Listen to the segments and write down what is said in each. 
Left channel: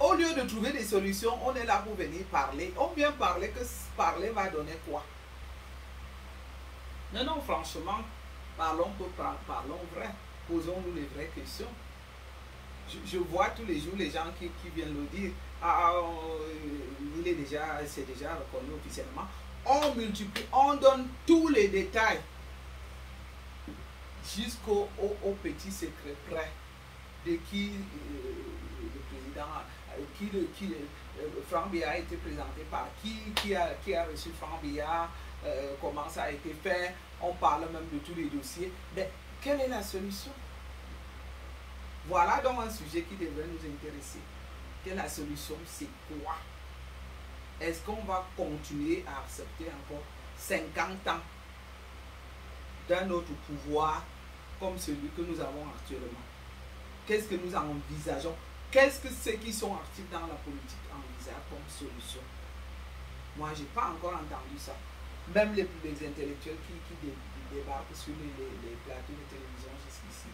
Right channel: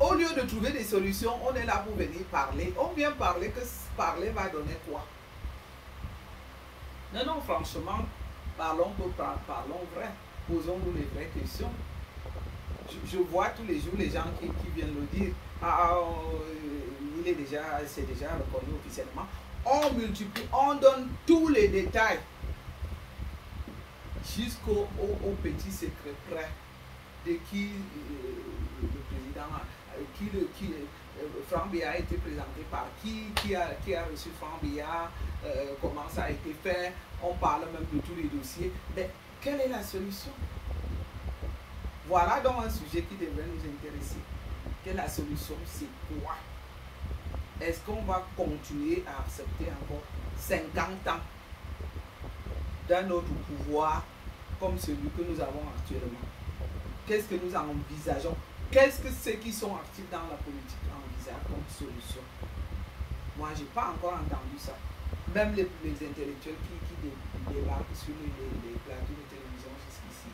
Au lieu de trouver des solutions, on est là pour venir parler. On vient parler, que parler va donner quoi? Non, non, franchement, parlons vrai. Posons-nous les vraies questions. Je vois tous les jours les gens qui viennent le dire. C'est déjà reconnu officiellement. On multiplie, on donne tous les détails jusqu'au petit secret près de qui le président, Franck Biya a été présenté par qui a reçu Franck Biya, comment ça a été fait. On parle même de tous les dossiers. Mais quelle est la solution? Voilà donc un sujet qui devrait nous intéresser. Quelle est la solution? C'est quoi? Est-ce qu'on va continuer à accepter encore 50 ans d'un autre pouvoir comme celui que nous avons actuellement? Qu'est-ce que nous envisageons? Qu'est-ce que ceux qui sont actifs dans la politique envisagent comme solution? Moi, je n'ai pas encore entendu ça. Même les intellectuels qui débarquent sur les plateaux de télévision jusqu'ici,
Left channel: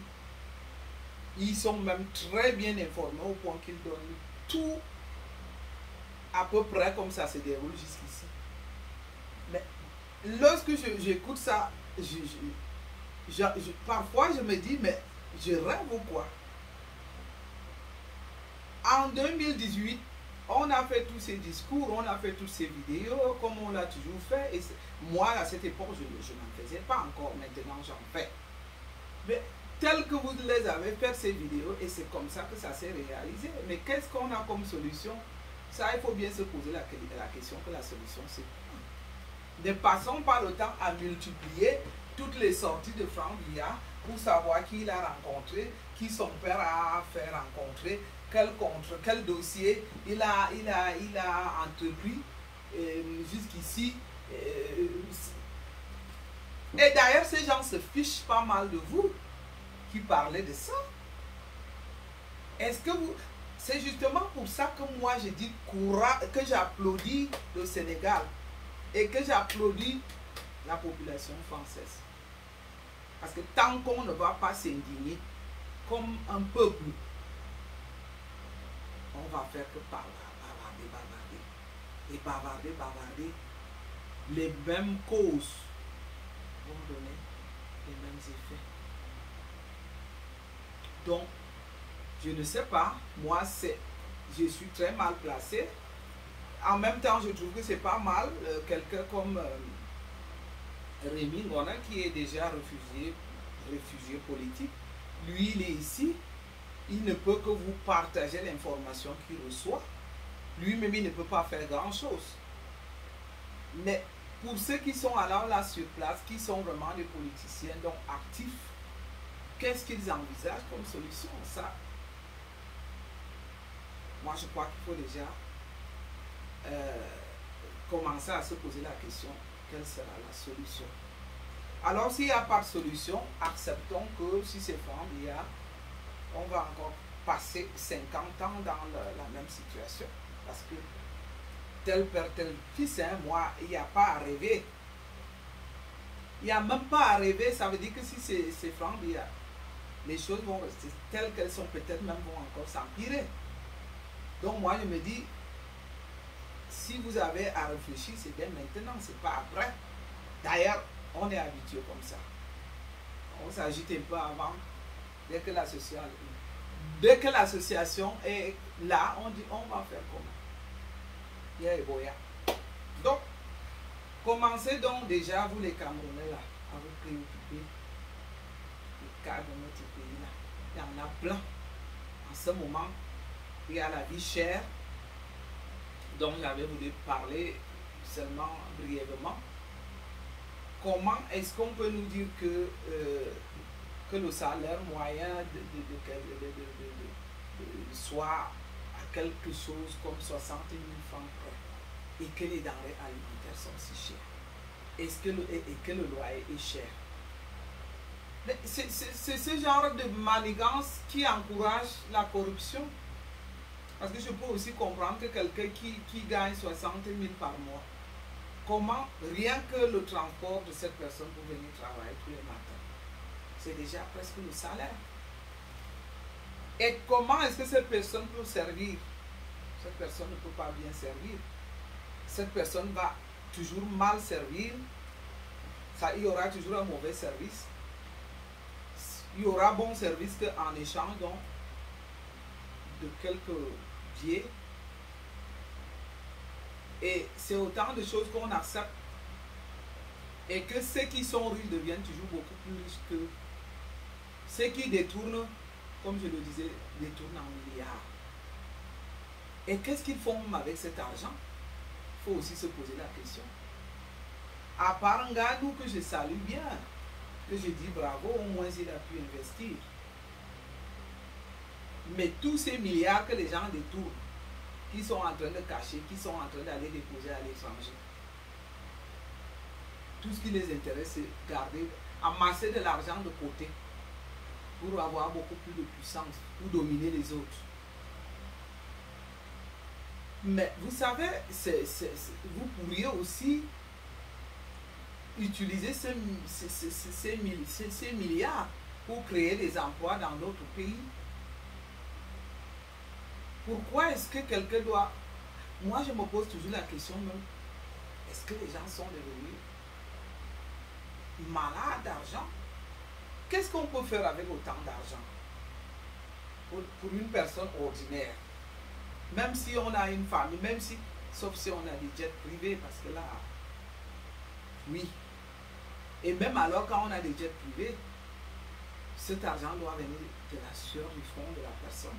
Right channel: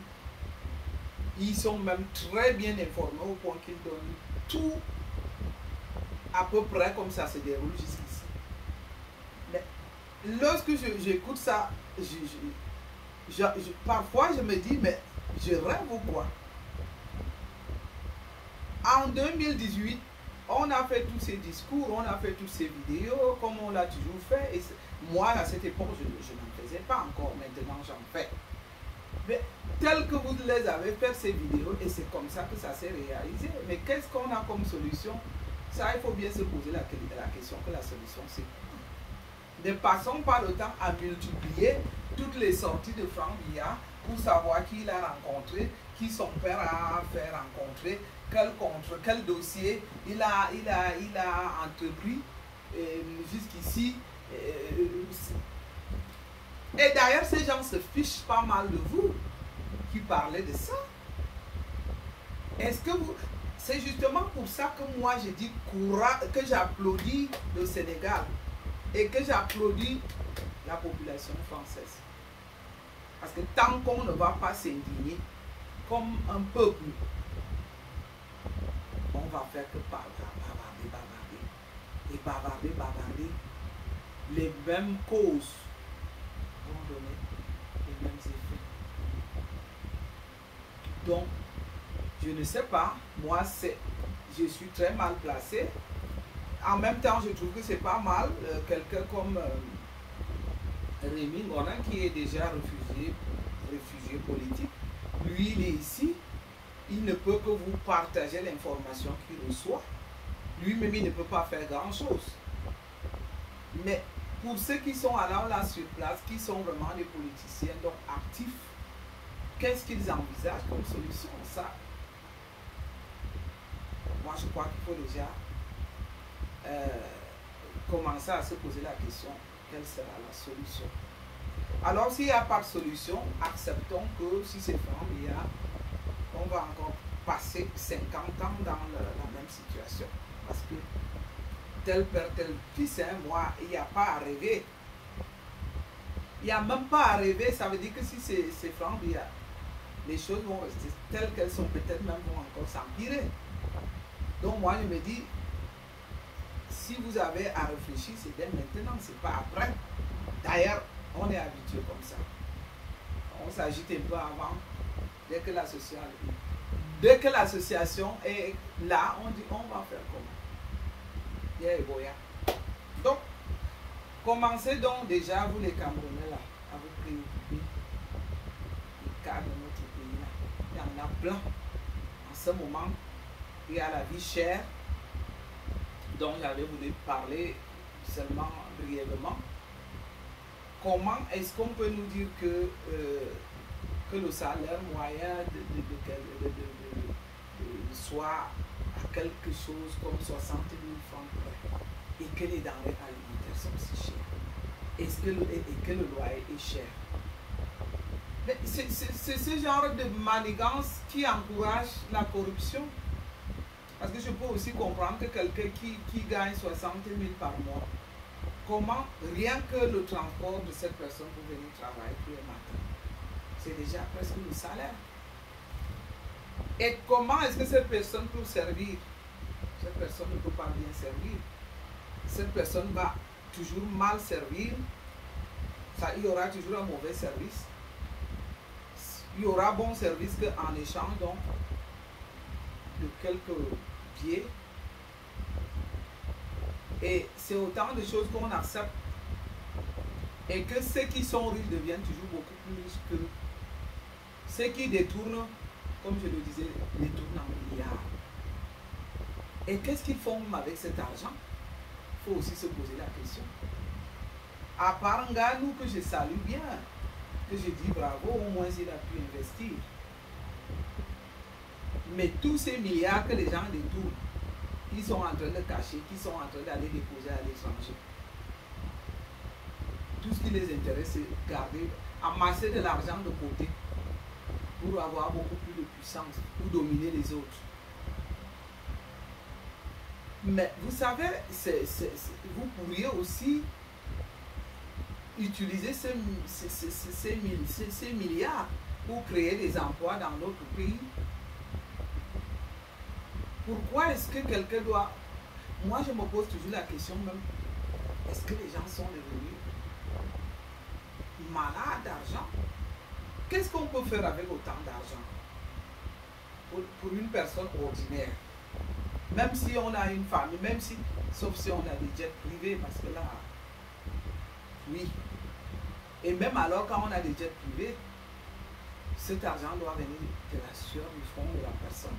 ils sont même très bien informés au point qu'ils donnent tout à peu près comme ça se déroule jusqu'ici. Mais lorsque j'écoute ça, parfois je me dis, mais je rêve ou quoi? En 2018, on a fait tous ces discours, on a fait toutes ces vidéos, comme on l'a toujours fait. Et moi, à cette époque, je n'en faisais pas encore. Maintenant, j'en fais. Mais tel que vous les avez fait ces vidéos, et c'est comme ça que ça s'est réalisé. Mais qu'est-ce qu'on a comme solution? Ça, il faut bien se poser la question que la solution, c'est quoi? Ne passons pas le temps à multiplier toutes les sorties de Franck Biya pour savoir qui il a rencontré, qui son père a fait rencontrer, quel dossier il a entrepris jusqu'ici. Et d'ailleurs, ces gens se fichent pas mal de vous qui parlez de ça. Est-ce que vous... C'est justement pour ça que moi je dis que j'applaudis le Sénégal et que j'applaudis la population française. Parce que tant qu'on ne va pas s'indigner comme un peuple, on va faire que bavarder. Les mêmes causes vont donner les mêmes effets. Donc, je ne sais pas, moi je suis très mal placé. En même temps, je trouve que c'est pas mal quelqu'un comme Rémi Ngonan qui est déjà réfugié politique. Lui, il est ici. Il ne peut que vous partager l'information qu'il reçoit. Lui-même, il ne peut pas faire grand-chose. Mais pour ceux qui sont alors là sur place, qui sont vraiment des politiciens, donc actifs, qu'est-ce qu'ils envisagent comme solution? Ça, moi, je crois qu'il faut déjà commencer à se poser la question, quelle sera la solution? Alors, s'il n'y a pas de solution, acceptons que si c'est Franck Biya, on va encore passer 50 ans dans la même situation. Parce que tel père, tel fils, hein, moi, il n'y a pas à rêver. Il n'y a même pas à rêver, ça veut dire que si c'est Franck Biya, les choses vont rester telles qu'elles sont, peut-être même vont encore s'empirer. Donc moi, je me dis, si vous avez à réfléchir, c'est bien maintenant, c'est pas après. D'ailleurs, on est habitué comme ça. On s'agite un peu avant. Dès que l'association est là, on dit on va faire comment? Donc, commencez donc déjà, vous les Camerounais là, à vous préoccuper du cas de notre pays là. Il y en a plein. En ce moment, il y a la vie chère, dont j'avais voulu parler seulement brièvement. Comment est-ce qu'on peut nous dire que le salaire moyen soit à quelque chose comme 60 000 francs près et que les denrées alimentaires sont si chères? Est-ce que le loyer est cher? C'est ce genre de manigance qui encourage la corruption. Parce que je peux aussi comprendre que quelqu'un qui gagne 60 000 par mois, comment rien que le transport de cette personne pour venir travailler tous les matins, c'est déjà presque le salaire. Et comment est-ce que cette personne peut servir cette personne ne peut pas bien servir. Cette personne va toujours mal servir. Ça, il y aura toujours un mauvais service. Il y aura bon service qu'en échange donc, de quelques pieds. Et c'est autant de choses qu'on accepte. Et que ceux qui sont riches deviennent toujours beaucoup plus riches que ceux qui détournent, comme je le disais, détournent en milliards. Et qu'est-ce qu'ils font avec cet argent? Il faut aussi se poser la question. À part Nganou que je salue bien, que je dis bravo, au moins il a pu investir. Mais tous ces milliards que les gens détournent, qui sont en train de cacher, qui sont en train d'aller déposer à l'étranger, tout ce qui les intéresse, c'est garder, amasser de l'argent de côté pour avoir beaucoup plus de puissance, pour dominer les autres. Mais vous savez, vous pourriez aussi utiliser ces milliards pour créer des emplois dans d'autres pays. Pourquoi est-ce que quelqu'un doit... Moi, je me pose toujours la question même, est-ce que les gens sont devenus malades d'argent? Qu'est-ce qu'on peut faire avec autant d'argent pour une personne ordinaire? Même si on a une famille, même si, sauf si on a des jets privés, parce que là, oui. Et même alors, quand on a des jets privés, cet argent doit venir de la sueur du front de la personne.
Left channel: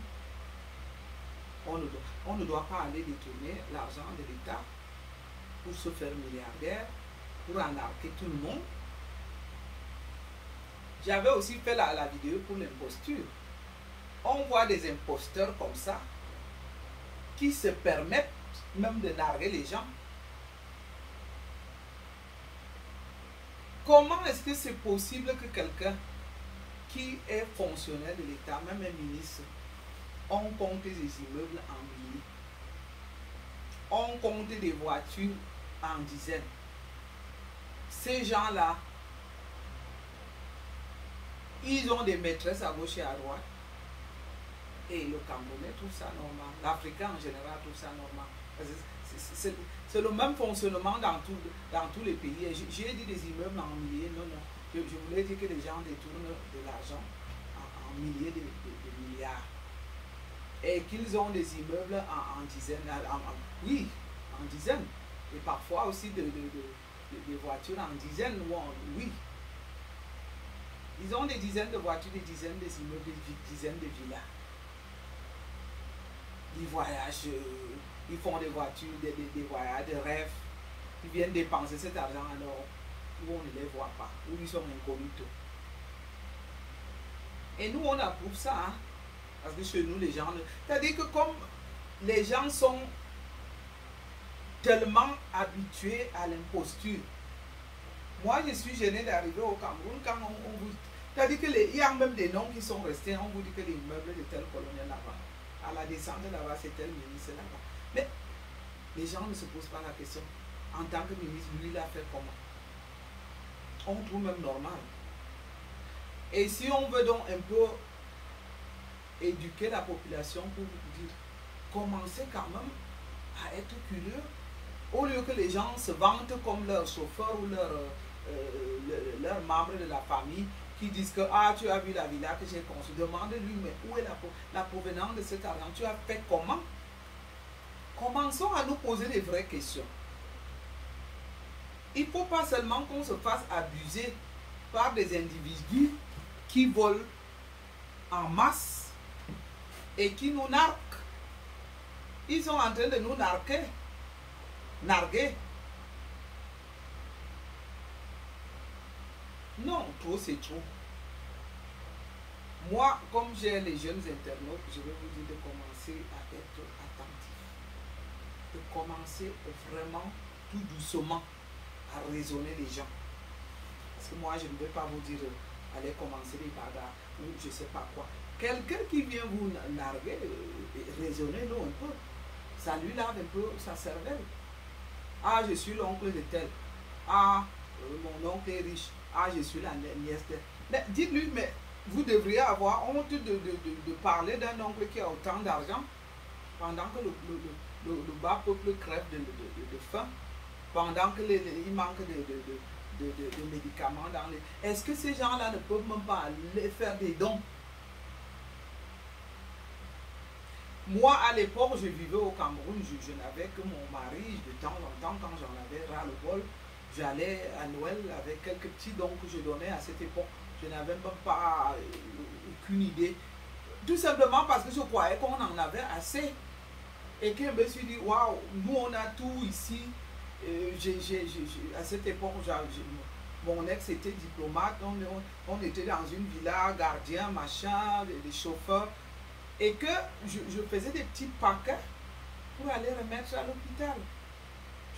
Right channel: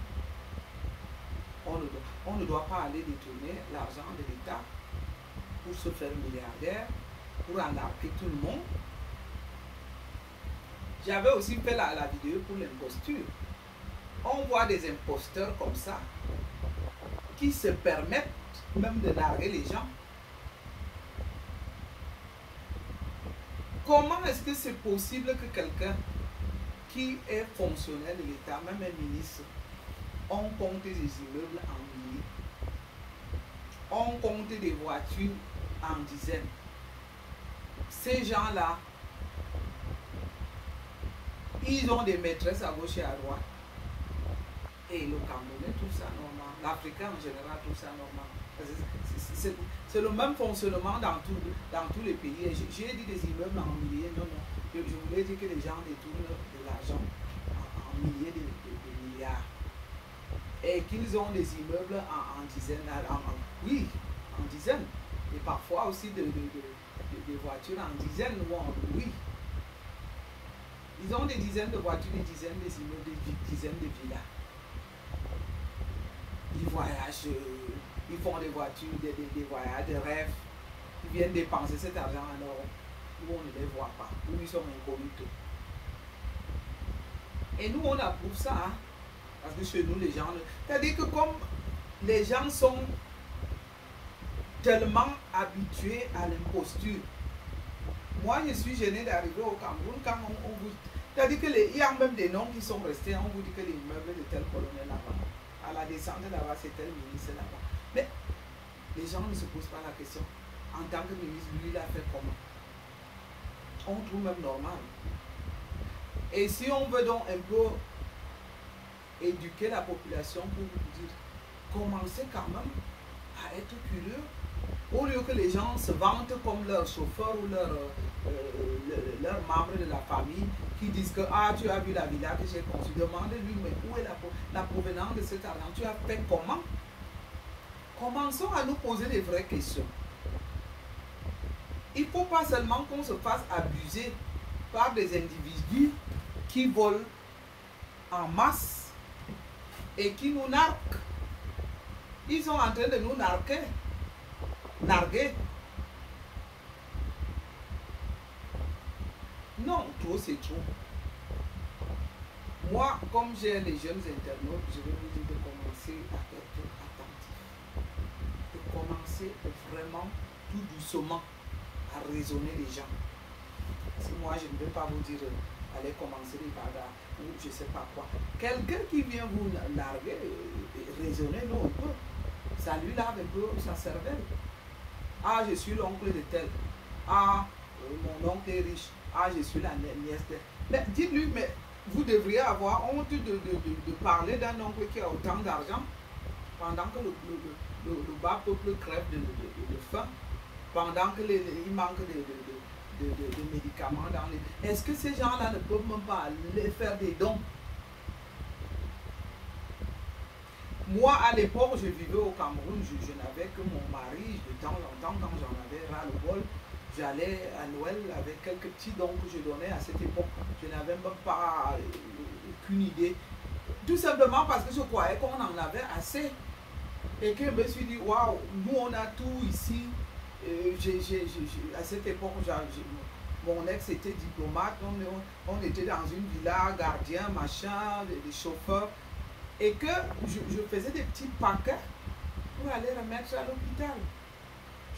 On ne doit pas aller détourner l'argent de l'État pour se faire milliardaire, pour arnaquer tout le monde. J'avais aussi fait la vidéo pour l'imposture. On voit des imposteurs comme ça, qui se permettent même de narguer les gens. Comment est-ce que c'est possible que quelqu'un qui est fonctionnaire de l'État, même un ministre, on compte des immeubles en milliers, on compte des voitures en dizaines? Ces gens-là, ils ont des maîtresses à gauche et à droite. Et le Camerounais, tout ça normal. L'Africain en général, tout ça normal. C'est le même fonctionnement dans tous les pays. J'ai dit des immeubles en milliers. Non, non. Je voulais dire que les gens détournent de l'argent en milliers de milliards. Et qu'ils ont des immeubles en dizaines. Oui, en dizaines. Et parfois aussi des voitures en dizaines. Oui. Ils ont des dizaines de voitures, des dizaines d'immeubles, des dizaines de villas. Ils voyagent, ils font des voitures, des voyages de rêve. Ils viennent dépenser cet argent alors où on ne les voit pas, où ils sont incognito. Et nous, on approuve ça, hein, parce que chez nous, les gens... C'est-à-dire que comme les gens sont tellement habitués à l'imposture, moi, je suis gêné d'arriver au Cameroun quand on vous... C'est-à-dire qu'il y a même des noms qui sont restés, on vous dit que l'immeuble de tel colonel là-bas. À la descente là-bas, c'est tel ministre là-bas. Mais les gens ne se posent pas la question. En tant que ministre, lui, il a fait comment? On trouve même normal. Et si on veut donc un peu éduquer la population pour vous dire, commencez quand même à être curieux, au lieu que les gens se vantent comme leur chauffeur ou leur membre de la famille, qui disent que ah, tu as vu la villa que j'ai conçue. Demande-lui, mais où est la provenance de cet argent? Tu as fait comment? Commençons à nous poser des vraies questions. Il ne faut pas seulement qu'on se fasse abuser par des individus qui volent en masse et qui nous narquent. Ils sont en train de nous narguer. Non, trop c'est trop. Moi, comme j'ai les jeunes internautes, je vais vous dire de commencer à être attentif. De commencer vraiment tout doucement à raisonner les gens. Parce que moi, je ne vais pas vous dire allez commencer les bagarres ou je ne sais pas quoi. Quelqu'un qui vient vous narguer, raisonner, non, un peu. Ça lui lave un peu sa cervelle. Ah, je suis l'oncle de tel. Ah, mon oncle est riche. Ah, je suis la nièce de... Mais dites-lui, mais vous devriez avoir honte de parler d'un oncle qui a autant d'argent. pendant que le bas peuple crève de faim, pendant que il manque de médicaments dans les... Est-ce que ces gens-là ne peuvent même pas aller faire des dons? Moi, à l'époque, je vivais au Cameroun, je n'avais que mon mari. De temps en temps, quand j'en avais ras-le-bol, j'allais à Noël avec quelques petits dons que je donnais à cette époque. Je n'avais même pas aucune idée. Tout simplement parce que je croyais qu'on en avait assez. Et que je me suis dit, waouh, nous on a tout ici. À cette époque, mon ex était diplomate, on était dans une villa, gardien, machin, des chauffeurs. Et que je faisais des petits paquets pour aller remettre à l'hôpital.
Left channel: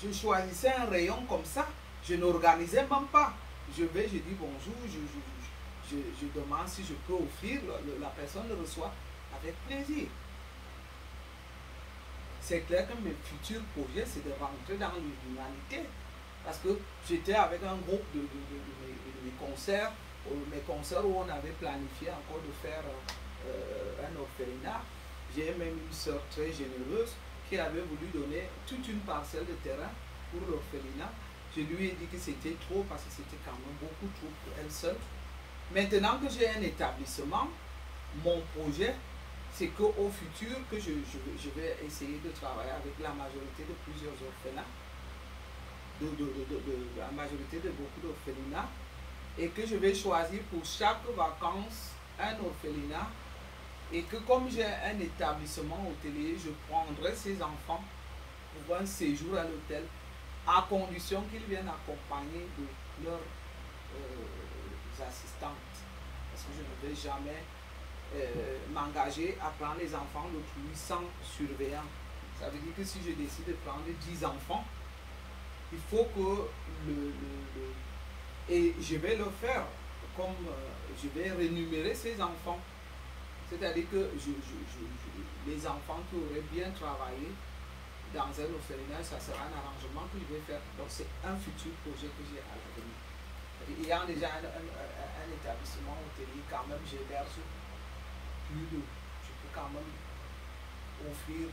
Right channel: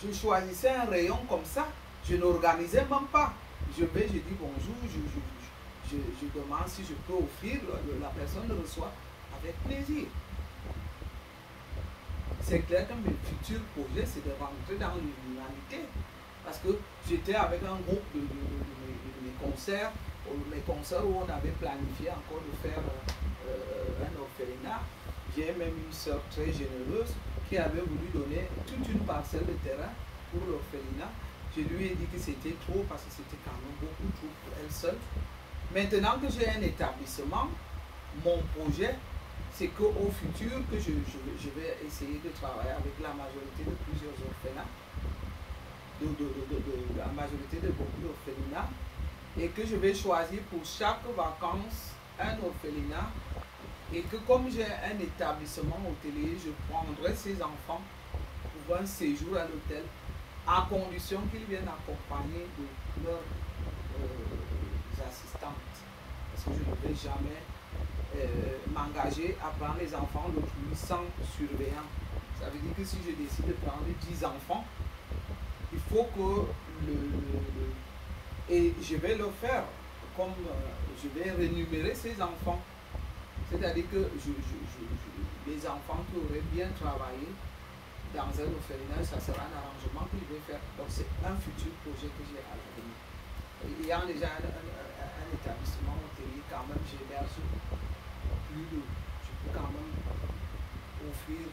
Je choisissais un rayon comme ça, je n'organisais même pas. Je dis bonjour, je demande si je peux offrir, la personne le reçoit avec plaisir. C'est clair que mes futurs projets, c'est de rentrer dans l'humanité. Parce que j'étais avec un groupe de mes concerts où on avait planifié encore de faire un orphelinat. J'ai même une soeur très généreuse qui avait voulu donner toute une parcelle de terrain pour l'orphelinat. Je lui ai dit que c'était trop parce que c'était quand même beaucoup trop pour elle seule. Maintenant que j'ai un établissement, mon projet, c'est qu'au futur, que je vais essayer de travailler avec la majorité de plusieurs orphelins, la majorité de beaucoup d'orphelinats, et que je vais choisir pour chaque vacances un orphelinat, et que comme j'ai un établissement hôtelier, je prendrai ces enfants pour un séjour à l'hôtel, à condition qu'ils viennent accompagnés de leurs assistantes. Parce que je ne vais jamais m'engager à prendre les enfants d'autrui sans surveillant. Ça veut dire que si je décide de prendre 10 enfants, il faut que et je vais le faire comme je vais rémunérer ces enfants. C'est-à-dire que les enfants qui auraient bien travaillé dans un orphelinat, ça sera un arrangement que je vais faire. Donc c'est un futur projet que j'ai à l'avenir. Ayant déjà un établissement hôtelier, quand même, j'héberge plus de... Je peux quand même offrir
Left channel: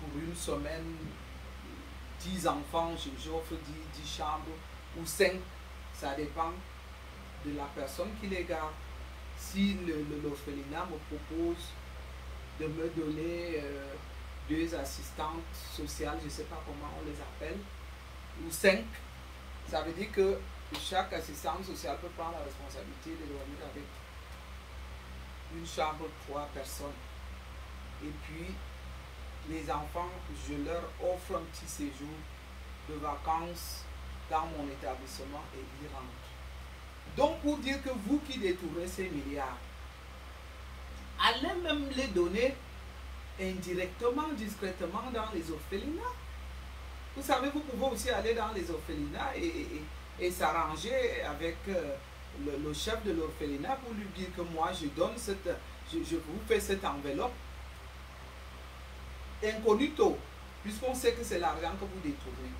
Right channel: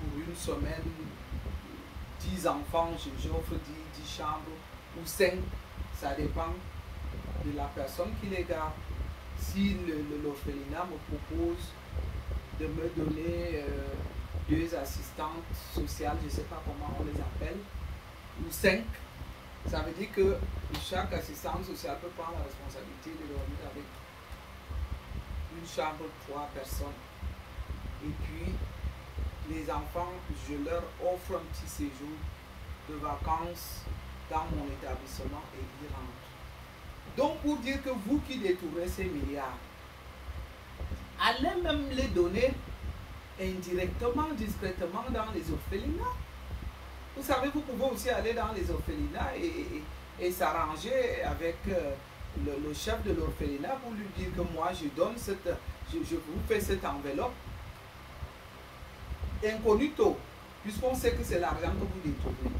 pour une semaine 10 enfants, j'offre 10 chambres ou 5, ça dépend de la personne qui les garde. Si l'orphelinat me propose de me donner 2 assistantes sociales, je ne sais pas comment on les appelle, ou 5, ça veut dire que chaque assistante sociale peut prendre la responsabilité de dormir avec une chambre pour 3 personnes. Et puis, les enfants, je leur offre un petit séjour de vacances dans mon établissement et ils rentrent. Donc, pour dire que vous qui détournez ces milliards, allez même les donner indirectement, discrètement dans les orphelinats. Vous savez, vous pouvez aussi aller dans les orphelinats et s'arranger avec le chef de l'orphelinat pour lui dire que moi, je vous fais cette enveloppe incognito, puisqu'on sait que c'est l'argent que vous détournez.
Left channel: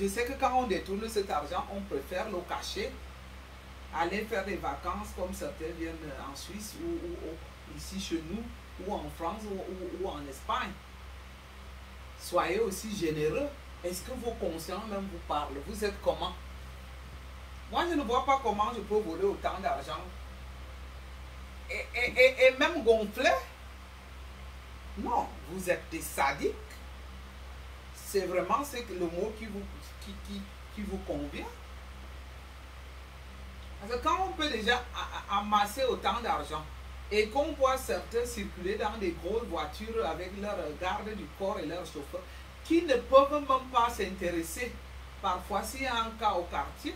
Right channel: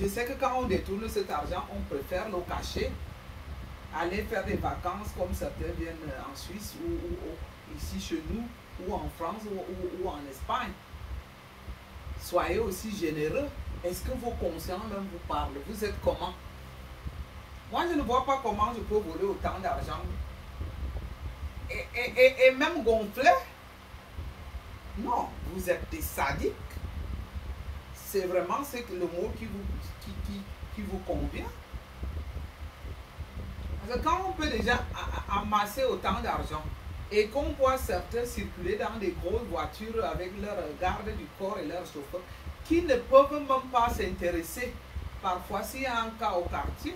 Je sais que quand on détourne cet argent, on préfère le cacher, aller faire des vacances comme certains viennent en Suisse ou ici chez nous, ou en France ou en Espagne. Soyez aussi généreux. Est-ce que vos consciences même vous parlent? Vous êtes comment? Moi, je ne vois pas comment je peux voler autant d'argent et même gonfler. Non, vous êtes des sadiques. C'est vraiment le mot qui vous convient. Parce que quand on peut déjà amasser autant d'argent et qu'on voit certains circuler dans des grosses voitures avec leur garde du corps et leurs chauffeurs qui ne peuvent même pas s'intéresser, parfois s'il y a un cas au quartier,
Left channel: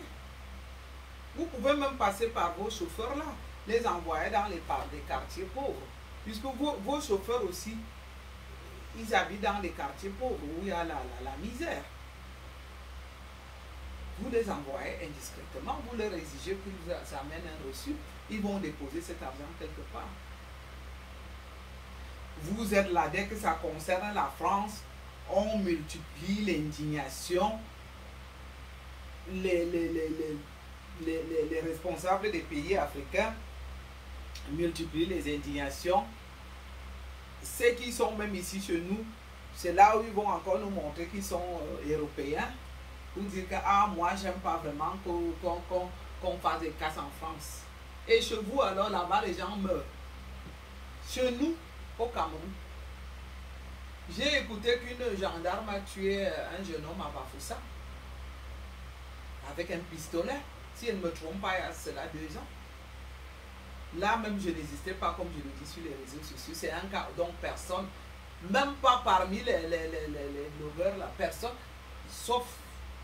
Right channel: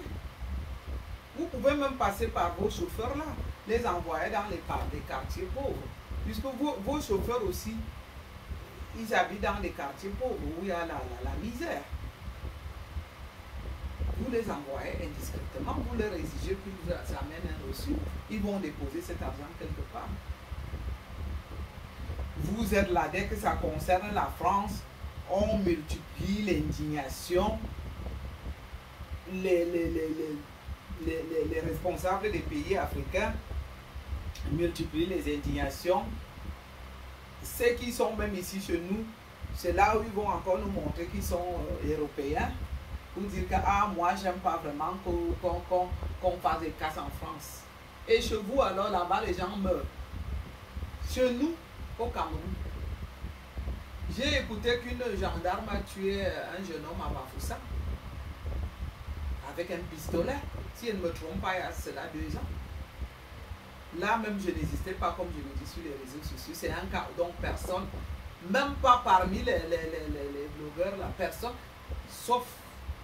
vous pouvez même passer par vos chauffeurs là, les envoyer dans les quartiers pauvres. Puisque vos chauffeurs aussi, ils habitent dans des quartiers pauvres où il y a la misère. Vous les envoyez indiscrètement, vous leur exigez qu'ils vous amènent un reçu, ils vont déposer cet argent quelque part. Vous êtes là, dès que ça concerne la France, on multiplie l'indignation. Les responsables des pays africains multiplient les indignations. ceux qui sont même ici chez nous, c'est là où ils vont encore nous montrer qu'ils sont européens, pour dire que ah, moi j'aime pas vraiment qu'on fasse des casses en France. Et chez vous alors là-bas les gens meurent. Chez nous, au Cameroun, j'ai écouté qu'une gendarme a tué un jeune homme à Bafoussa avec un pistolet. Si elle ne me trompe pas, il y a cela 2 ans. Là même je n'existais pas comme je le dis sur les réseaux sociaux. C'est un cas donc personne, même pas parmi les blogueurs, la personne, sauf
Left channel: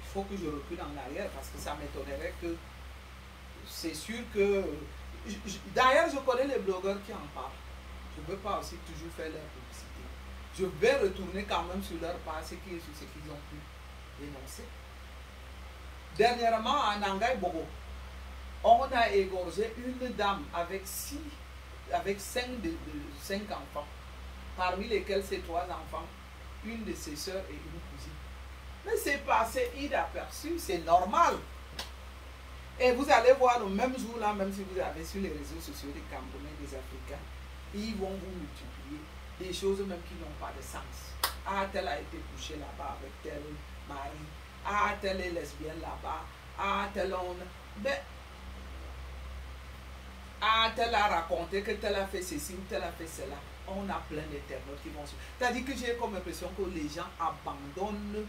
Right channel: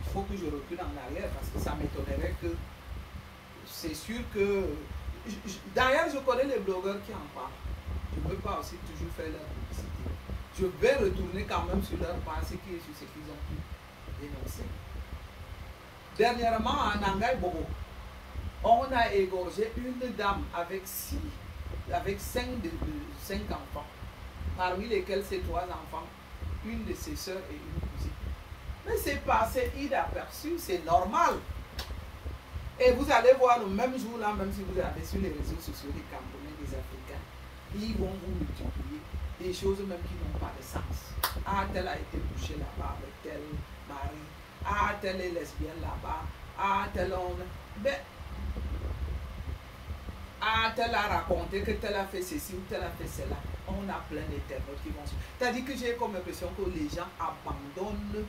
il faut que je recule en arrière parce que ça m'étonnerait que c'est sûr que d'ailleurs je connais les blogueurs qui en parlent. Je ne veux pas aussi toujours faire leur publicité. Je vais retourner quand même sur leur page sur ce qu'ils ont pu dénoncer. Dernièrement à Nangai Bobo, on a égorgé une dame avec 5 enfants, parmi lesquels ses 3 enfants, une de ses soeurs et une cousine. Mais c'est passé inaperçu, c'est normal. Et vous allez voir le même jour là, même si vous avez sur les réseaux sociaux des Camerounais, des Africains, ils vont vous multiplier des choses même qui n'ont pas de sens. Ah, tel a été couché là-bas avec tel mari. Ah, tel est lesbienne là-bas. Ah, tel homme. Ben, ah, tel a raconté que tel a fait ceci ou tel a fait cela. On a plein d'internautes qui vont sur. C'est-à-dire que j'ai comme impression que les gens abandonnent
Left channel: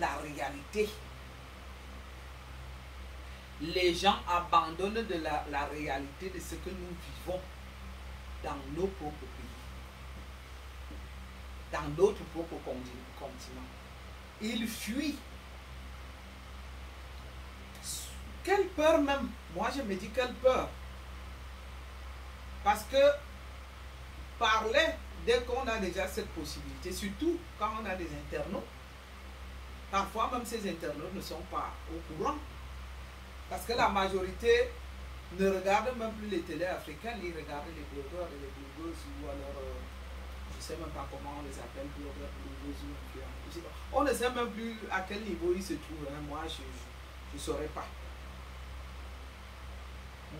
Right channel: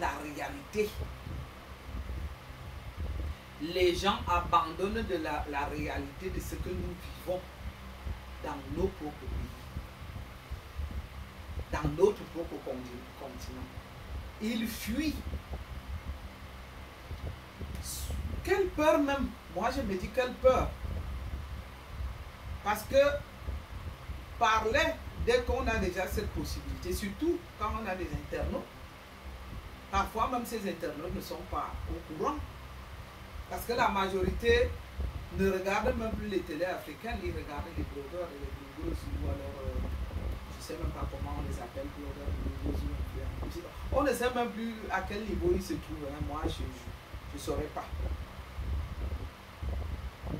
la réalité. Les gens abandonnent de la réalité de ce que nous vivons dans nos propres pays, dans notre propre continent. Ils fuient. Quelle peur même. Moi je me dis quelle peur. Parce que parler dès qu'on a déjà cette possibilité, surtout quand on a des internautes, parfois même ces internautes ne sont pas au courant. Parce que la majorité ne regarde même plus les télés africaines, ils regardent les blogueurs et les blogueuses ou alors, je ne sais même pas comment on les appelle, blogueurs, blogueuses. On ne sait même plus à quel niveau ils se trouvent. Hein. Moi, je ne saurais pas.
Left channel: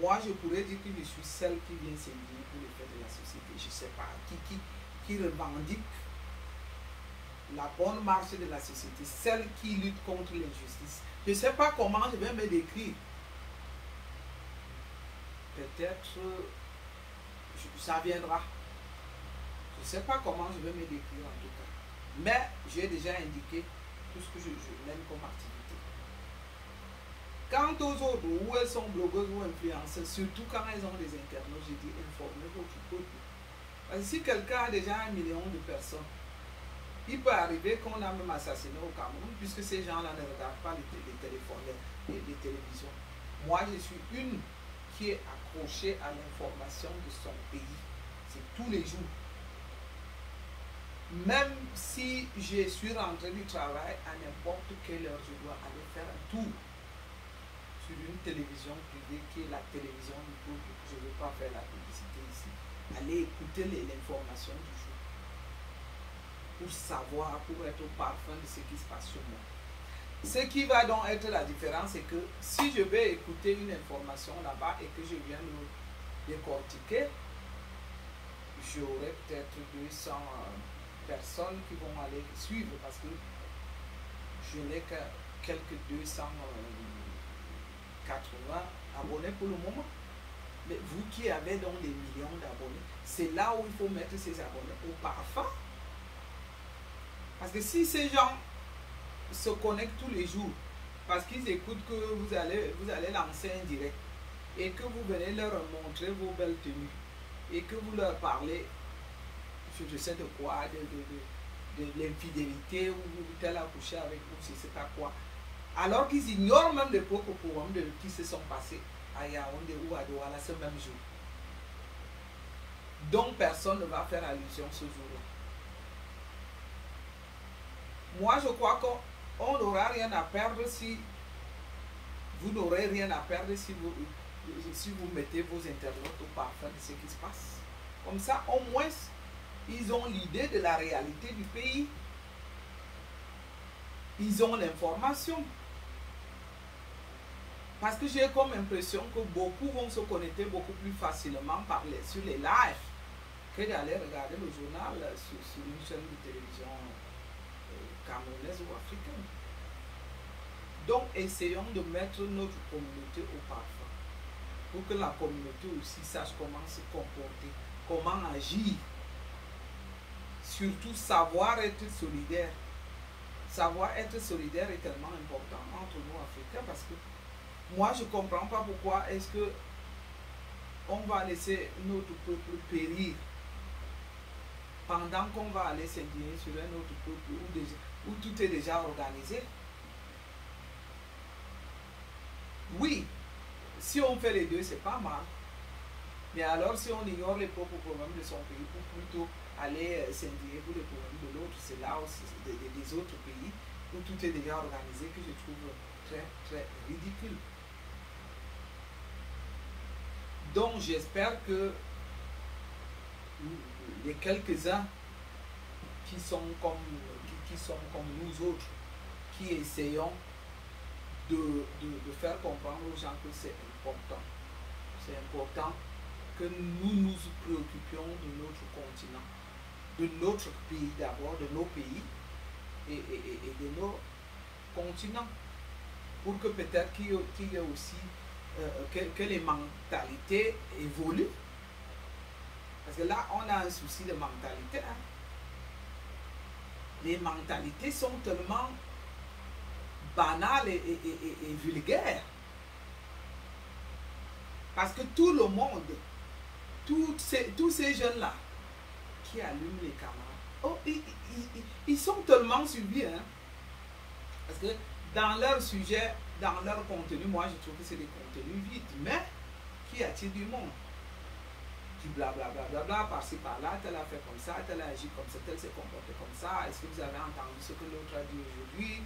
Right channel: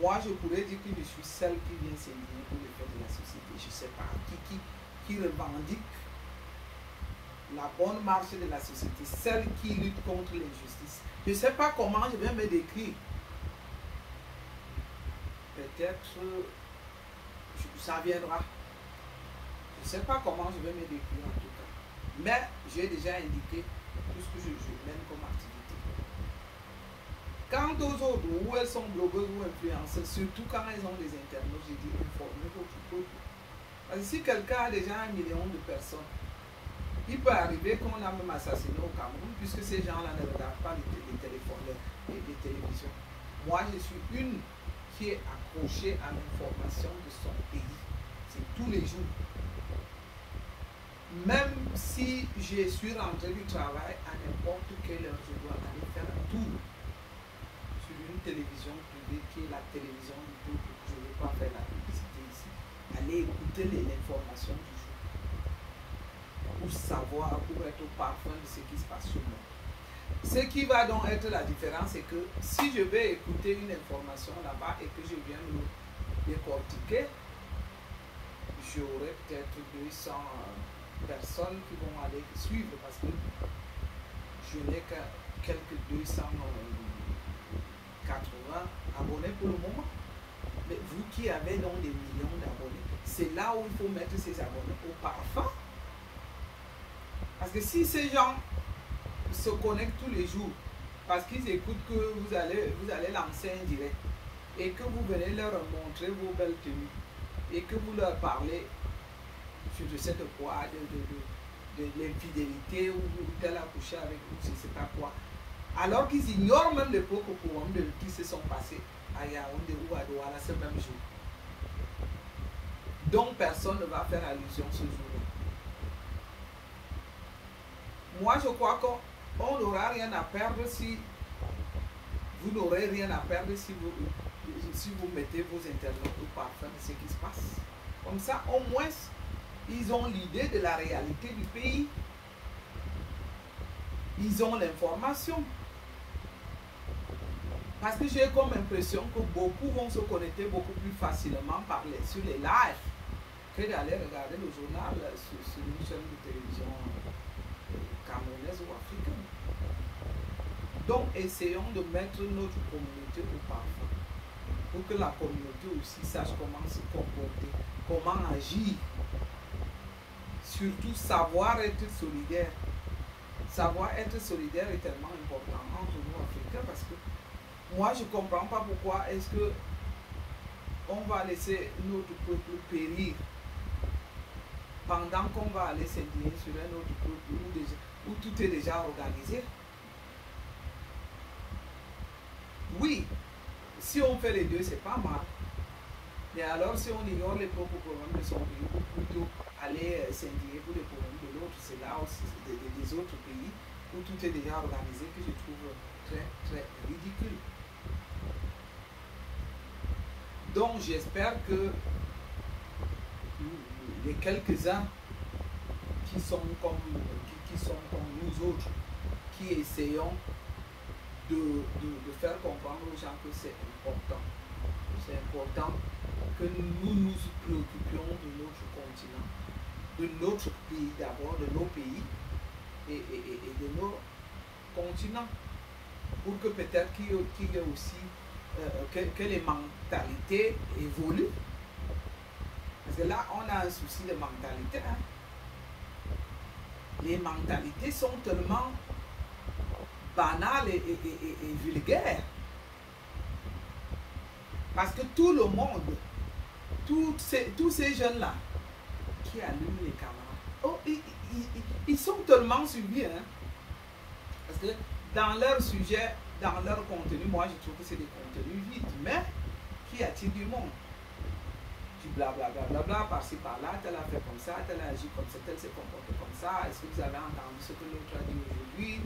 Moi, je pourrais dire que je suis celle qui vient s'indigner pour les faits de la société. Je ne sais pas. Qui revendique la bonne marche de la société, celle qui lutte contre l'injustice. Je ne sais pas comment je vais me décrire. Peut-être ça viendra. Je ne sais pas comment je vais me décrire en tout cas. Mais j'ai déjà indiqué tout ce que je mène comme activité. Quant aux autres, où elles sont blogueuses ou influenceuses, surtout quand elles ont des internautes, j'ai dit informez votre peuple. Parce que si quelqu'un a déjà 1 million de personnes, il peut arriver qu'on a même assassiné au Cameroun, puisque ces gens-là ne regardent pas les téléphones, les télévisions. Moi, je suis une qui est accrochée à l'information de son pays. C'est tous les jours. Même si je suis rentré du travail à n'importe quelle heure, je dois aller faire un tour sur une télévision privée qui est la télévision du peuple. Je ne veux pas faire la publicité ici. Aller écouter l'information du jour. Pour savoir, pour être au parfum de ce qui se passe sur moi. Ce qui va donc être la différence, c'est que si je vais écouter une information là-bas et que je viens le décortiquer, j'aurai peut-être 200 personnes qui vont aller suivre parce que je n'ai que quelques 280 abonnés pour le moment. Mais vous qui avez donc des millions d'abonnés, c'est là où il faut mettre ces abonnés au parfum. Parce que si ces gens se connectent tous les jours, parce qu'ils écoutent que vous allez lancer un direct, et que vous venez leur montrer vos belles tenues, et que vous leur parlez, je ne sais de quoi, de l'infidélité, ou tel a couché avec vous, je ne sais pas quoi, alors qu'ils ignorent même les propres programmes qui se sont passés à Yaoundé ou à Douala ce même jour. Donc personne ne va faire allusion ce jour-là. Moi, je crois qu'on n'aura rien à perdre si vous n'aurez rien à perdre si vous mettez vos internautes au parfum de ce qui se passe. Comme ça, au moins, ils ont l'idée de la réalité du pays. Ils ont l'information. Parce que j'ai comme impression que beaucoup vont se connecter beaucoup plus facilement sur les lives que d'aller regarder le journal sur une chaîne de télévision camerounaise ou africaine. Donc, essayons de mettre notre communauté au parfum pour que la communauté aussi sache comment se comporter, comment agir. Surtout, savoir être solidaire. Savoir être solidaire est tellement important entre nous Africains parce que moi, je ne comprends pas pourquoi est-ce que on va laisser notre peuple périr pendant qu'on va aller s'indigner sur un autre peuple où tout est déjà organisé. Oui, si on fait les deux, c'est pas mal. Mais alors, si on ignore les propres problèmes de son pays pour plutôt aller s'indigner pour les problèmes de l'autre, c'est là aussi des autres pays où tout est déjà organisé que je trouve très, très ridicule. Donc, j'espère que les quelques-uns qui sont comme nous autres, qui essayons de faire comprendre aux gens que c'est important. C'est important que nous nous préoccupions de notre continent, de notre pays d'abord, de nos pays et de nos continents, pour que peut-être qu'il y ait aussi que les mentalités évoluent. Parce que là, on a un souci de mentalité. Hein. Les mentalités sont tellement banales et vulgaires. Parce que tout le monde, tous ces jeunes-là qui allument les caméras, oh, ils sont tellement suivis. Hein. Parce que dans leur sujet, dans leur contenu, moi je trouve que c'est des contenus vides, mais qui attirent du monde. Du blablabla, bla, bla, bla, par-ci par-là, tel a fait comme ça, tel a agi comme ça, tel s'est comporté comme ça, est-ce que vous avez entendu ce que l'autre a dit aujourd'hui?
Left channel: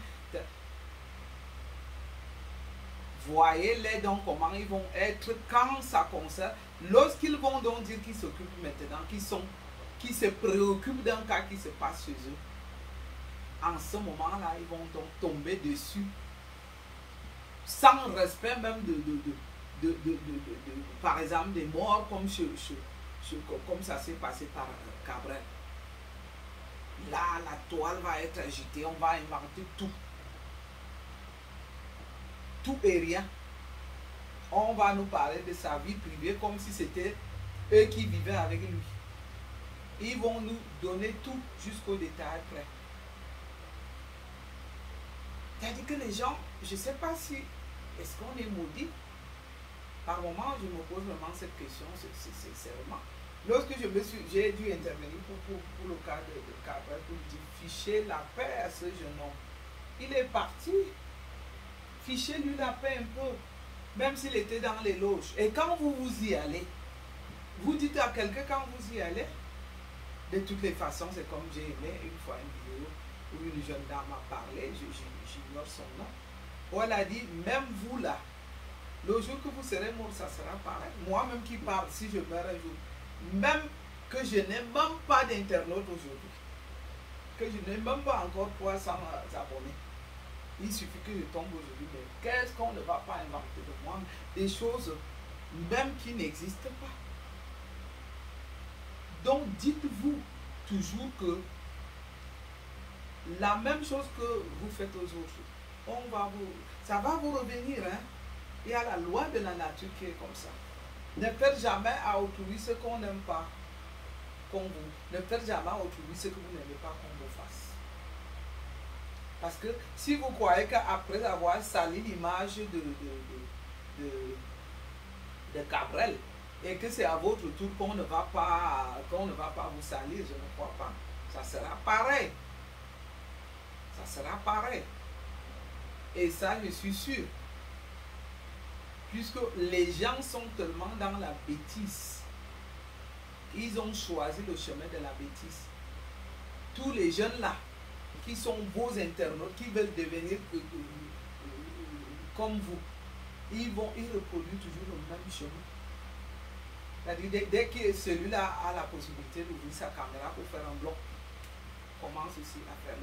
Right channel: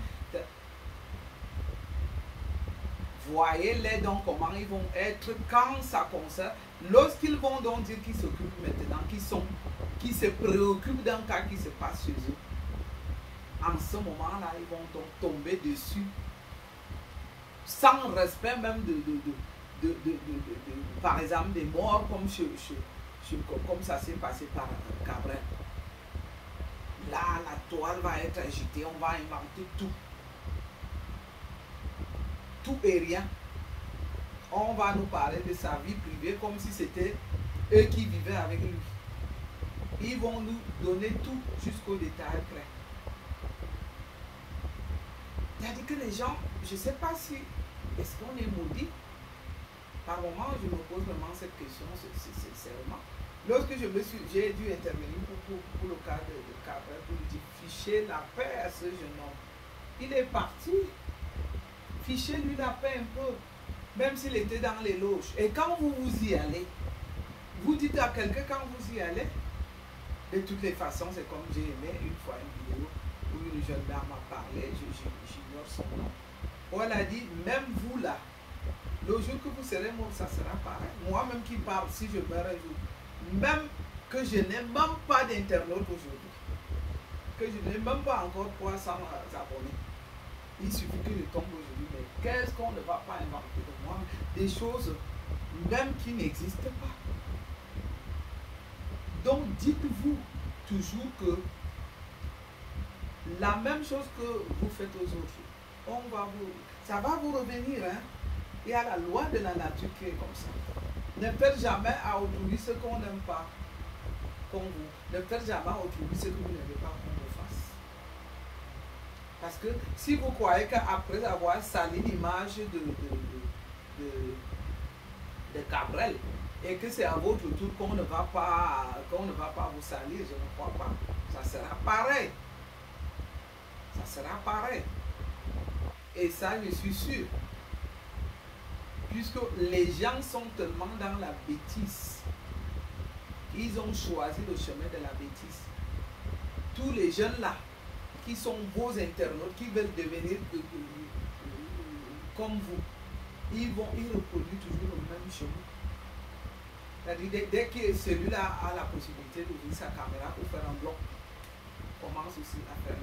Voyez-les donc comment ils vont être quand ça concerne, lorsqu'ils vont donc dire qu'ils s'occupent maintenant, qui se préoccupent d'un cas qui se passe chez eux. En ce moment-là, ils vont donc tomber dessus sans respect même par exemple, des morts comme ça s'est passé par Cabrel. Là, la toile va être agitée, on va inventer tout. Tout et rien. On va nous parler de sa vie privée comme si c'était eux qui vivaient avec lui. Ils vont nous donner tout jusqu'au détail près. C'est-à-dire que les gens, je ne sais pas si, est-ce qu'on est maudit? Par moment, je me pose vraiment cette question, sincèrement. Lorsque j'ai dû intervenir pour le cas de Cabrel, pour lui dire, fichez la paix à ce jeune homme. Il est parti. Fichez-lui la paix un peu, même s'il était dans les loges. Et quand vous y allez, vous dites à quelqu'un quand vous y allez, de toutes les façons, c'est comme j'ai aimé une fois une vidéo où une jeune dame a parlé, j'ignore son nom, où elle a dit, même vous là, le jour que vous serez mort, ça sera pareil. Moi-même qui parle, si je meurs un jour, même que je n'ai même pas d'internaute aujourd'hui, que je n'ai même pas encore 300 abonnés, il suffit que je tombe aujourd'hui, mais qu'est-ce qu'on ne va pas inventer de moi? Des choses même qui n'existent pas. Donc dites-vous toujours que la même chose que vous faites aux autres, ça va vous revenir. Hein? Il y a la loi de la nature qui est comme ça. Ne faites jamais à autrui ce qu'on n'aime pas comme vous. Ne faites jamais à autrui ce que vous n'aimez pas qu'on vous fasse. Parce que si vous croyez qu'après avoir sali l'image de Cabrel, et que c'est à votre tour qu'on ne va pas vous salir, je ne crois pas. Ça sera pareil. Ça sera pareil. Et ça, je suis sûr. Puisque les gens sont tellement dans la bêtise, ils ont choisi le chemin de la bêtise. Tous les jeunes là, qui sont vos internautes, qui veulent devenir comme vous, ils reproduisent toujours le même chemin. C'est-à-dire, dès que celui-là a la possibilité d'ouvrir sa caméra pour faire un blog, commence aussi à faire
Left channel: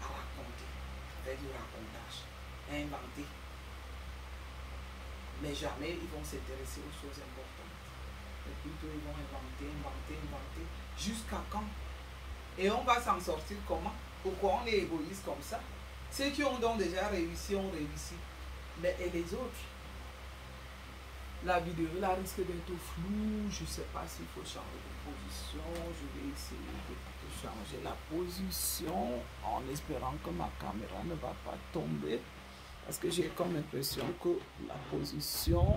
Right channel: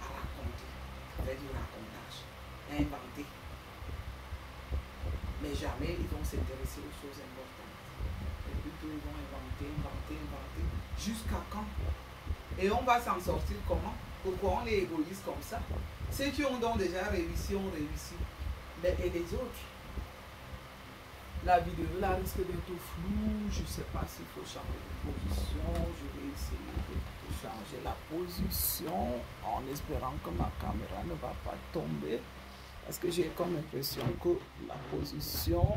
à raconter, avec du racontage, à inventer. Mais jamais ils vont s'intéresser aux choses importantes. Et plutôt ils vont inventer. Jusqu'à quand? Et on va s'en sortir comment? Pourquoi on est égoïste comme ça? Ceux qui ont donc déjà réussi ont réussi. Mais et les autres? La vidéo là risque d'être floue. Je ne sais pas s'il faut changer de position. Je vais essayer de changer la position en espérant que ma caméra ne va pas tomber. Parce que j'ai comme impression que la position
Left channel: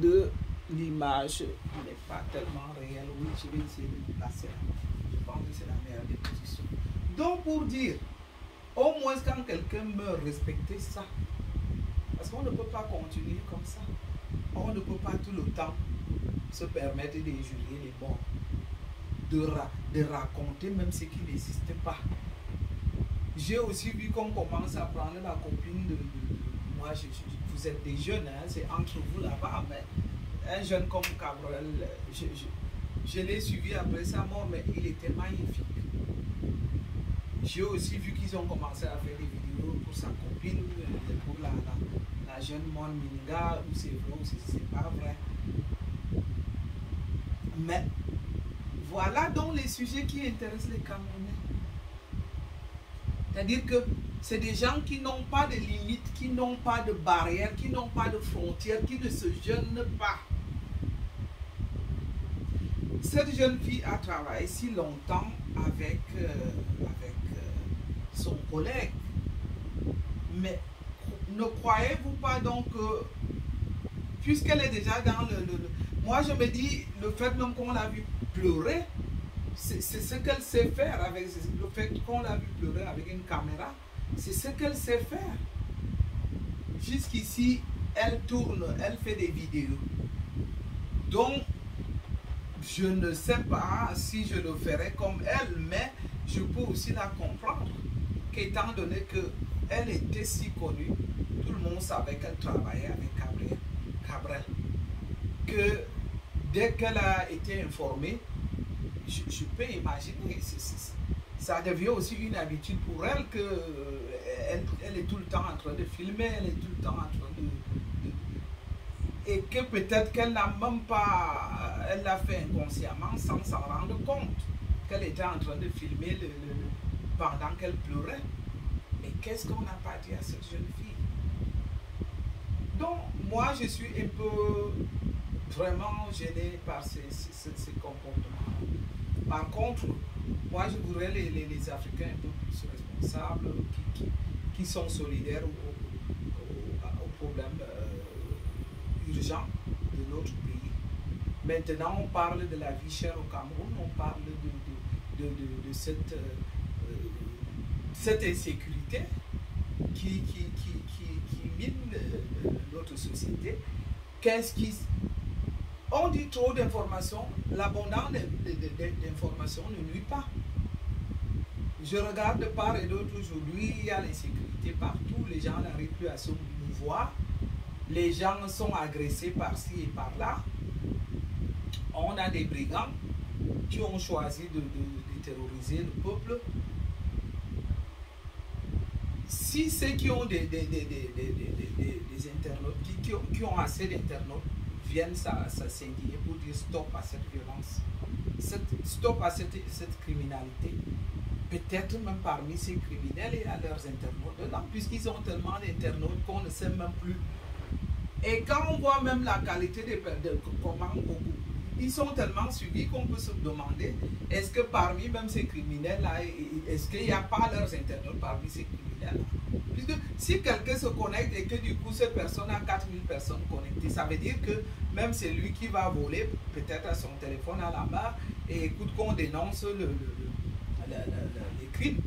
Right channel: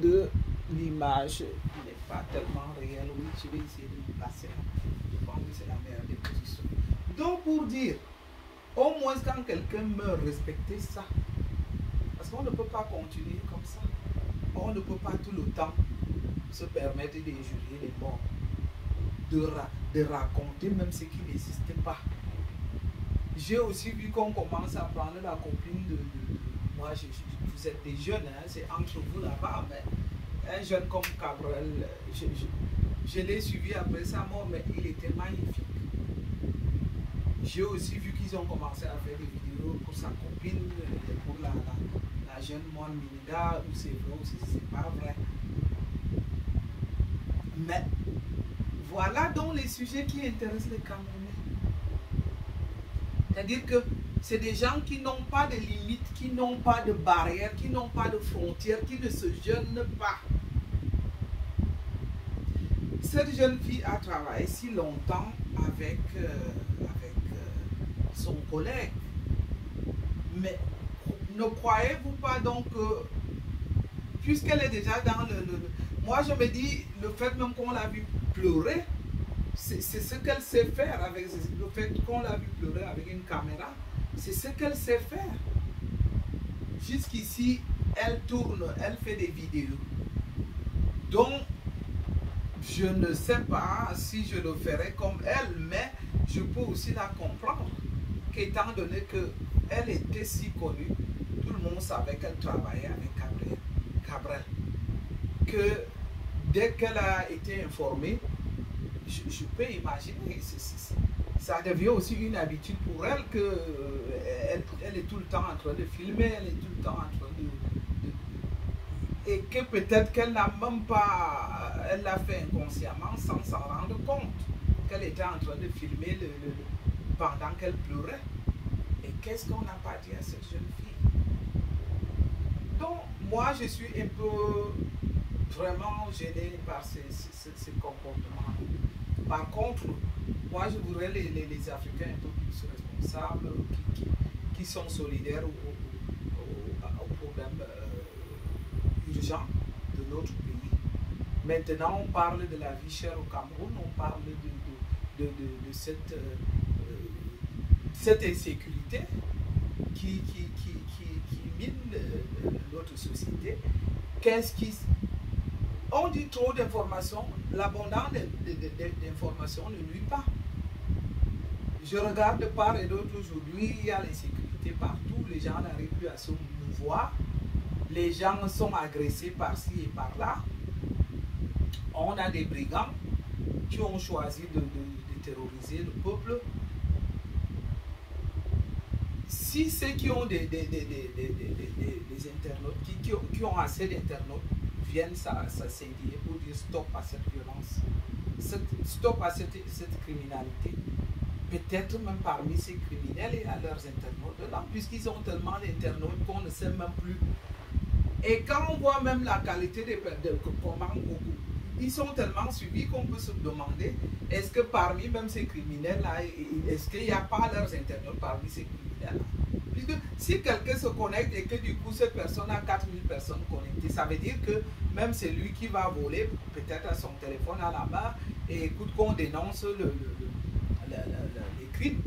de l'image n'est pas tellement réelle. Oui, je vais essayer de me placer. Je pense que c'est la meilleure des positions. Donc pour dire, au moins quand quelqu'un meurt, respecter ça. Parce qu'on ne peut pas continuer comme ça. On ne peut pas tout le temps se permettre d'injurier les morts. De raconter même ce qui n'existait pas. J'ai aussi vu qu'on commence à prendre la copine de moi, vous êtes des jeunes, hein, c'est entre vous là-bas, mais un jeune comme Cabrel, je l'ai suivi après sa mort, mais il était magnifique. J'ai aussi vu qu'ils ont commencé à faire des vidéos pour sa copine, pour la jeune Mon Minga, où c'est vrai, ou c'est pas vrai. Mais voilà donc les sujets qui intéressent les Camerounais. C'est-à-dire que c'est des gens qui n'ont pas de limites, qui n'ont pas de barrières, qui n'ont pas de frontières, qui ne se gênent pas. Cette jeune fille a travaillé si longtemps avec son collègue. Mais ne croyez-vous pas donc que, puisqu'elle est déjà dans moi je me dis, le fait même qu'on l'a vu pleurer, c'est ce qu'elle sait faire avec le fait qu'on l'a vu pleurer avec une caméra, c'est ce qu'elle sait faire. Jusqu'ici, elle tourne, elle fait des vidéos. Donc, je ne sais pas si je le ferai comme elle, mais je peux aussi la comprendre. Qu'étant donné qu'elle était si connue, tout le monde savait qu'elle travaillait avec Cabrel. Que dès qu'elle a été informée, je peux imaginer, ça devient aussi une habitude pour elle qu'elle est tout le temps en train de filmer, elle est tout le temps en train et que peut-être qu'elle n'a même pas, elle l'a fait inconsciemment sans s'en rendre compte, qu'elle était en train de filmer pendant qu'elle pleurait. Et qu'est-ce qu'on n'a pas dit à cette jeune fille? Donc, moi, je suis un peu vraiment gêné par ces comportements. Par contre, moi je voudrais les Africains un peu plus responsables, qui sont solidaires aux problèmes urgents de notre pays. Maintenant, on parle de la vie chère au Cameroun, on parle de cette insécurité qui mine notre société. Qu'est-ce qui... On dit trop d'informations, l'abondance d'informations ne nuit pas. Je regarde de part et d'autre aujourd'hui, il y a l'insécurité partout, les gens n'arrivent plus à se mouvoir, les gens sont agressés par-ci et par-là. On a des brigands qui ont choisi de terroriser le peuple. Si ceux qui ont des internautes, qui ont assez d'internautes, viennent s'indigner pour dire stop à cette violence, stop à cette criminalité. Peut-être même parmi ces criminels, il y a leurs internautes dedans, puisqu'ils ont tellement d'internautes qu'on ne sait même plus. Et quand on voit même la qualité des comment ils sont tellement suivis qu'on peut se demander, est-ce que parmi même ces criminels-là, est-ce qu'il n'y a pas leurs internautes parmi ces criminels-là? Puisque si quelqu'un se connecte et que du coup cette personne a 4000 personnes connectées, ça veut dire que même c'est lui qui va voler peut-être son téléphone à la main et écoute qu'on dénonce les crimes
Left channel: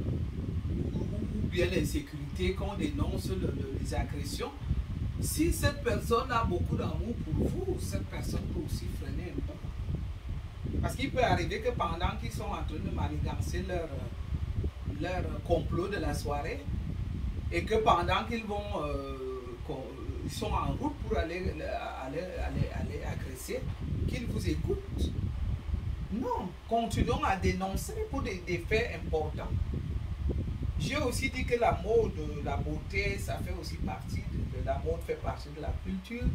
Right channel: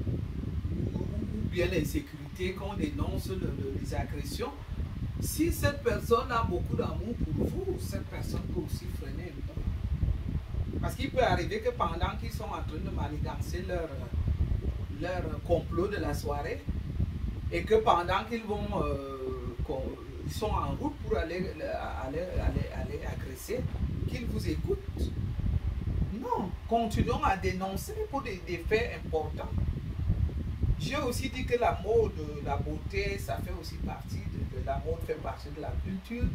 ou bien l'insécurité, qu'on dénonce les agressions. Si cette personne a beaucoup d'amour pour vous, cette personne peut aussi freiner un peu. Parce qu'il peut arriver que pendant qu'ils sont en train de manigancer leur complot de la soirée, et que pendant qu'ils ils sont en route pour aller agresser, qu'ils vous écoutent. Non, continuons à dénoncer pour des faits importants. J'ai aussi dit que la mode, la beauté, ça fait aussi partie de la mode, fait partie de la culture.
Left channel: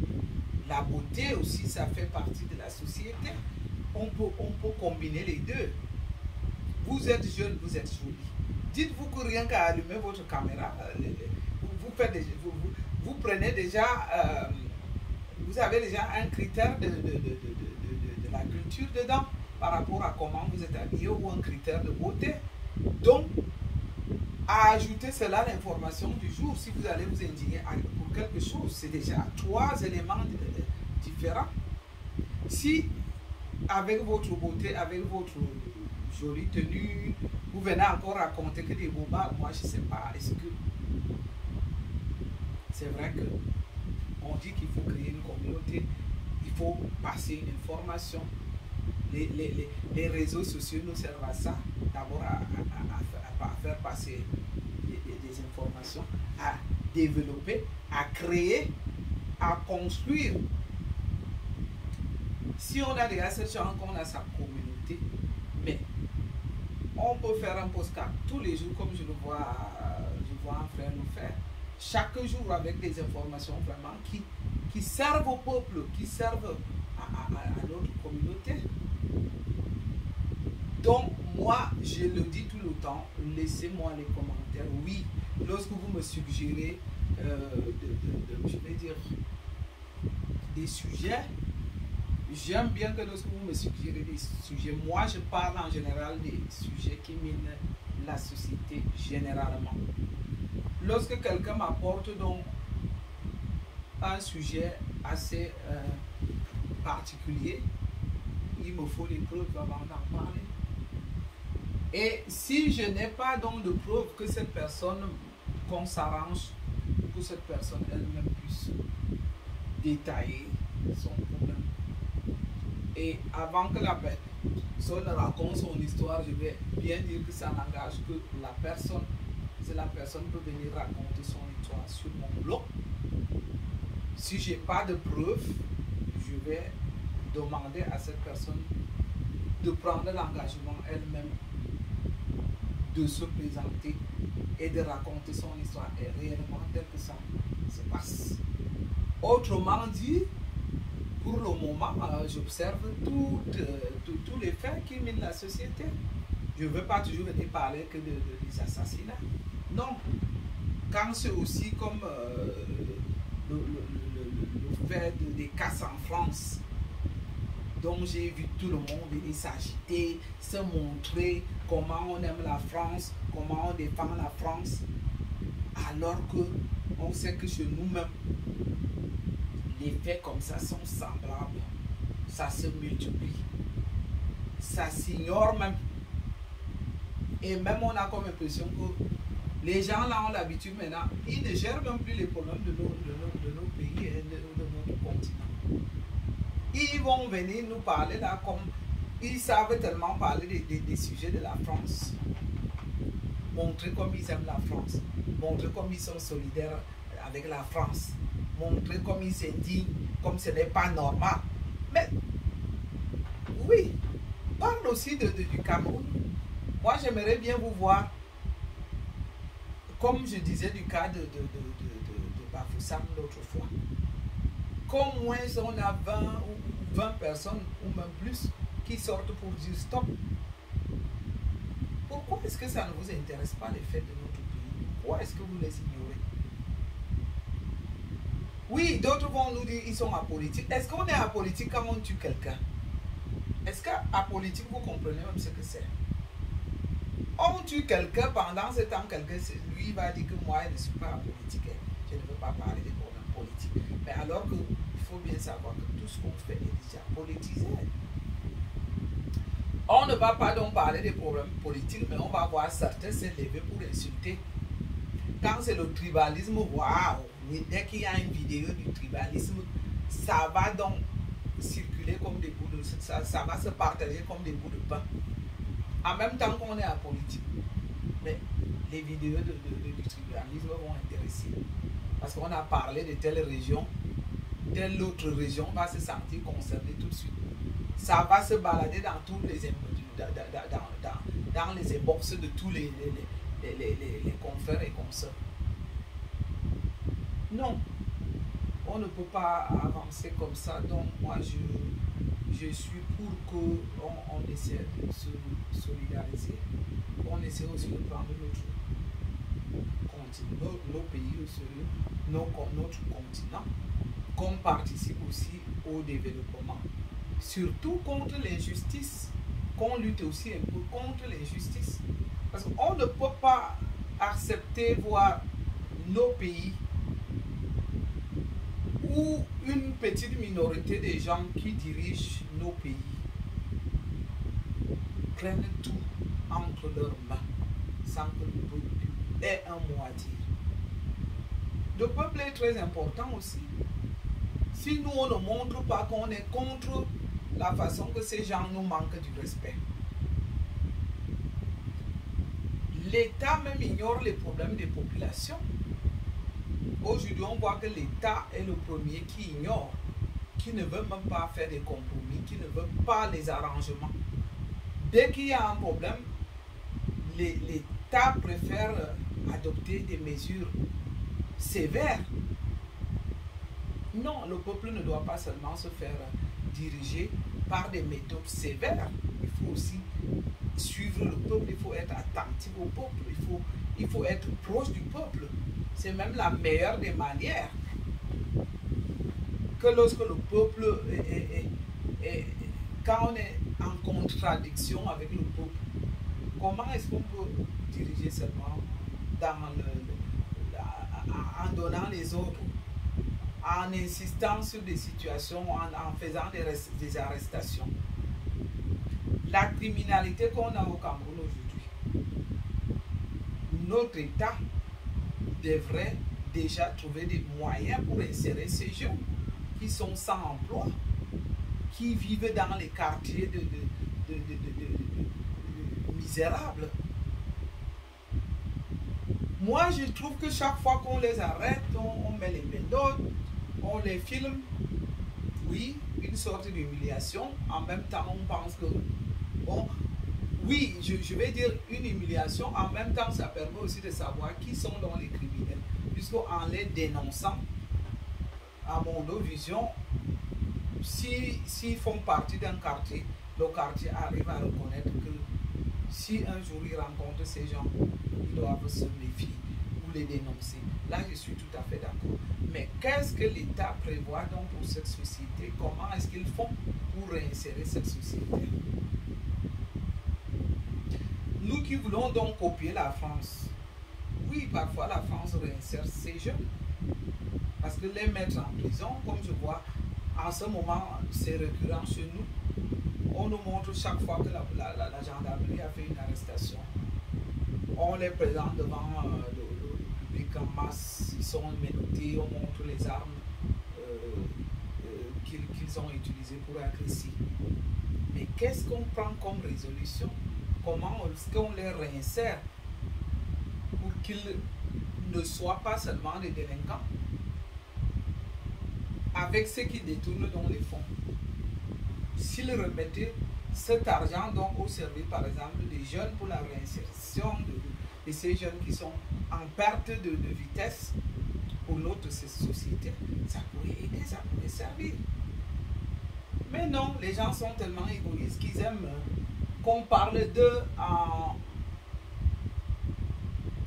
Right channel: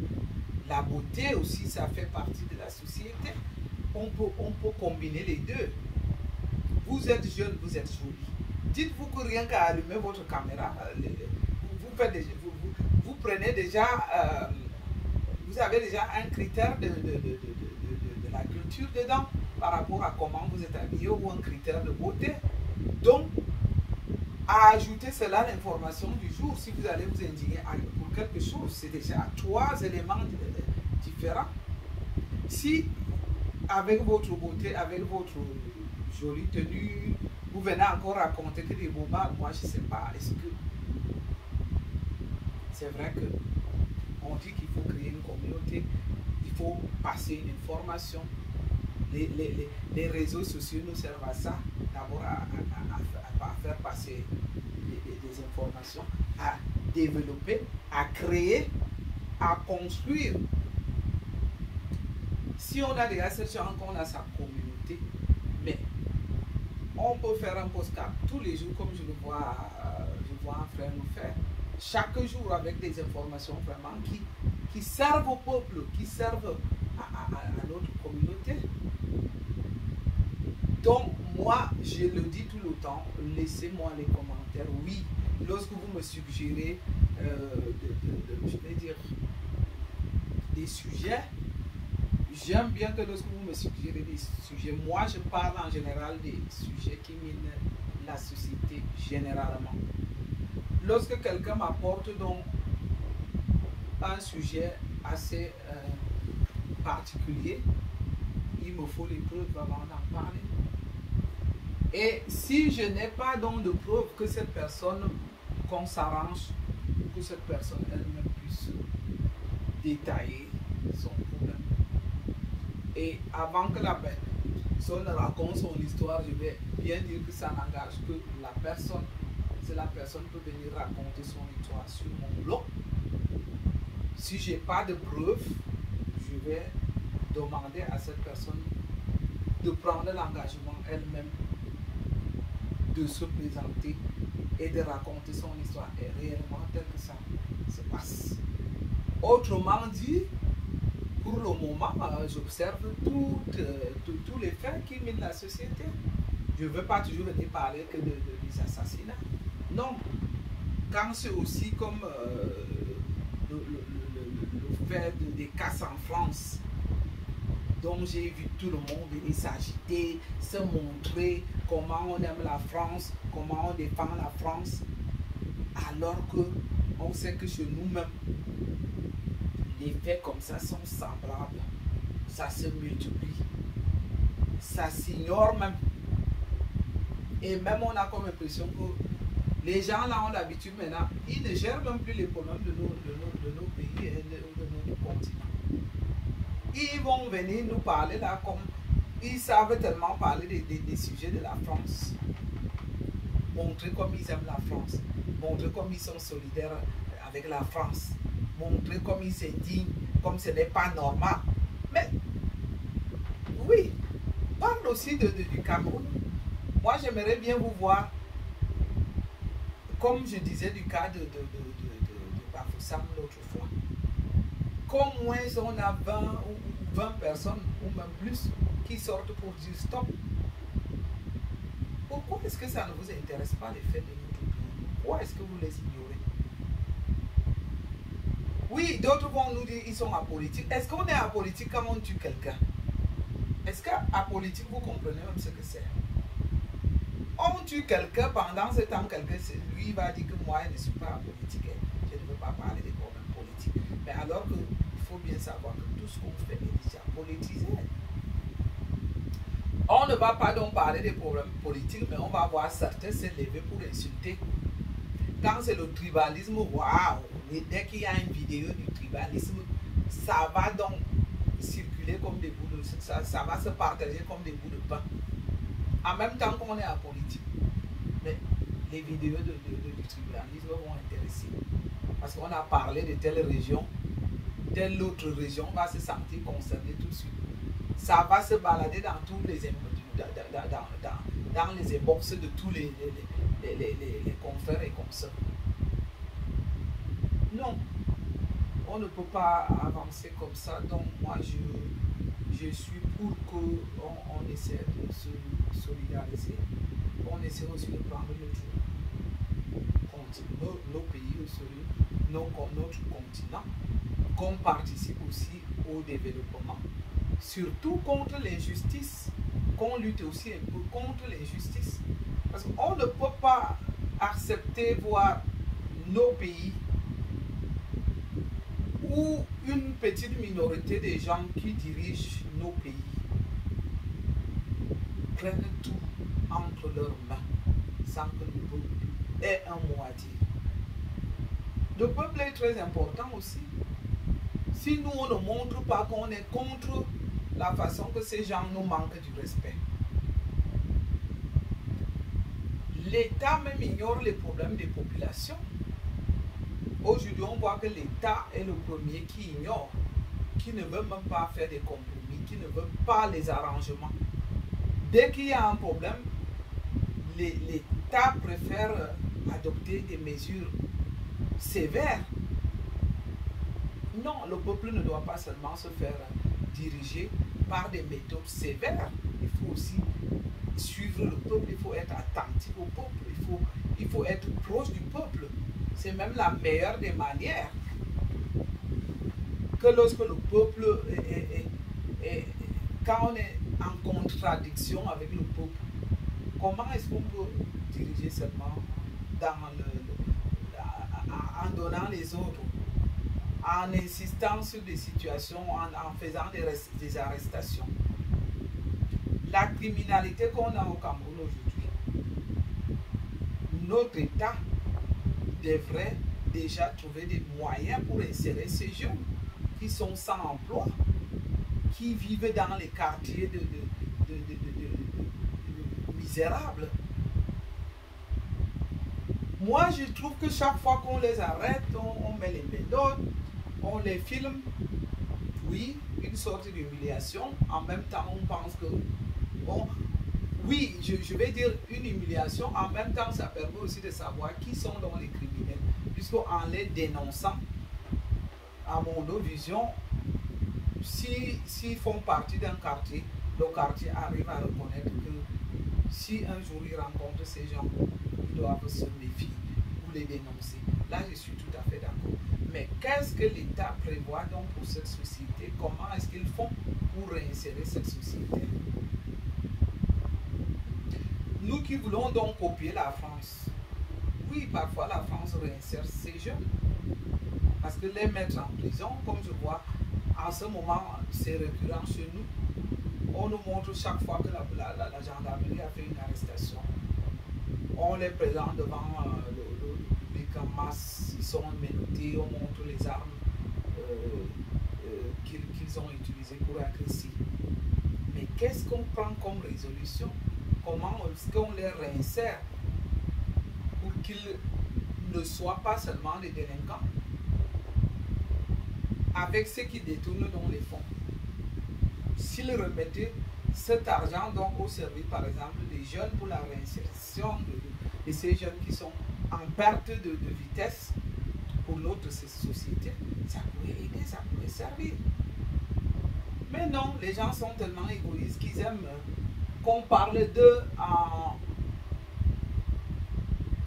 La beauté aussi, ça fait partie de la société. On peut combiner les deux. Vous êtes jeune, vous êtes joli. Dites-vous que rien qu'à allumer votre caméra, vous prenez déjà, vous avez déjà un critère de la culture dedans par rapport à comment vous êtes habillé ou un critère de beauté. Donc, à ajouter cela l'information du jour, si vous allez vous indigner pour quelque chose, c'est déjà 3 éléments différents. Si avec votre beauté, avec votre jolie tenue, vous venez encore raconter que des bobards, moi je ne sais pas, est-ce que c'est vrai que on dit qu'il faut créer une communauté, il faut passer une information. Les réseaux sociaux nous servent à ça, d'abord à faire passer des informations, à développer, à créer, à construire. Si on a déjà cette chance qu'on a sa communauté, mais on peut faire un postcard tous les jours comme je vois un frère nous faire, chaque jour avec des informations vraiment qui servent au peuple, qui servent à notre communauté. Donc, moi, je le dis tout le temps, laissez-moi les commentaires. Oui, lorsque vous me suggérez, je vais dire, des sujets, j'aime bien que lorsque vous me suggérez des sujets, moi, je parle en général des sujets qui minent la société généralement. Lorsque quelqu'un m'apporte donc un sujet assez particulier, il me faut les preuves avant d'en parler. Et si je n'ai pas donc de preuve que cette personne, qu'on s'arrange, que cette personne elle-même puisse détailler son problème. Et avant que la personne raconte son histoire, je vais bien dire que ça n'engage que la personne. Si la personne peut venir raconter son histoire sur mon blog, si je n'ai pas de preuve, je vais demander à cette personne de prendre l'engagement elle-même de se présenter et de raconter son histoire et réellement tel que ça se passe. Autrement dit, pour le moment, j'observe tous les faits qui minent la société. Je ne veux pas toujours venir parler que des assassinats. Non. Quand c'est aussi comme le fait des casses en France, dont j'ai vu tout le monde venir s'agiter, se montrer comment on aime la France, comment on défend la France, alors qu'on sait que chez nous-mêmes, les faits comme ça sont semblables, ça se multiplie, ça s'ignore même. Et même on a comme impression que les gens là ont l'habitude maintenant, ils ne gèrent même plus les problèmes de nos pays et de notre continent. Ils vont venir nous parler là comme ils savent tellement parler des sujets de la France. Montrer comme ils aiment la France. Montrer comme ils sont solidaires avec la France. Montrer comme ils s'indignent, comme ce n'est pas normal. Mais oui, parle aussi du Cameroun. Moi j'aimerais bien vous voir, comme je disais du cas de Bafoussam l'autre fois. Qu'au moins on a 20 personnes ou même plus qui sortent pour dire stop. Pourquoi est-ce que ça ne vous intéresse pas les faits de notre pays? Pourquoi est-ce que vous les ignorez? Oui, d'autres vont nous dire qu'ils sont apolitiques. Est-ce qu'on est apolitique quand on tue quelqu'un? Est-ce qu'apolitique, vous comprenez même ce que c'est? On tue quelqu'un, pendant ce temps, quelqu'un, lui va dire que moi, je ne suis pas apolitique. Je ne veux pas parler des problèmes politiques. Mais alors qu'il faut bien savoir que tout ce qu'on fait est déjà politisé. On ne va pas donc parler des problèmes politiques, mais on va voir certains s'élever pour insulter. Quand c'est le tribalisme, waouh! Dès qu'il y a une vidéo du tribalisme, ça va donc circuler comme des bouts de... Ça va se partager comme des bouts de pain. En même temps qu'on est en politique. Mais les vidéos du tribalisme vont intéresser. Parce qu'on a parlé de telle région, telle autre région va se sentir concernée tout de suite. Ça va se balader dans tous les dans les inbox de tous les confrères et consoeurs. Non, on ne peut pas avancer comme ça. Donc moi, je suis pour qu'on essaie de se solidariser. On essaie aussi de prendre nos pays au sérieux, notre continent, qu'on participe aussi au développement. Surtout contre l'injustice, qu'on lutte aussi un peu contre l'injustice. Parce qu'on ne peut pas accepter voir nos pays où une petite minorité de gens qui dirigent nos pays prennent tout entre leurs mains sans que le peuple ait un mot à dire. Le peuple est très important aussi. Si nous, on ne montre pas qu'on est contre la façon que ces gens nous manquent du respect, l'État même ignore les problèmes des populations. Aujourd'hui, on voit que l'État est le premier qui ignore, qui ne veut même pas faire des compromis, qui ne veut pas les arrangements. Dès qu'il y a un problème, l'État préfère adopter des mesures sévères. Non, le peuple ne doit pas seulement se faire diriger par des méthodes sévères. Il faut aussi suivre le peuple, il faut être attentif au peuple, il faut être proche du peuple. C'est même la meilleure des manières. Que lorsque le peuple quand on est en contradiction avec le peuple, comment est-ce qu'on peut diriger seulement en donnant les ordres, en insistant sur des situations, en faisant des arrestations? La criminalité qu'on a au Cameroun aujourd'hui, notre État devrait déjà trouver des moyens pour insérer ces jeunes qui sont sans emploi, qui vivent dans les quartiers misérables. Moi, je trouve que chaque fois qu'on les arrête, on met les méthodes, on les filme. Oui, une sorte d'humiliation. En même temps, on pense que... Bon, oui, je vais dire une humiliation. En même temps, ça permet aussi de savoir qui sont dans les criminels. Puisqu'en les dénonçant, à mon vision, s'ils font partie d'un quartier, le quartier arrive à reconnaître que si un jour ils rencontrent ces gens, ils doivent se méfier ou les dénoncer. Là, je suis tout à fait d'accord. Mais qu'est-ce que l'État prévoit donc pour cette société? Comment est-ce qu'ils font pour réinsérer cette société? Nous qui voulons donc copier la France, oui, parfois la France réinsère ces jeunes. Parce que les mettre en prison, comme je vois, en ce moment, c'est récurrent chez nous. On nous montre chaque fois que la gendarmerie a fait une arrestation. On les présente devant le public en masse. Ils sont menottés, on montre les armes qu'ils ont utilisées pour agresser. Mais qu'est-ce qu'on prend comme résolution? Comment est-ce qu'on les réinsère pour qu'ils ne soient pas seulement des délinquants? Avec ceux qui détournent donc les fonds. S'ils remettaient cet argent donc au service, par exemple, des jeunes pour la réinsertion de ces jeunes qui sont en perte de vitesse pour notre société, ça pourrait aider, ça pourrait servir. Mais non, les gens sont tellement égoïstes qu'ils aiment qu'on parle d'eux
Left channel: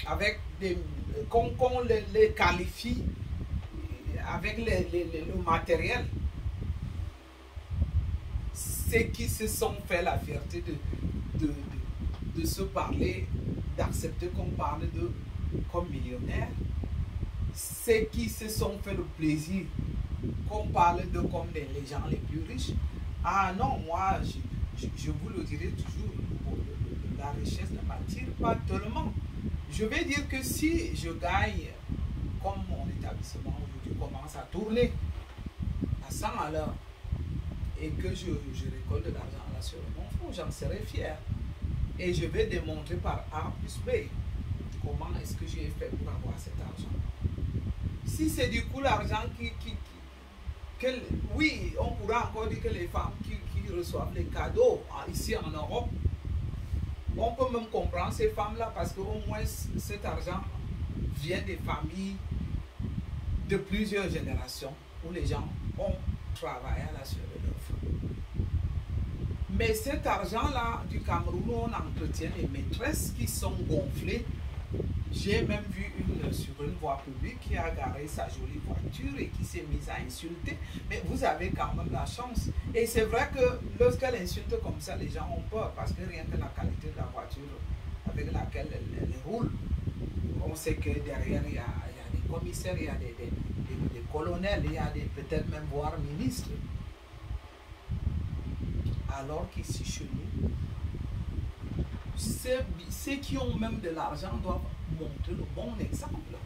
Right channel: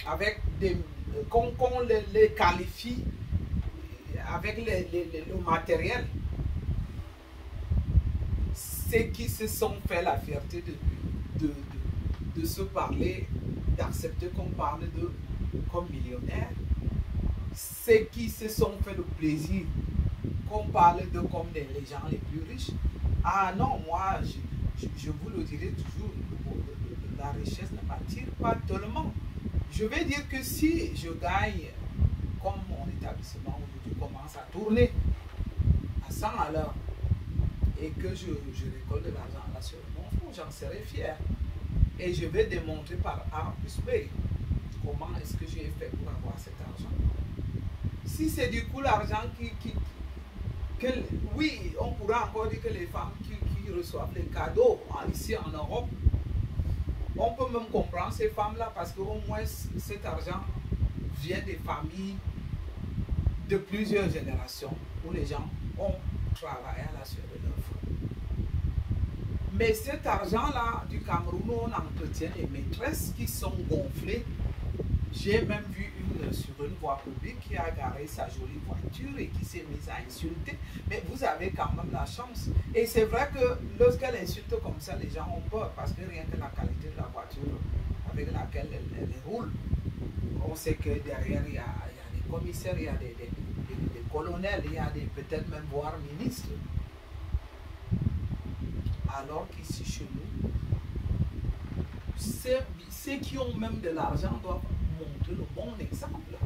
avec des... qu'on les qualifie avec le matériel. Ceux qui se sont fait la fierté de se parler, d'accepter qu'on parle d'eux comme millionnaires, ceux qui se sont fait le plaisir qu'on parle d'eux comme les gens les plus riches. Ah non, moi, je vous le dirai toujours, la richesse ne m'attire pas tellement. Je vais dire que si je gagne, comme mon établissement aujourd'hui commence à tourner à 100 à l'heure, et que je récolte de l'argent là sur mon fonds, j'en serai fier. Et je vais démontrer par A plus B comment est-ce que j'ai fait pour avoir cet argent. Si c'est du coup l'argent oui, on pourra encore dire que les femmes qui reçoivent les cadeaux ici en Europe, On peut même comprendre ces femmes-là parce qu'au moins cet argent vient des familles de plusieurs générations où les gens ont travaillé à la sueur de leur front. Mais cet argent-là du Cameroun, on entretient les maîtresses qui sont gonflées. J'ai même vu une sur une voie publique qui a garé sa jolie voiture et qui s'est mise à insulter. Mais vous avez quand même la chance. Et c'est vrai que lorsqu'elle insulte comme ça, les gens ont peur parce que rien que la qualité de la voiture avec laquelle elle roule, on sait que derrière il y a des commissaires, il y a des colonels, il y a peut-être même voire ministres. Alors qu'ici chez nous, ceux qui ont même de l'argent doivent montrer le bon exemple.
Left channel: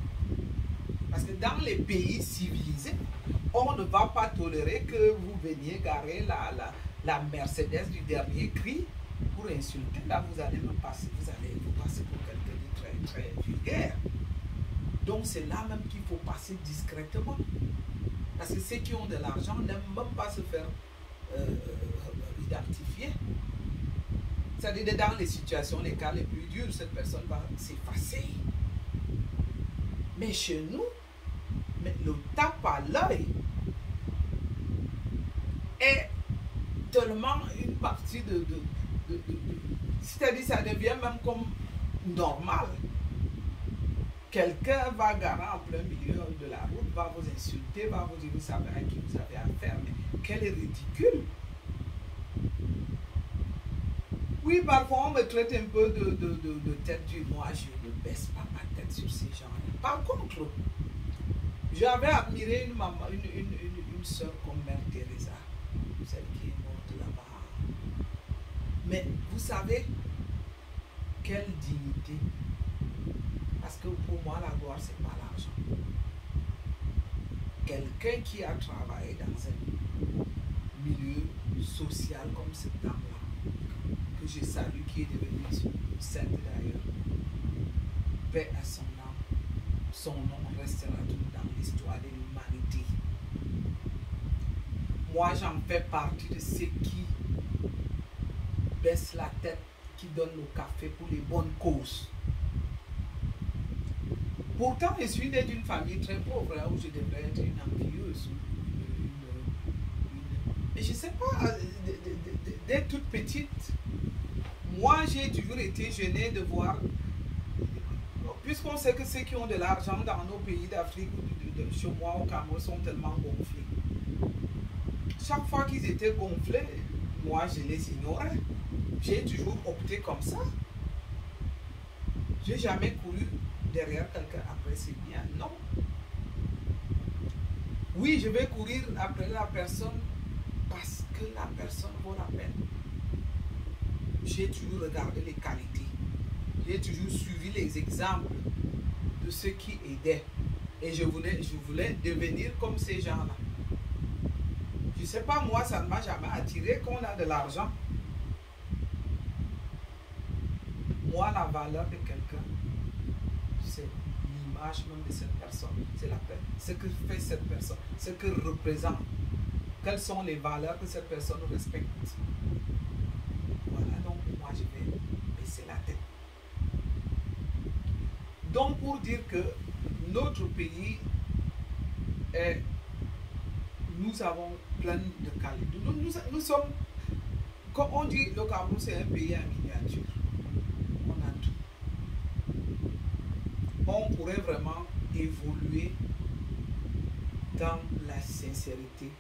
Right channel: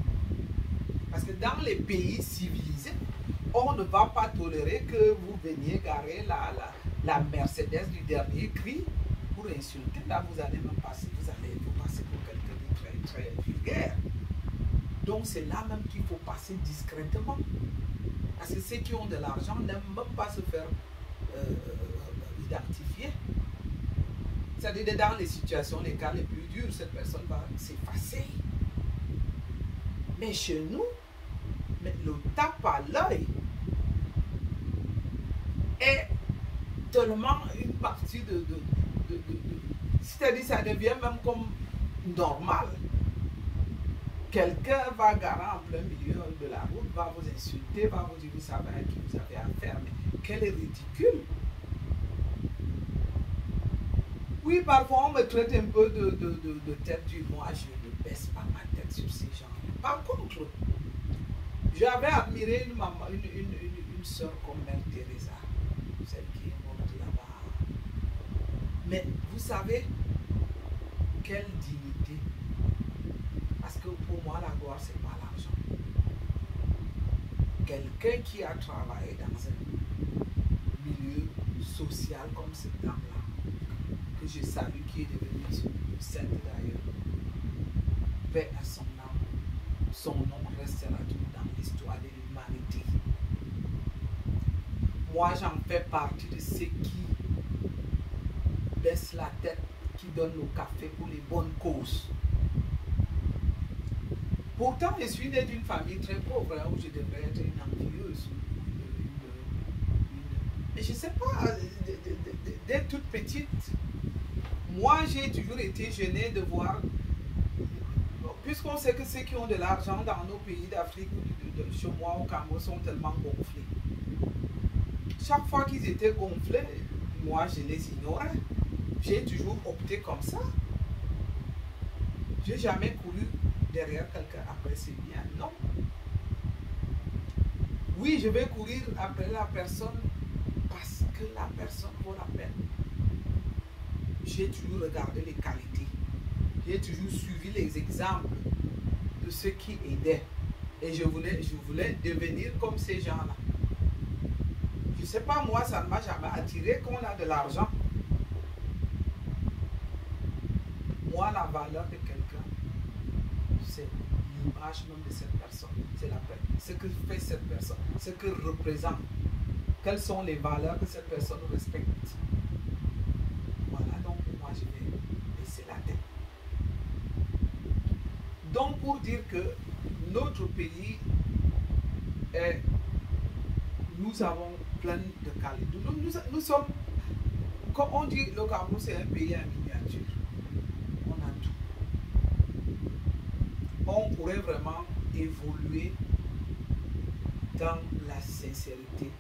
Parce que dans les pays civilisés, on ne va pas tolérer que vous veniez garer la Mercedes du dernier cri pour insulter. Là, vous allez même passer, vous allez vous passer pour quelqu'un de très, très vulgaire. Donc, c'est là même qu'il faut passer discrètement. Parce que ceux qui ont de l'argent n'aiment même pas se faire identifier. C'est-à-dire dans les situations, les cas les plus durs, cette personne va s'effacer. Mais chez nous, le tape à l'œil est tellement une partie c'est-à-dire ça devient même comme normal. Quelqu'un va garer en plein milieu de la route, va vous insulter, va vous dire vous savez à qui vous avez affaire. Mais quel est ridicule! Oui, parfois on me traite un peu de tête du moi, je ne baisse pas ma tête sur ces gens. Par contre, j'avais admiré une maman, une soeur comme Mère Teresa, celle qui est morte là-bas. Mais vous savez, quelle dignité! Parce que pour moi, la gloire, c'est pas l'argent. Quelqu'un qui a travaillé dans un milieu social comme cette dame-là, que je salue, qui est devenue sainte d'ailleurs, paix à son âme, son nom restera tout dans l'histoire de l'humanité. Moi, j'en fais partie de ceux qui baissent la tête, qui donnent le café pour les bonnes causes. Pourtant, je suis né d'une famille très pauvre, où je devrais être une envieuse. Mais je ne sais pas, dès toute petite, moi j'ai toujours été gênée de voir, puisqu'on sait que ceux qui ont de l'argent dans nos pays d'Afrique ou chez moi au Cameroun sont tellement gonflés. Chaque fois qu'ils étaient gonflés, moi je les ignorais. J'ai toujours opté comme ça. Je n'ai jamais couru derrière quelqu'un après c'est bien, non. Oui, je vais courir après la personne parce que la personne vaut la peine. J'ai toujours regardé les qualités. J'ai toujours suivi les exemples de ceux qui aidaient. Et je voulais devenir comme ces gens-là. Je ne sais pas, moi, ça ne m'a jamais attiré qu'on a de l'argent. Moi, la valeur de quelqu'un, c'est l'image même de cette personne. C'est la paix. Ce que fait cette personne, ce que représente. Quelles sont les valeurs que cette personne respecte. Voilà, donc pour moi, je vais baisser la tête. Donc, pour dire que notre pays nous avons plein de qualités. Nous sommes, comme on dit, le Cameroun, c'est un pays en miniature. On a tout. On pourrait vraiment évoluer dans la sincérité.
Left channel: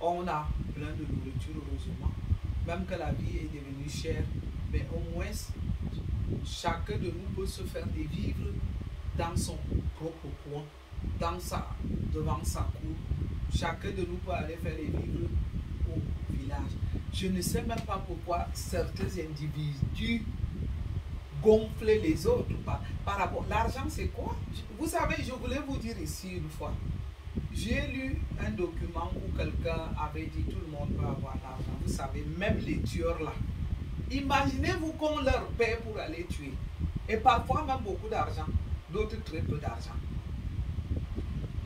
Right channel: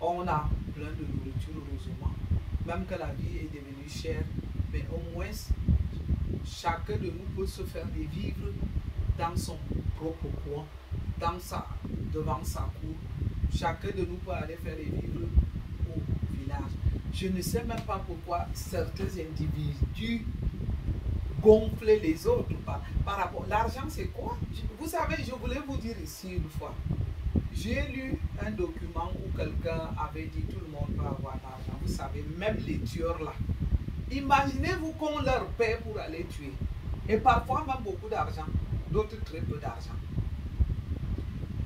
On a plein de nourriture, heureusement. Même que la vie est devenue chère, mais au moins, chacun de nous peut se faire des vivres dans son propre coin, devant sa cour. Chacun de nous peut aller faire des vivres au village. Je ne sais même pas pourquoi certains individus gonflent les autres par rapport. L'argent, c'est quoi? Vous savez, je voulais vous dire ici une fois. J'ai lu un document où quelqu'un avait dit tout le monde peut avoir l'argent. Vous savez, même les tueurs là. Imaginez-vous qu'on leur paie pour aller tuer. Et parfois même beaucoup d'argent. D'autres très peu d'argent.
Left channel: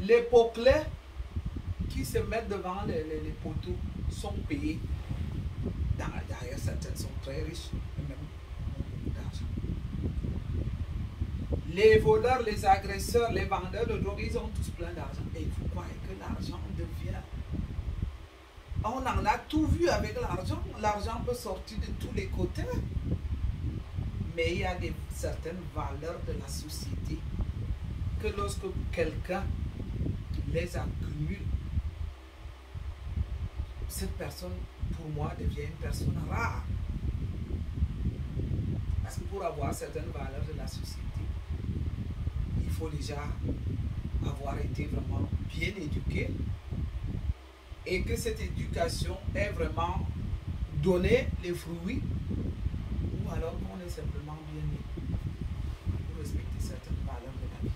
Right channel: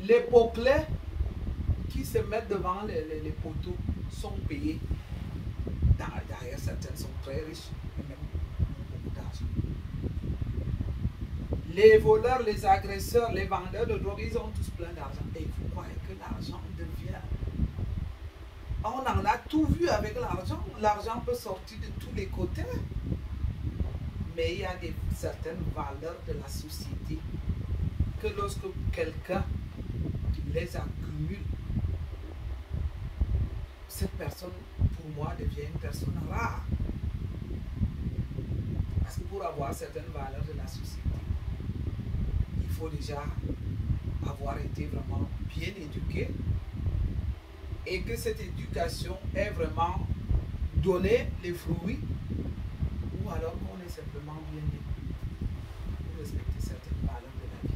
Les peuplés qui se mettent devant les poteaux sont payés. D'ailleurs, certaines sont très riches. Même l'argent. Les voleurs, les agresseurs, les vendeurs de drogue, ils ont tous plein d'argent. Et vous croyez que l'argent devient... On en a tout vu avec l'argent. L'argent peut sortir de tous les côtés. Mais il y a certaines valeurs de la société que lorsque quelqu'un les accumule, cette personne, pour moi, devient une personne rare. Parce que pour avoir certaines valeurs de la société, il faut déjà avoir été vraiment bien éduqué et que cette éducation ait vraiment donné les fruits, ou alors qu'on est simplement bien né pour respecter certaines valeurs de la vie.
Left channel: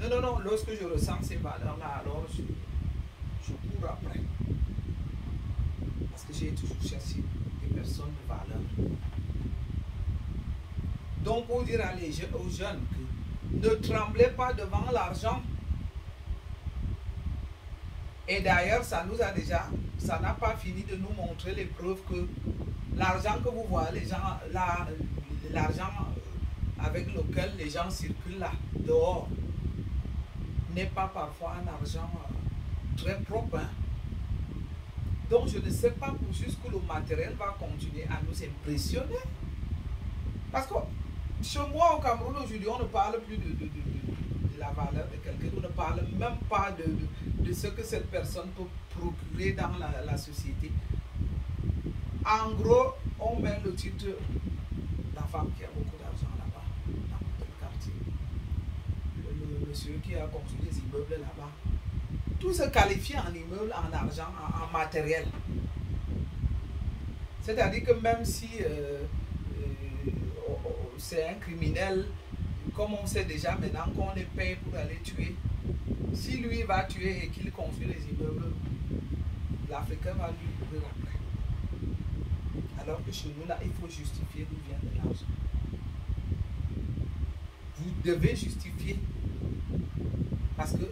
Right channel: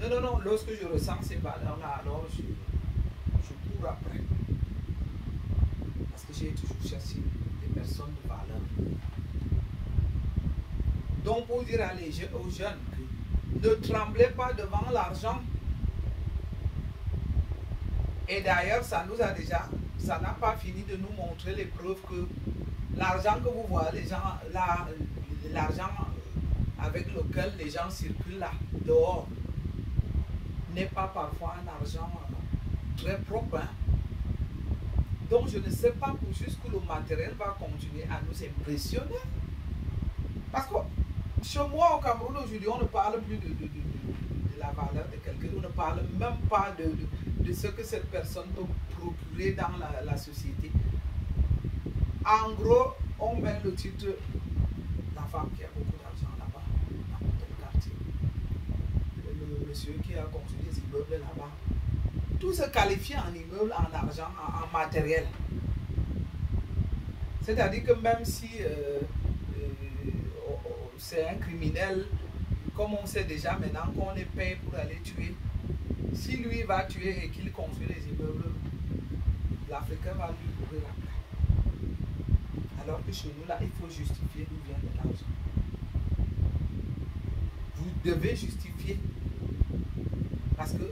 Non, non, non, lorsque je ressens ces valeurs-là, alors je cours après. Parce que j'ai toujours cherché des personnes de valeur. Donc, pour dire aux jeunes que ne tremblez pas devant l'argent. Et d'ailleurs, ça n'a pas fini de nous montrer les preuves que l'argent que vous voyez, l'argent avec lequel les gens circulent là, dehors, n'est pas parfois un argent très propre. Hein? Donc, je ne sais pas jusqu'où le matériel va continuer à nous impressionner. Parce que chez moi, au Cameroun, aujourd'hui, on ne parle plus de la valeur de quelqu'un. On ne parle même pas de ce que cette personne peut procurer dans la société. En gros, on met le titre la femme qui a beaucoup d'argent là-bas, dans notre quartier. Le monsieur qui a construit des immeubles là-bas. Tout se qualifie en immeuble, en argent, en matériel. C'est-à-dire que même si c'est un criminel, comme on sait déjà maintenant qu'on les paye pour aller tuer, si lui va tuer et qu'il construit les immeubles, l'Africain va lui courir après. Alors que chez nous, là, il faut justifier d'où vient de l'argent. Vous devez justifier. Parce que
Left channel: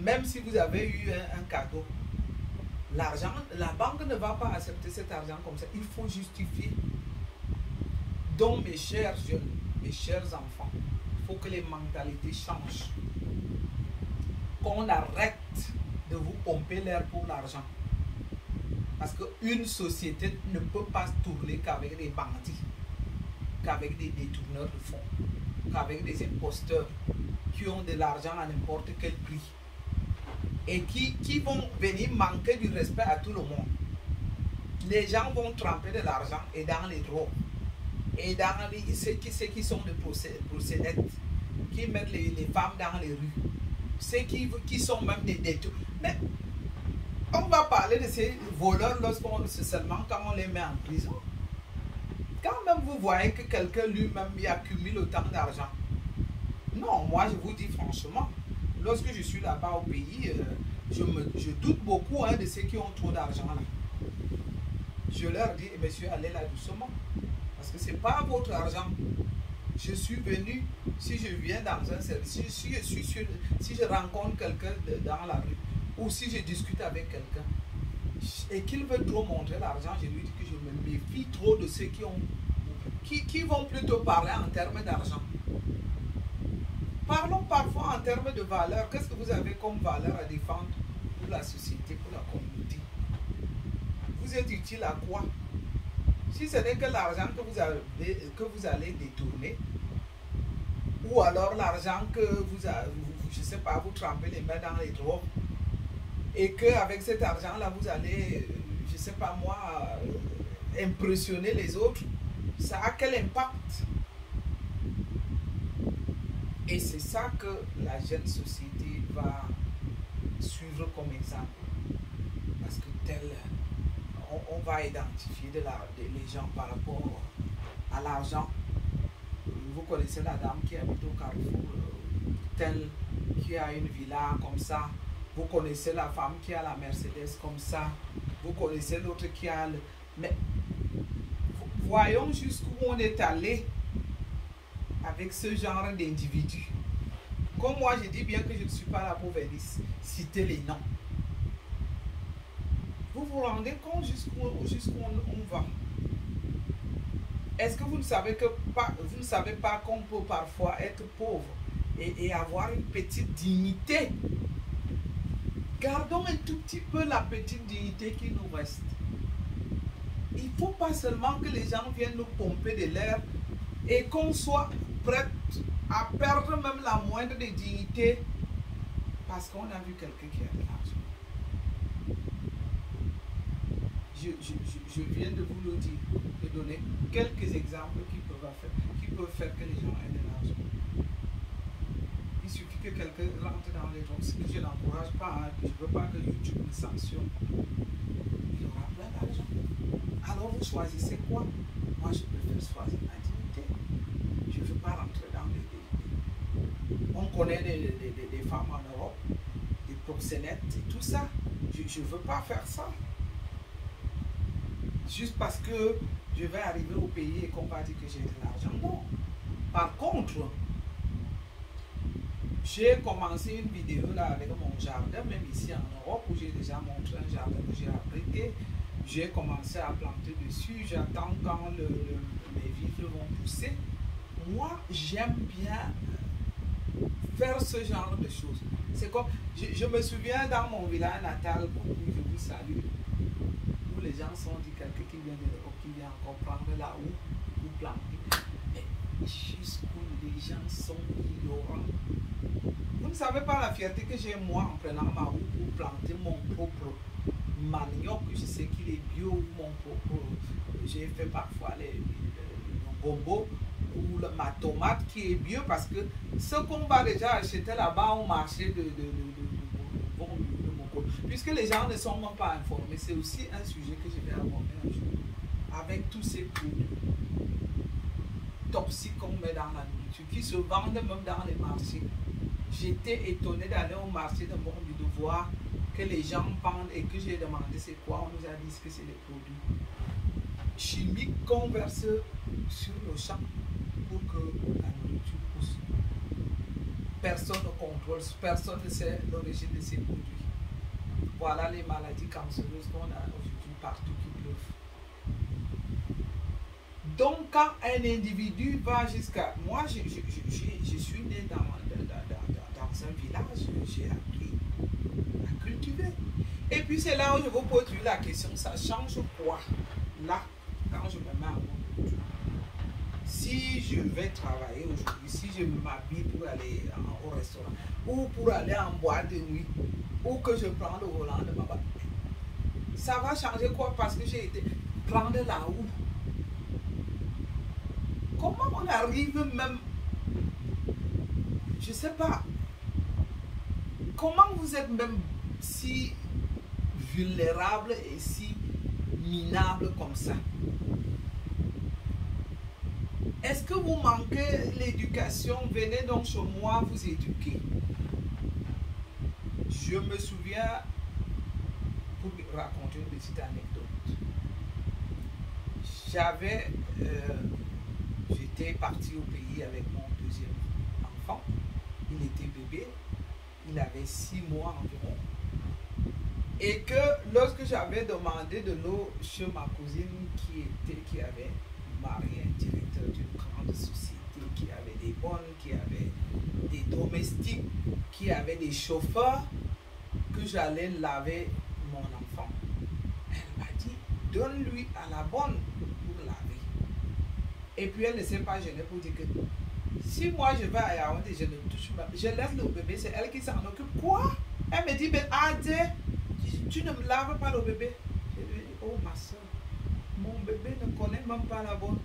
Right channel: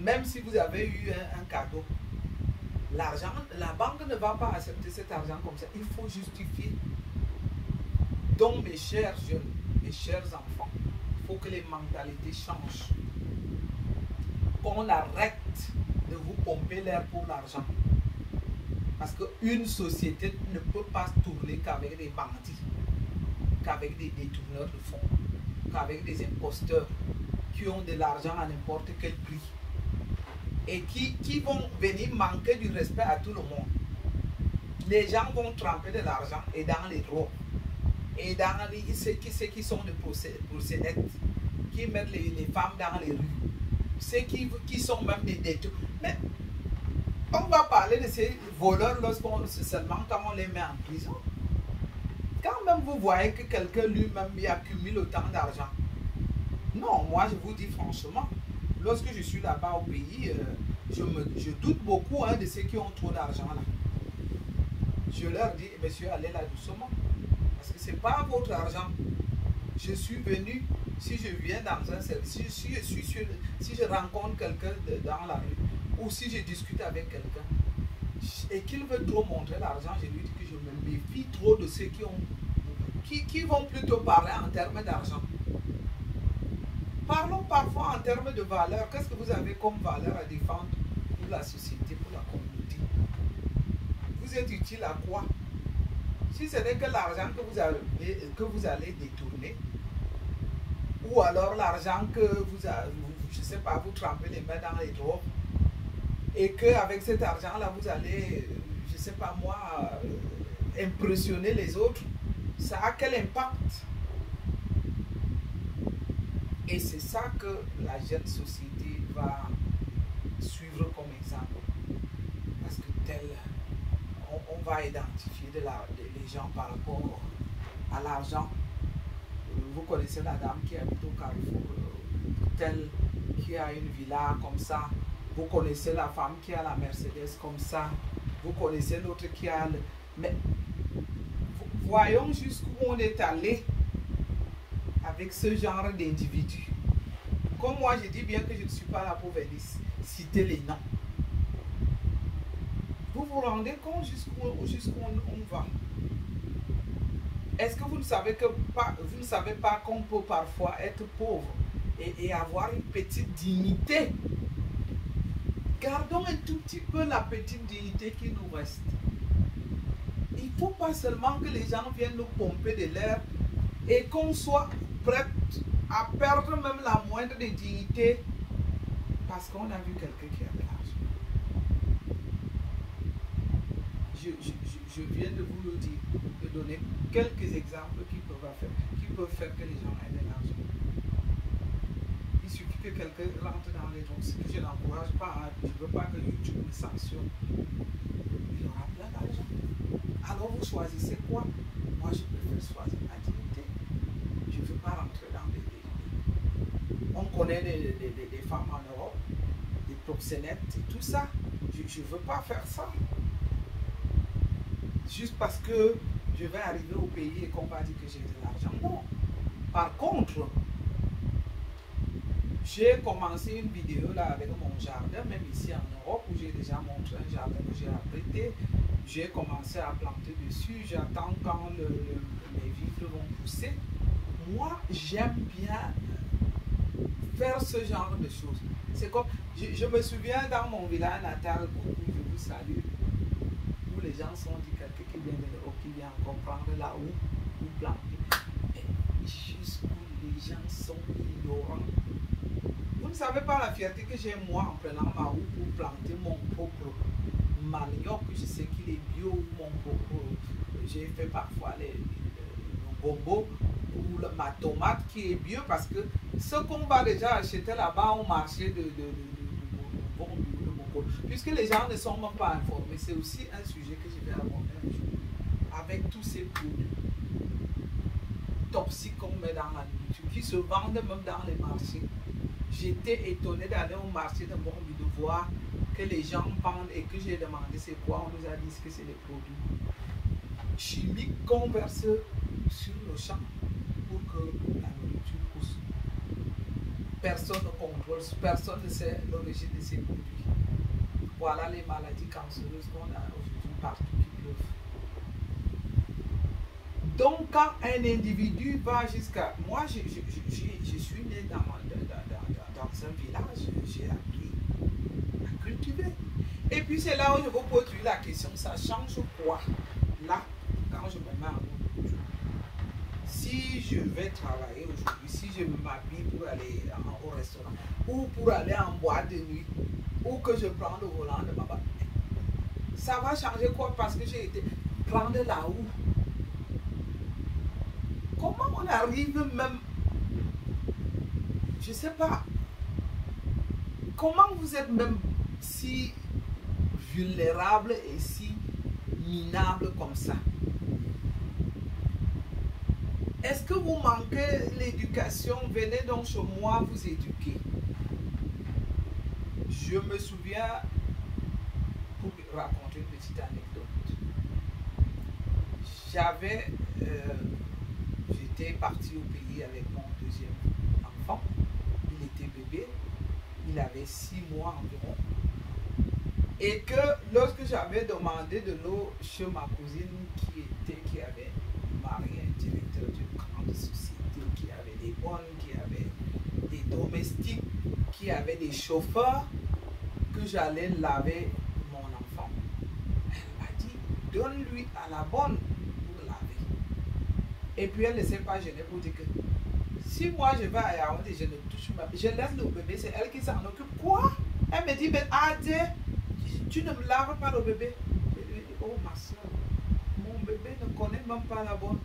même si vous avez eu un cadeau, l'argent, la banque ne va pas accepter cet argent comme ça. Il faut justifier. Donc, mes chers jeunes, mes chers enfants, il faut que les mentalités changent. Qu'on arrête de vous pomper l'air pour l'argent. Parce qu'une société ne peut pas tourner qu'avec des bandits, qu'avec des détourneurs de fonds, qu'avec des imposteurs qui ont de l'argent à n'importe quel prix et qui vont venir manquer du respect à tout le monde. Les gens vont tremper de l'argent et dans les drogues et dans ceux qui sont des procédés, qui mettent les femmes dans les rues, ceux qui sont même des détourneurs. Mais on va parler de ces voleurs seulement quand on les met en prison. Quand même vous voyez que quelqu'un lui-même accumule autant d'argent. Non, moi je vous dis franchement, lorsque je suis là-bas au pays, je doute beaucoup de ceux qui ont trop d'argent là. Je leur dis, monsieur, allez là doucement. Parce que ce n'est pas votre argent. Je suis venu, si je viens dans un service, si je rencontre quelqu'un dans la rue, ou si je discute avec quelqu'un, et qu'il veut trop montrer l'argent, je lui dis que je me méfie trop de ceux qui vont plutôt parler en termes d'argent. Parlons parfois en termes de valeur. Qu'est-ce que vous avez comme valeur à défendre pour la société, pour la communauté? Vous êtes utile à quoi? Si ce n'est que l'argent que vous allez détourner, ou alors l'argent que je ne sais pas, vous trempez les mains dans les drogues, et qu'avec cet argent-là, vous allez, je ne sais pas moi, impressionner les autres, ça a quel impact? Et c'est ça que la jeune société va suivre comme exemple. Parce que on va identifier les gens par rapport à l'argent. Vous connaissez la dame qui habite au Carrefour, telle qui a une villa comme ça. Vous connaissez la femme qui a la Mercedes comme ça. Vous connaissez l'autre qui a le... Mais voyons jusqu'où on est allé avec ce genre d'individus. Comme moi, je dis bien que je ne suis pas là pour venir citer les noms. Vous vous rendez compte jusqu'où on va? Est-ce que vous ne savez pas qu'on peut parfois être pauvre et avoir une petite dignité? Gardons un tout petit peu la petite dignité qui nous reste. Il ne faut pas seulement que les gens viennent nous pomper de l'air et qu'on soit prêt à perdre même la moindre des dignités parce qu'on a vu quelqu'un qui a de l'argent. Je viens de vous le dire, de donner quelques exemples qui peuvent faire que les gens aient de l'argent. Il suffit que quelqu'un rentre dans les drogues, ce que je n'encourage pas, hein. Je ne veux pas que YouTube me sanctionne. Il aura plein d'argent. Alors vous choisissez quoi? Moi je préfère choisir ma dignité. Je ne veux pas rentrer dans les... On connaît des femmes en Europe, des proxénètes et tout ça. Je ne veux pas faire ça. Juste parce que je vais arriver au pays et qu'on va dire que j'ai de l'argent. Non. Par contre, j'ai commencé une vidéo là avec mon jardin, même ici en Europe, où j'ai déjà montré un jardin que j'ai abrité. J'ai commencé à planter dessus. J'attends quand les vivres vont pousser. Moi, j'aime bien faire ce genre de choses. C'est comme, je me souviens dans mon village natal, où je vous salue, où les gens sont dit quelqu'un qui vient de l'Europe, qui vient encore prendre la houe ou planter. Jusqu'où les gens sont ignorants. Vous ne savez pas la fierté que j'ai moi en prenant ma houe pour planter mon propre manioc, je sais qu'il est bio, mon propre, j'ai fait parfois le gombo ou ma tomate qui est bio parce que ce qu'on va déjà acheter là-bas au marché de Mongolie, puisque les gens ne sont même pas informés, c'est aussi un sujet que je vais aborder un jour avec tous ces produits toxiques qu'on met dans la nourriture qui se vendent même dans les marchés. J'étais étonné d'aller au marché de Mongolie de voir que les gens vendent et que j'ai demandé c'est quoi, on nous a dit que c'est des produits chimiques qu'on verse sur le champ pour que la nourriture pousse. Personne ne contrôle, personne ne sait l'origine de ces produits. Voilà les maladies cancéreuses qu'on a aujourd'hui partout qui pleuvent. Donc quand un individu va jusqu'à... Moi, je suis né dans un village, j'ai appris à cultiver. Et puis c'est là où je vous pose la question, ça change quoi? Là, quand je me mets en mode, si je vais travailler aujourd'hui, si je m'habille pour aller au restaurant, ou pour aller en boîte de nuit, ou que je prends le volant de ma voiture, ça va changer quoi? Parce que j'ai été prendre la houe. Comment on arrive même, je ne sais pas, comment vous êtes même si vulnérable et si minable comme ça? Est-ce que vous manquez l'éducation? Venez donc chez moi vous éduquer. Je me souviens, pour raconter une petite anecdote, j'étais parti au pays avec mon deuxième enfant. Il était bébé, il avait 6 mois environ. Et que lorsque j'avais demandé de l'eau chez ma cousine qui avait marié un directeur d'une grande société, qui avait des bonnes, qui avait des domestiques, qui avait des chauffeurs, que j'allais laver mon enfant. Elle m'a dit, donne-lui à la bonne pour laver. Et puis elle ne s'est pas gênée pour dire que si moi je vais à Yaoundé, je ne touche pas, je laisse le bébé, c'est elle qui s'en occupe. Quoi? Elle me dit, ben Adé, tu ne me laves pas le bébé. Je lui ai dit, oh ma soeur, mon bébé ne connaît même pas la bonne.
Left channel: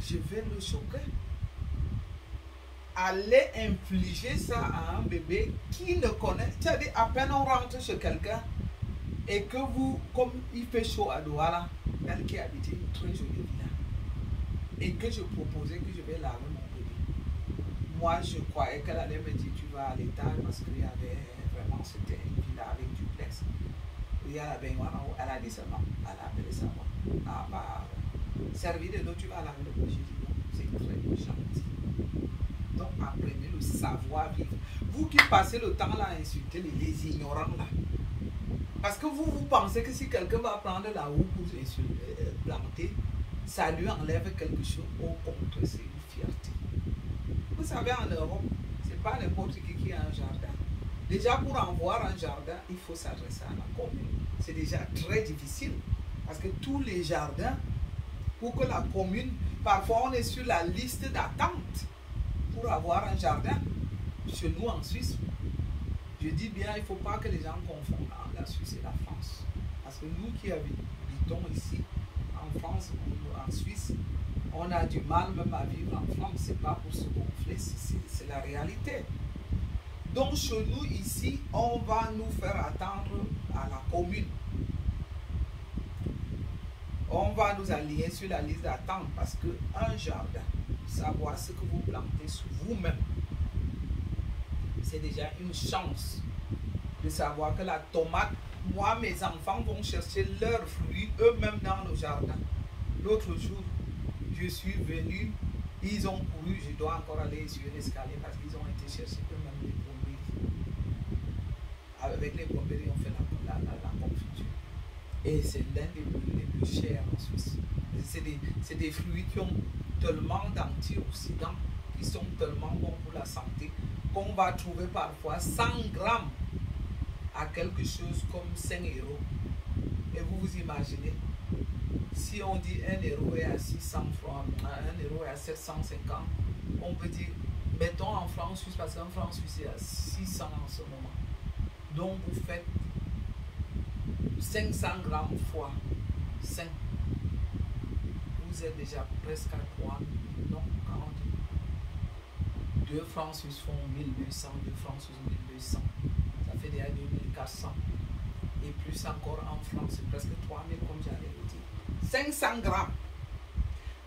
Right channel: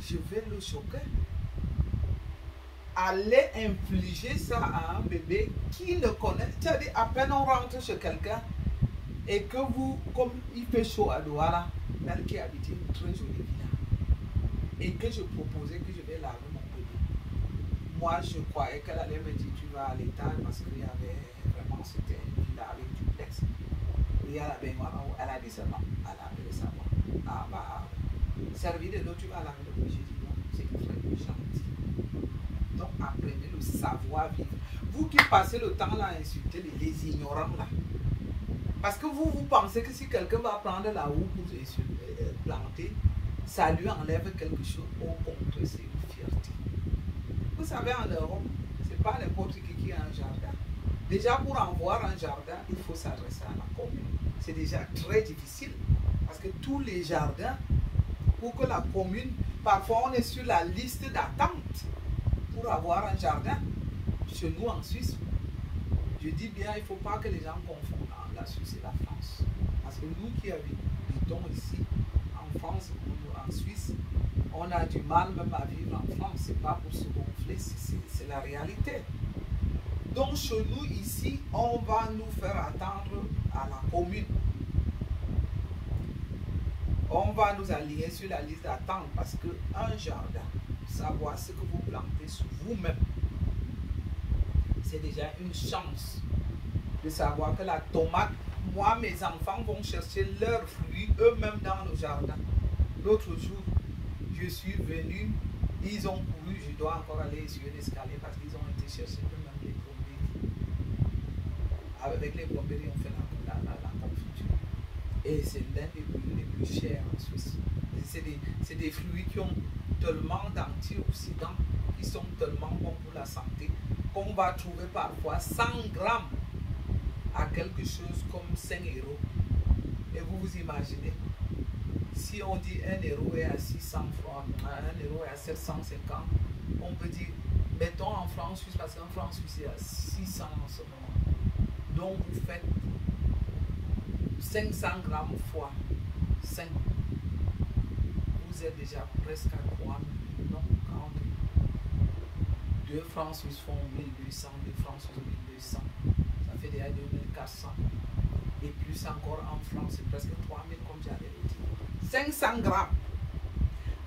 Je vais le choquer. Aller infliger ça à un bébé qui ne connaît, c'est-à-dire à peine on rentre chez quelqu'un et que vous, comme il fait chaud à Douala, elle qui habite une très jolie villa, et que je proposais que je vais laver mon bébé. Moi, je croyais qu'elle allait me dire tu vas à l'étage parce qu'il y avait vraiment, c'était une villa avec duplex. Il y a la baignoire, elle a dit seulement, elle a appelé ça moi. Ah bah, servi de l'eau, tu vas laver le bébé. J'ai dit non, c'est très gentil. Donc apprenez le savoir-vivre. Vous qui passez le temps là à insulter les ignorants là. Parce que vous pensez que si quelqu'un va prendre la houe pour planter, ça lui enlève quelque chose. Au contraire, c'est une fierté. Vous savez, en Europe, c'est pas n'importe qui a un jardin. Déjà, pour avoir un jardin, il faut s'adresser à la commune. C'est déjà très difficile. Parce que tous les jardins, pour que la commune, parfois on est sur la liste d'attente pour avoir un jardin. Chez nous en Suisse, je dis bien, il ne faut pas que les gens confondent la Suisse et la France. Parce que nous qui habitons ici, en France ou en Suisse, on a du mal même à vivre en France. Ce n'est pas pour se gonfler, c'est la réalité. Donc chez nous ici, on va nous faire attendre à la commune. On va nous aligner sur la liste d'attente parce qu'un jardin, savoir ce que vous plantez sur vous-même, c'est déjà une chance de savoir que la tomate, moi, mes enfants vont chercher leurs fruits eux-mêmes dans le jardin. L'autre jour, je suis venu, ils ont couru, je dois encore aller sur l'escalier parce qu'ils ont été chercher eux-mêmes les pommes. Avec les pommes, on fait la confiture. Et c'est l'un des plus chers en Suisse. C'est des fruits qui ont tellement d'antioxydants, qui sont tellement bons pour la santé, qu'on va trouver parfois 100 grammes à quelque chose comme 5 €. Et vous vous imaginez, si on dit 1 € est à 600 francs, 1 € est à 750, on peut dire, mettons en francs suisses, parce qu'en francs suisses, il y a 600 en ce moment. Donc vous faites 500 grammes fois 5. Vous êtes déjà presque à 3 000. Non, 40. 2 francs suisses font 1200, 2 francs suisses 1200. Ça fait déjà 2400. Et plus encore en France, c'est presque 3000 comme j'allais le dire. 500 grammes.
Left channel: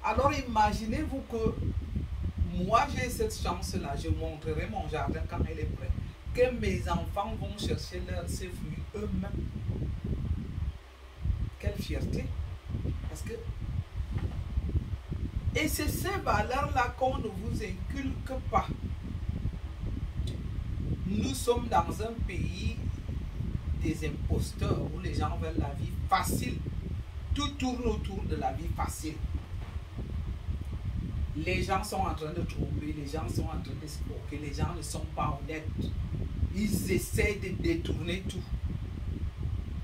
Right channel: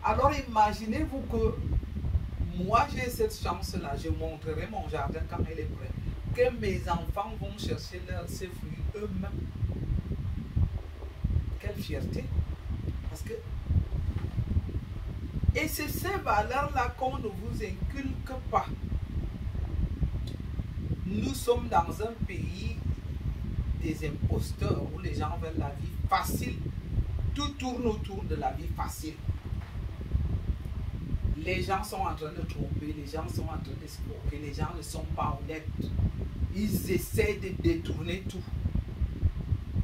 Alors imaginez-vous que moi j'ai cette chance-là, je montrerai mon jardin quand il est prêt, que mes enfants vont chercher ces fruits eux-mêmes. Quelle fierté. Parce que et c'est ces valeurs-là qu'on ne vous inculque pas. Nous sommes dans un pays des imposteurs où les gens veulent la vie facile. Tout tourne autour de la vie facile. Les gens sont en train de tromper, les gens sont en train d'escroquer, les gens ne sont pas honnêtes. Ils essaient de détourner tout.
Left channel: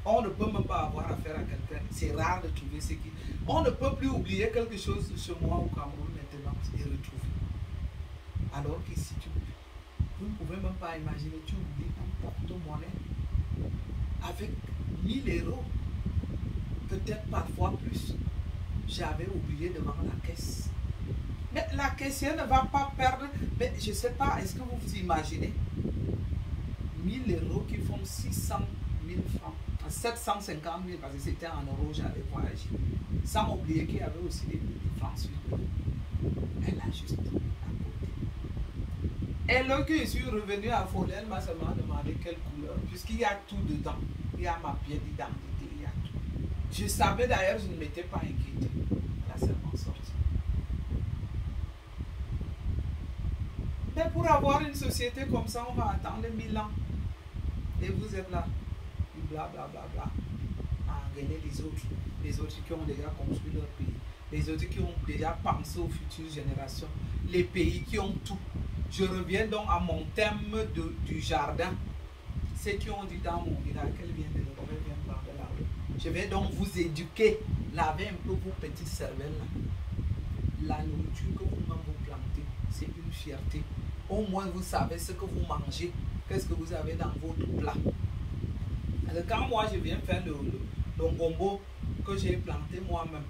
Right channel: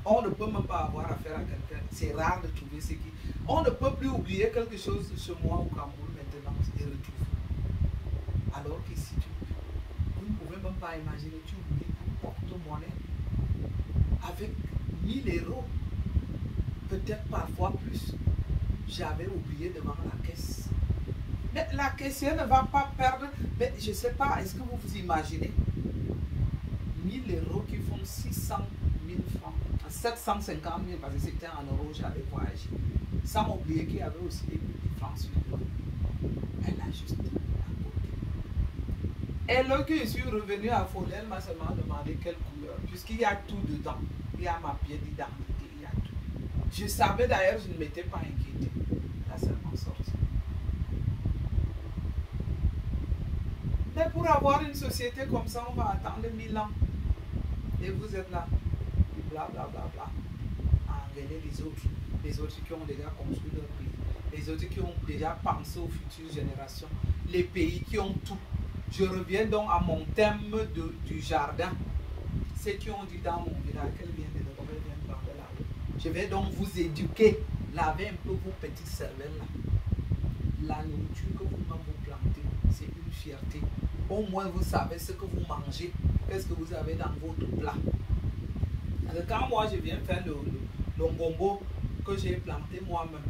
On ne peut même pas avoir affaire à quelqu'un. C'est rare de trouver ce qui... On ne peut plus oublier quelque chose chez moi au Cameroun maintenant et retrouver. Alors qu'ici, vous ne pouvez même pas imaginer, tu oublies un porte-monnaie avec 1000 €, peut-être parfois plus. J'avais oublié devant la caisse. Mais la caissière ne va pas perdre. Mais je ne sais pas, est-ce que vous vous imaginez 1000 € qui font 600 000 francs, 750 000 parce que c'était en euros, j'allais voyager. Sans oublier qu'il y avait aussi des francs suisses. Elle a juste à côté. Et là que je suis revenu à Faudel, elle m'a seulement demandé quelle couleur, puisqu'il y a tout dedans. Il y a ma pièce d'identité, il y a tout. Je savais d'ailleurs, je ne m'étais pas inquiété. Elle a seulement sorti. Mais pour avoir une société comme ça, on va attendre 1000 ans. Et vous êtes là. Et blablabla. À engueuler les autres qui ont déjà construit leur pays. Les autres qui ont déjà pensé aux futures générations. Les pays qui ont tout. Je reviens donc à mon thème du jardin. Ceux qui ont dit dans mon village qu'elle vient de l'Europe, elle vient de voir de là. Je vais donc vous éduquer. Lavez un peu vos petites cervelles là. La nourriture que vous plantez, c'est une fierté. Au moins vous savez ce que vous mangez. Qu'est-ce que vous avez dans votre plat. Alors, quand moi je viens faire le ngombo que j'ai planté moi-même,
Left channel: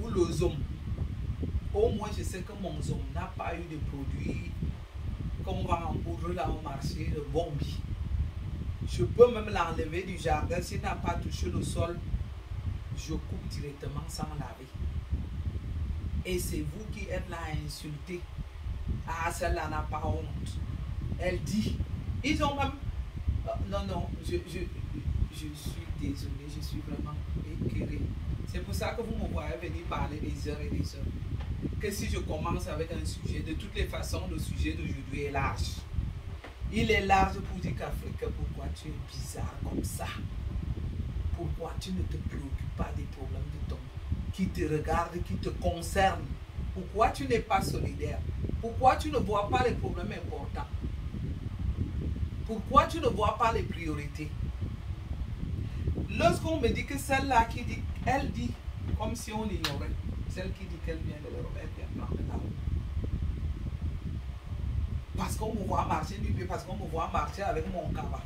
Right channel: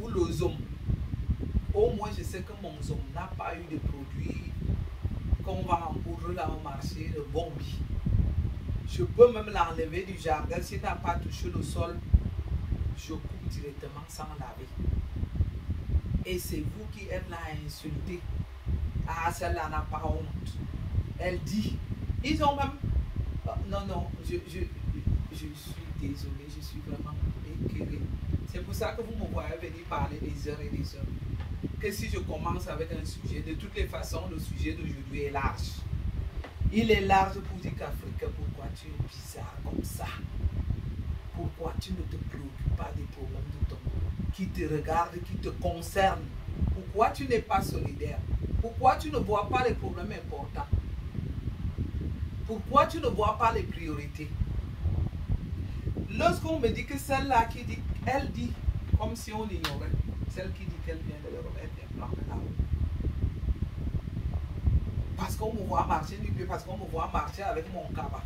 ou le zom, au moins je sais que mon zom n'a pas eu de produits qu'on va empoudrer dans le marché de bombi. Je peux même l'enlever du jardin s'il n'a pas touché le sol. Je coupe directement sans laver. Et c'est vous qui êtes là à insulter. Ah, celle-là n'a pas honte. Elle dit, ils ont même... non, je suis désolé, je suis vraiment écœuré. C'est pour ça que vous me voyez venir parler des heures et des heures. Que si je commence avec un sujet, de toutes les façons, le sujet d'aujourd'hui est large. Il est large pour dire qu'Afrique, pourquoi tu es bizarre comme ça? Pourquoi tu ne te préoccupes pas des problèmes de ton... qui te regarde, qui te concerne. Pourquoi tu n'es pas solidaire? Pourquoi tu ne vois pas les problèmes importants? Pourquoi tu ne vois pas les priorités? Lorsqu'on me dit que celle-là qui dit, elle dit, comme si on l'ignorait, celle qui dit qu'elle vient de l'Europe, elle vient prendre la route. Parce qu'on me voit marcher du pied, parce qu'on me voit marcher avec mon cabas.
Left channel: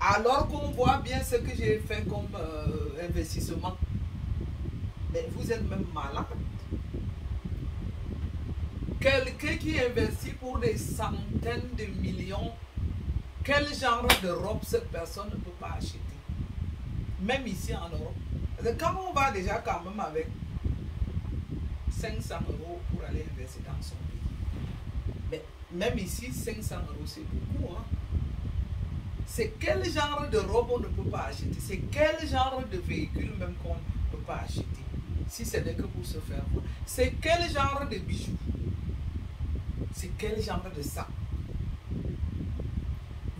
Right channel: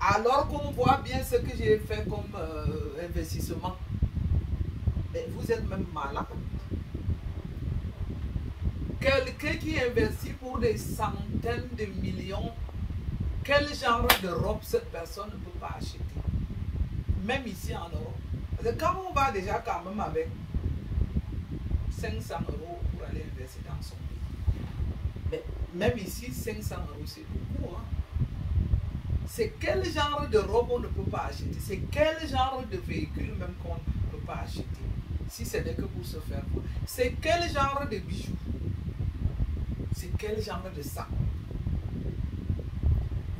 Alors qu'on voit bien ce que j'ai fait comme investissement. Mais vous êtes même malade. Quelqu'un qui investit pour des centaines de millions, quel genre de robe cette personne ne peut pas acheter? Même ici en Europe. Parce que quand on va déjà quand même avec 500 € pour aller investir dans son pays. Mais même ici, 500 € c'est beaucoup. Hein? C'est quel genre de robe on ne peut pas acheter? C'est quel genre de véhicule même qu'on ne peut pas acheter? Si ce n'est que pour se faire voir. C'est quel genre de bijoux? C'est quel genre de sac?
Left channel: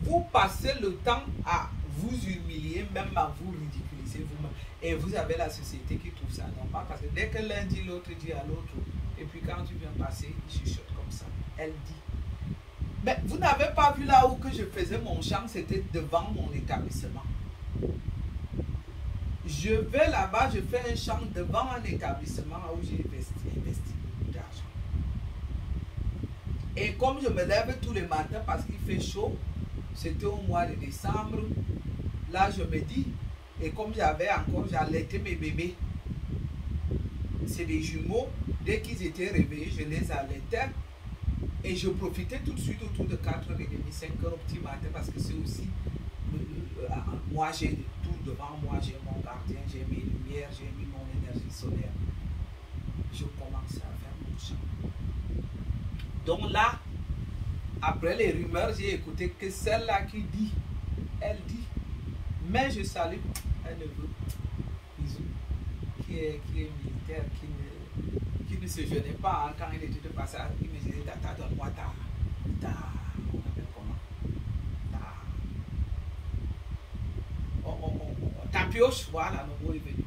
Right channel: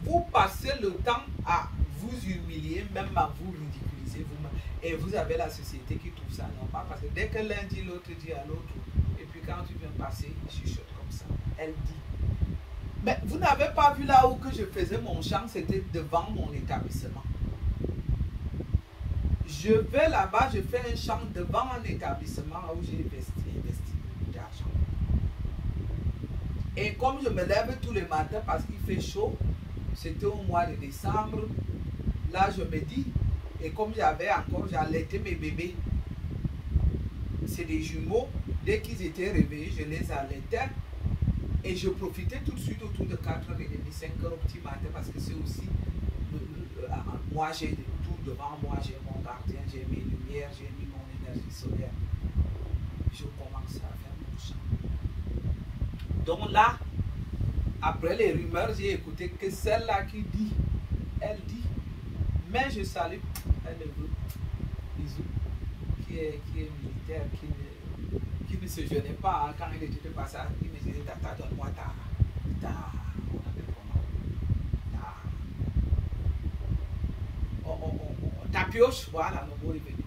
Vous passez le temps à vous humilier, même à vous ridiculiser vous-même. Et vous avez la société qui trouve ça normal. Parce que dès que l'un dit, l'autre dit à l'autre. Et puis quand tu viens passer, il chuchote comme ça. Elle dit. Mais vous n'avez pas vu là où que je faisais mon champ, c'était devant mon établissement. Je vais là-bas, je fais un champ devant un établissement où j'ai investi beaucoup d'argent. Et comme je me lève tous les matins parce qu'il fait chaud, c'était au mois de décembre, là je me dis, et comme j'allaitais mes bébés, c'est des jumeaux, dès qu'ils étaient réveillés, je les allaitais. Et je profitais tout de suite autour de 4h30, 5h au petit matin parce que c'est aussi, moi j'ai tout devant moi, j'ai mon gardien, j'ai mes lumières, j'ai mis mon énergie solaire. Je commence à faire mon champ. Donc là, après les rumeurs, j'ai écouté que celle-là qui dit, elle dit, mais je salue, elle veut, bisous, qui est militaire, qui ne se gênait pas hein, quand il était de passage, il me disait tata donne-moi ta pioche, voilà, le mot est venu.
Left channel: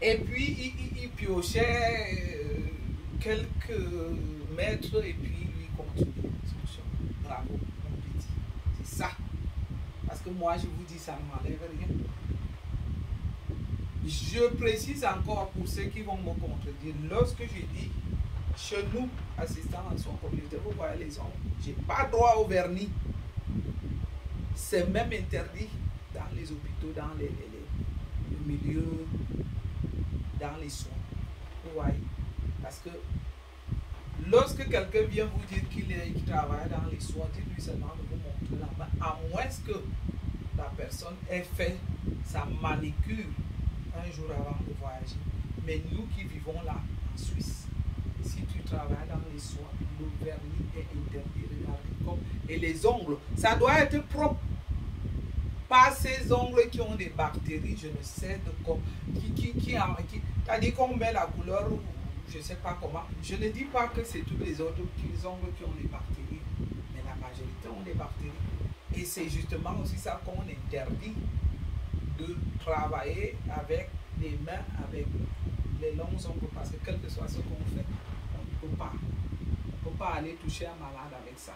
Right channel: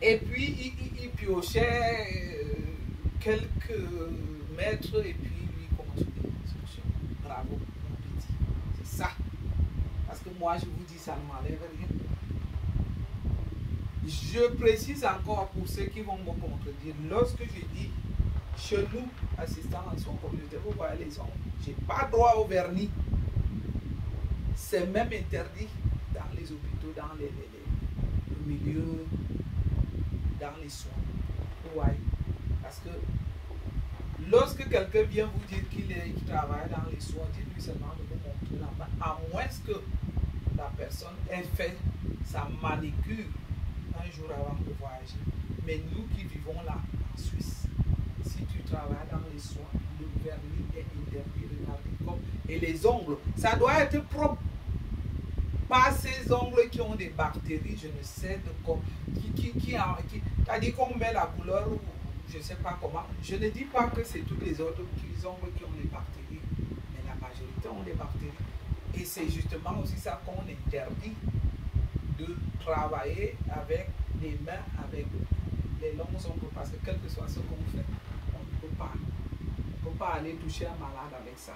Et puis il piochait quelques mètres et puis lui continuait son chemin. Bravo, mon petit, c'est ça. Parce que moi je vous dis, ça ne m'enlève rien. Je précise encore pour ceux qui vont me contredire, lorsque je dis chez nous, assistant à son communauté, vous voyez les ongles, je n'ai pas droit au vernis. C'est même interdit dans les hôpitaux, dans les milieux, dans les soins. Vous voyez? Parce que lorsque quelqu'un vient vous dire qu'il travaille dans les soins, dites-lui seulement de vous montrer la main, à moins que la personne ait fait sa manicure un jour avant de voyager. Mais nous qui vivons là, en Suisse, si tu travailles dans les soins, le vernis est interdit, regardez comme. Et les ongles, ça doit être propre. Pas ces ongles qui ont des bactéries, je ne sais de quoi, c'est-à-dire qu'on met la couleur, ou je ne sais pas comment. Je ne dis pas que c'est tous les autres ongles qui ont des bactéries, mais la majorité ont des bactéries. Et c'est justement aussi ça qu'on interdit de travailler avec les mains, avec les longs ongles, parce que quel que soit ce qu'on fait, on ne peut pas aller toucher un malade avec ça.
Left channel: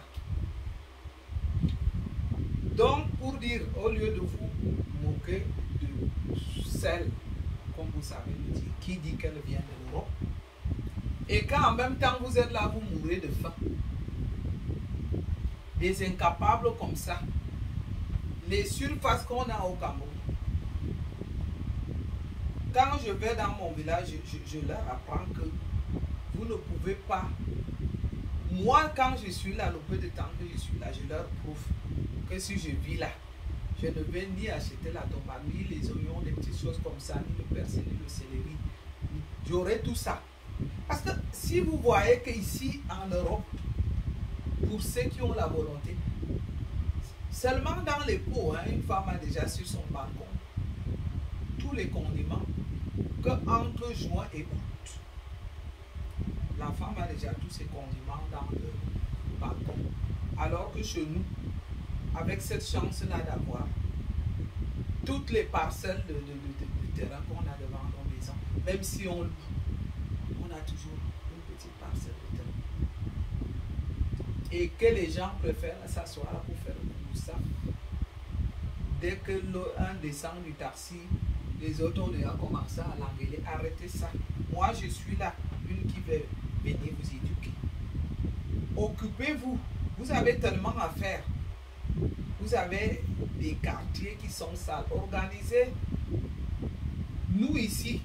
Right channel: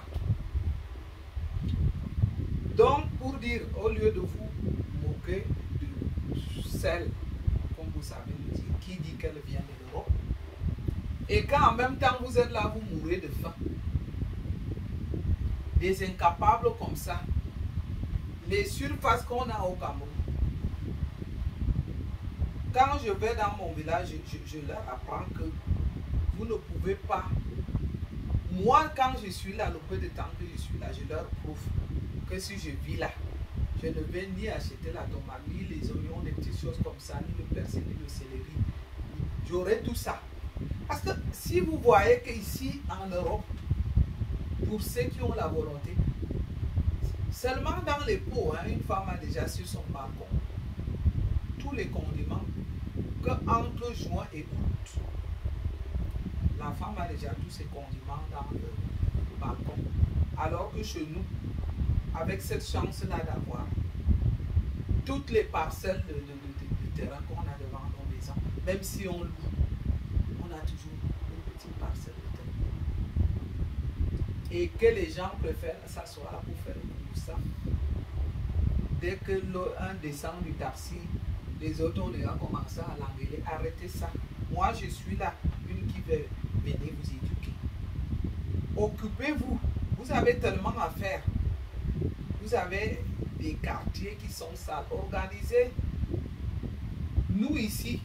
Donc, pour dire, au lieu de vous moquer de celle, comme vous savez le dire, qui dit qu'elle vient de l'Europe, et quand en même temps vous êtes là, vous mourrez de faim, des incapables comme ça, les surfaces qu'on a au Cameroun, quand je vais dans mon village, je leur apprends que vous ne pouvez pas. Moi, quand je suis là, le peu de temps que je suis là, je leur prouve que si je vis là, je ne vais ni acheter la tomate, ni les oignons, des petites choses comme ça, ni le persil, ni le céleri. J'aurai tout ça. Parce que si vous voyez qu'ici, en Europe, pour ceux qui ont la volonté, seulement dans les pots, hein, une femme a déjà sur son balcon tous les condiments que entre juin et août, la femme a déjà tous ses condiments dans le balcon. Alors que chez nous, avec cette chance-là d'avoir toutes les parcelles de terrain qu'on a devant nos maisons. Même si on a toujours une petite parcelle de terrain. Et que les gens préfèrent s'asseoir pour faire tout ça. Dès que l'un descend du taxi, les autres ont déjà commencé à l'engueuler. Arrêtez ça. Moi, je suis là, une qui veut venir vous éduquer. Occupez-vous. Vous avez tellement à faire. Vous avez des quartiers qui sont sales. Organisez. Nous ici,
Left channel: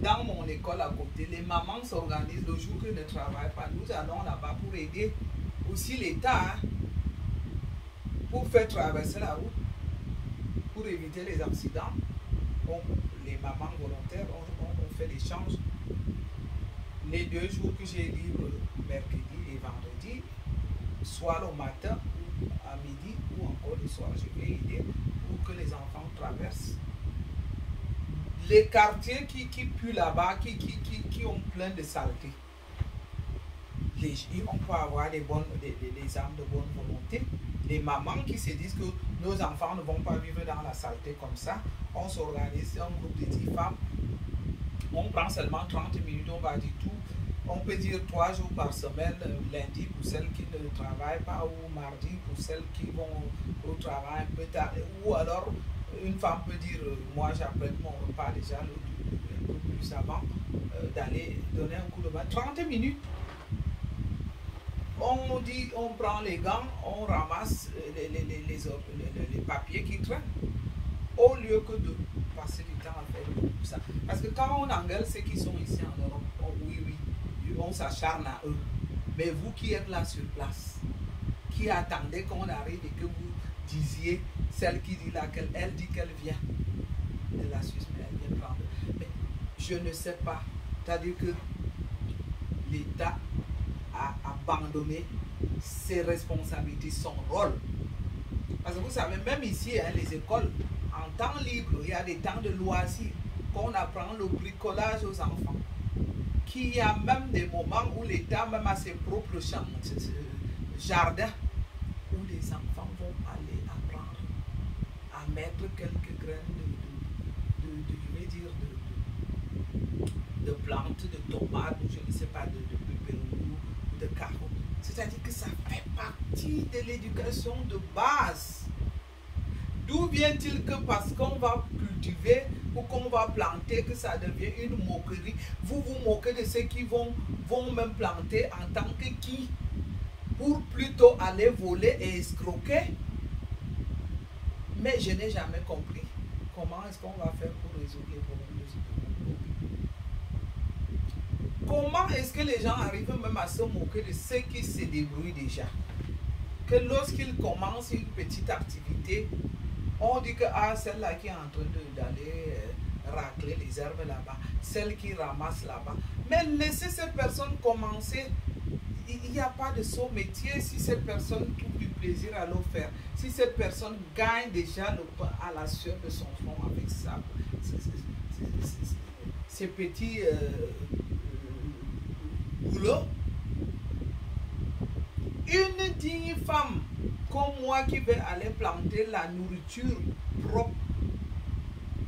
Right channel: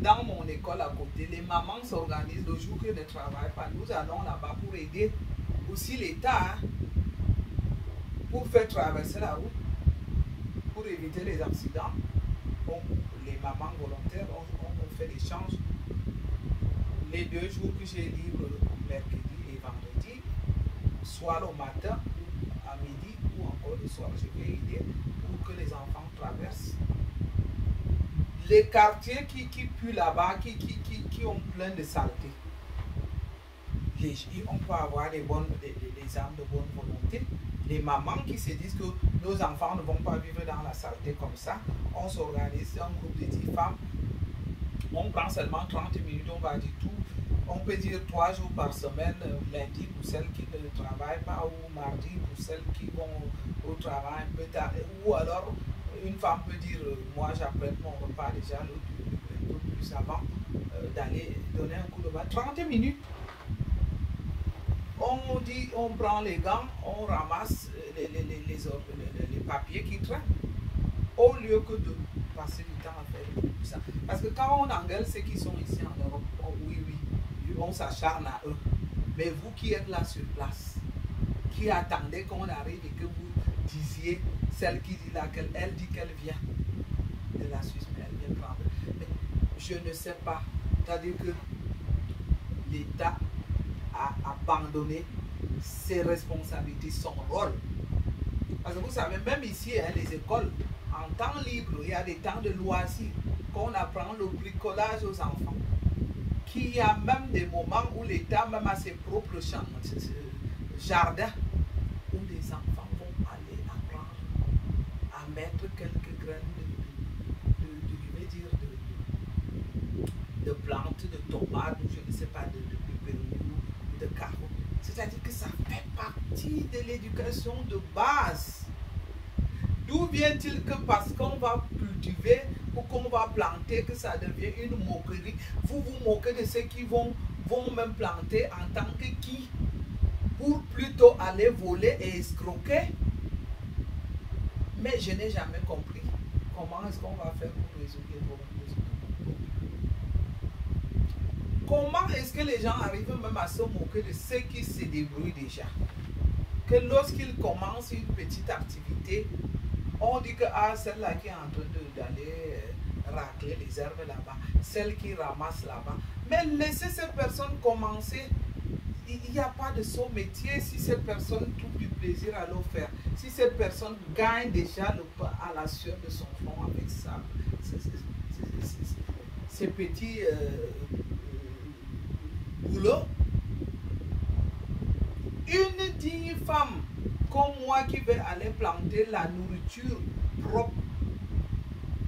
dans mon école à côté, les mamans s'organisent le jour qu'ils ne travaillent pas. Nous allons là-bas pour aider aussi l'État pour faire traverser la route, pour éviter les accidents. Bon, les mamans volontaires ont fait l'échange. Les 2 jours que j'ai libre, mercredi et vendredi, soit le matin, à midi ou encore le soir, je vais aider pour que les enfants traversent. Les quartiers qui puent là-bas, qui ont plein de saleté. On peut avoir des âmes de bonne volonté. Les mamans qui se disent que nos enfants ne vont pas vivre dans la saleté comme ça. On s'organise, un groupe de 10 femmes. On prend seulement 30 minutes, on va dire tout. On peut dire 3 jours par semaine, lundi pour celles qui ne travaillent pas, ou mardi pour celles qui vont au travail un peu tard. Ou alors, une femme peut dire, moi j'apprends mon repas déjà un peu plus avant d'aller donner un coup de main. 30 minutes. On dit, on prend les gants, on ramasse les papiers qui traînent, au lieu que de passer du temps à faire tout ça. Parce que quand on engueule ceux qui sont ici en Europe, oh, oui, on s'acharne à eux. Mais vous qui êtes là sur place, qui attendez qu'on arrive et que vous disiez, celle qui dit là, elle dit qu'elle vient de la Suisse, mais elle vient prendre. Mais je ne sais pas. C'est-à-dire que l'État a abandonné ses responsabilités, son rôle. Parce que vous savez, même ici, hein, les écoles, en temps libre, il y a des temps de loisirs, qu'on apprend le bricolage aux enfants. Qu'il y a même des moments où l'État même a ses propres jardins, où les enfants vont aller apprendre à mettre quelques graines de plantes, de tomates, ou je ne sais pas, de pépéroni, de carottes. C'est-à-dire que ça fait partie de l'éducation de base. D'où vient-il que parce qu'on va cultiver ou qu'on va planter, que ça devient une moquerie? Vous vous moquez de ceux qui vont même planter en tant que qui? Pour plutôt aller voler et escroquer? Mais je n'ai jamais compris comment est-ce qu'on va faire pour résoudre les problèmes de ce monde. Comment est-ce que les gens arrivent même à se moquer de ceux qui se débrouillent déjà? Que lorsqu'ils commencent une petite activité, on dit que celle-là qui est en train d'aller racler les herbes là-bas, celle qui ramasse là-bas. Mais laissez ces personnes commencer. Il n'y a pas de son métier si cette personne trouve du plaisir à le faire. Si cette personne gagne déjà le pain à la sueur de son front avec ça, ces petits boulots. Une digne femme comme moi qui veut aller planter la nourriture propre,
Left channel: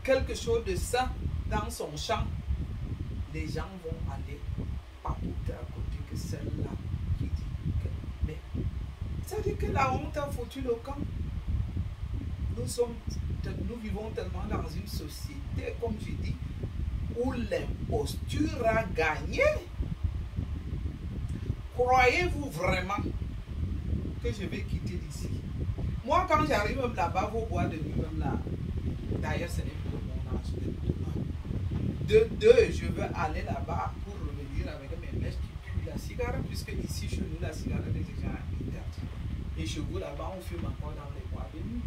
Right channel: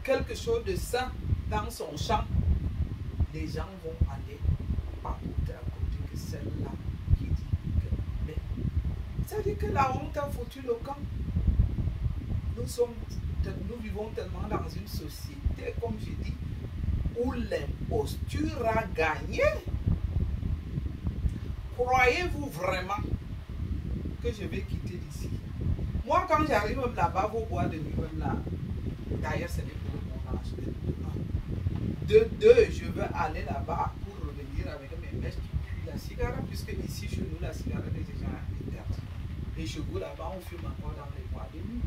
quelque chose de sain dans son champ, les gens vont aller papoter à côté que celle-là qui dit que... Mais ça dit que la honte a foutu le camp. Nous vivons tellement dans une société, comme je dis, où l'imposture a gagné. Croyez-vous vraiment que je vais quitter d'ici? Moi, quand j'arrive même là-bas, vos bois de nuit, même là, d'ailleurs, ce n'est plus le bon âge. De deux, je veux aller là-bas pour revenir avec mes mèches qui puent la cigarette, puisque ici, chez nous, la cigarette est déjà interdite. Et chez vous, là-bas, on fume encore dans les bois de nuit.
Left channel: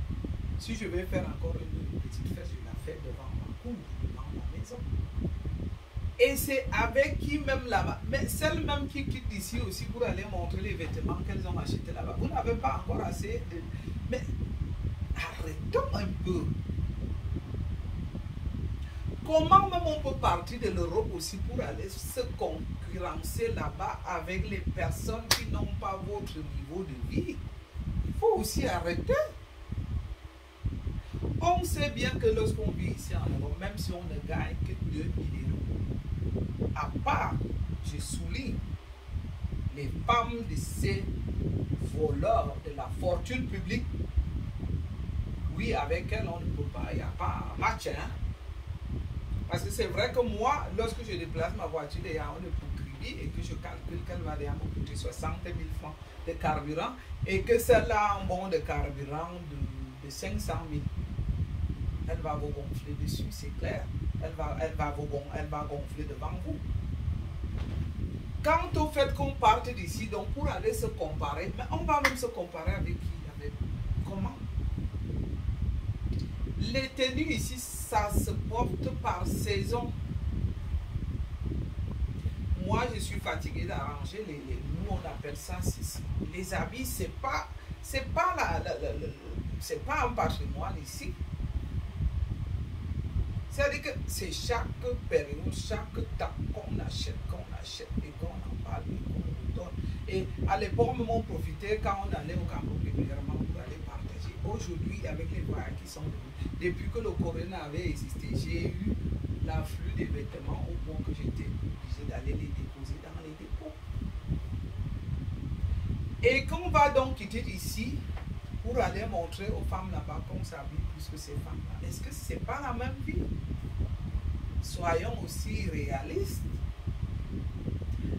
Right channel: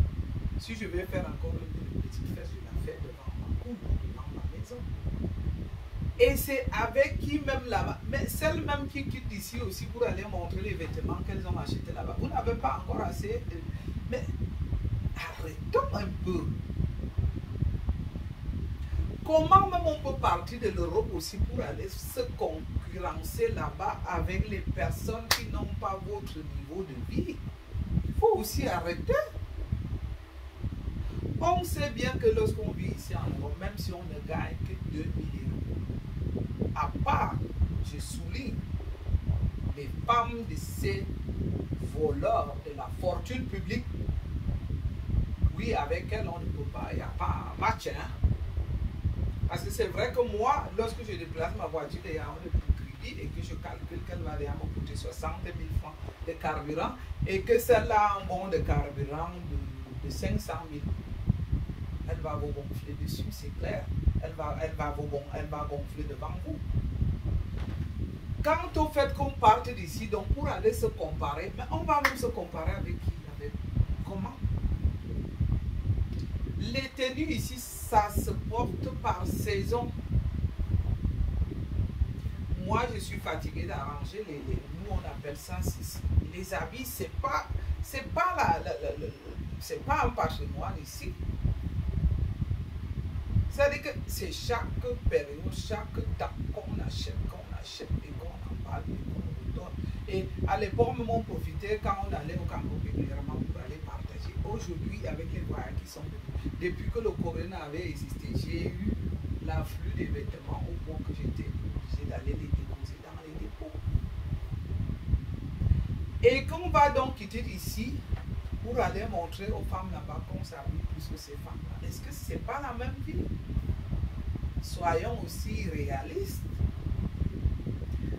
Si je vais faire encore une petite fête, je la fais devant ma cour, devant ma maison. Et c'est avec qui même là-bas, mais celles même qui quittent ici aussi pour aller montrer les vêtements qu'elles ont achetés là-bas. Vous n'avez pas encore assez de... Mais arrêtons un peu. Comment même on peut partir de l'Europe aussi pour aller se concurrencer là-bas avec les personnes qui n'ont pas votre niveau de vie? Il faut aussi arrêter. On sait bien que lorsqu'on vit ici en Europe, même si on ne gagne que 2 000 €, à part, je souligne, les femmes de ces voleurs de la fortune publique, oui, avec elles, on ne peut pas, il n'y a pas un match. Hein? Parce que c'est vrai que moi, lorsque je déplace ma voiture, il y a un crédit et que je calcule qu'elle va me coûter 60 000 francs de carburant et que celle-là a un bon de carburant de 500 000. Elle va vous gonfler dessus, c'est clair. Elle va gonfler devant vous. Quant au fait qu'on parte d'ici, donc pour aller se comparer, mais on va même se comparer avec qui? Avec comment? Les tenues ici, ça se porte par saison. Moi, je suis fatigué d'arranger nous on appelle ça les habits. C'est pas un patrimoine ici. C'est-à-dire que c'est chaque période, chaque temps qu'on achète et qu'on en parle et qu'on nous donne. Et à l'époque, on profitait quand on allait au Cameroun régulièrement pour aller partager. Aujourd'hui, avec les voyages qui sont venus, depuis que le corona avait existé, j'ai eu l'afflux des vêtements au point que j'étais obligé d'aller les déposer dans les dépôts. Et qu'on va donc quitter ici pour aller montrer aux femmes là-bas qu'on s'habille plus que ces femmes-là. Est-ce que ce n'est pas la même vie? Soyons aussi réalistes.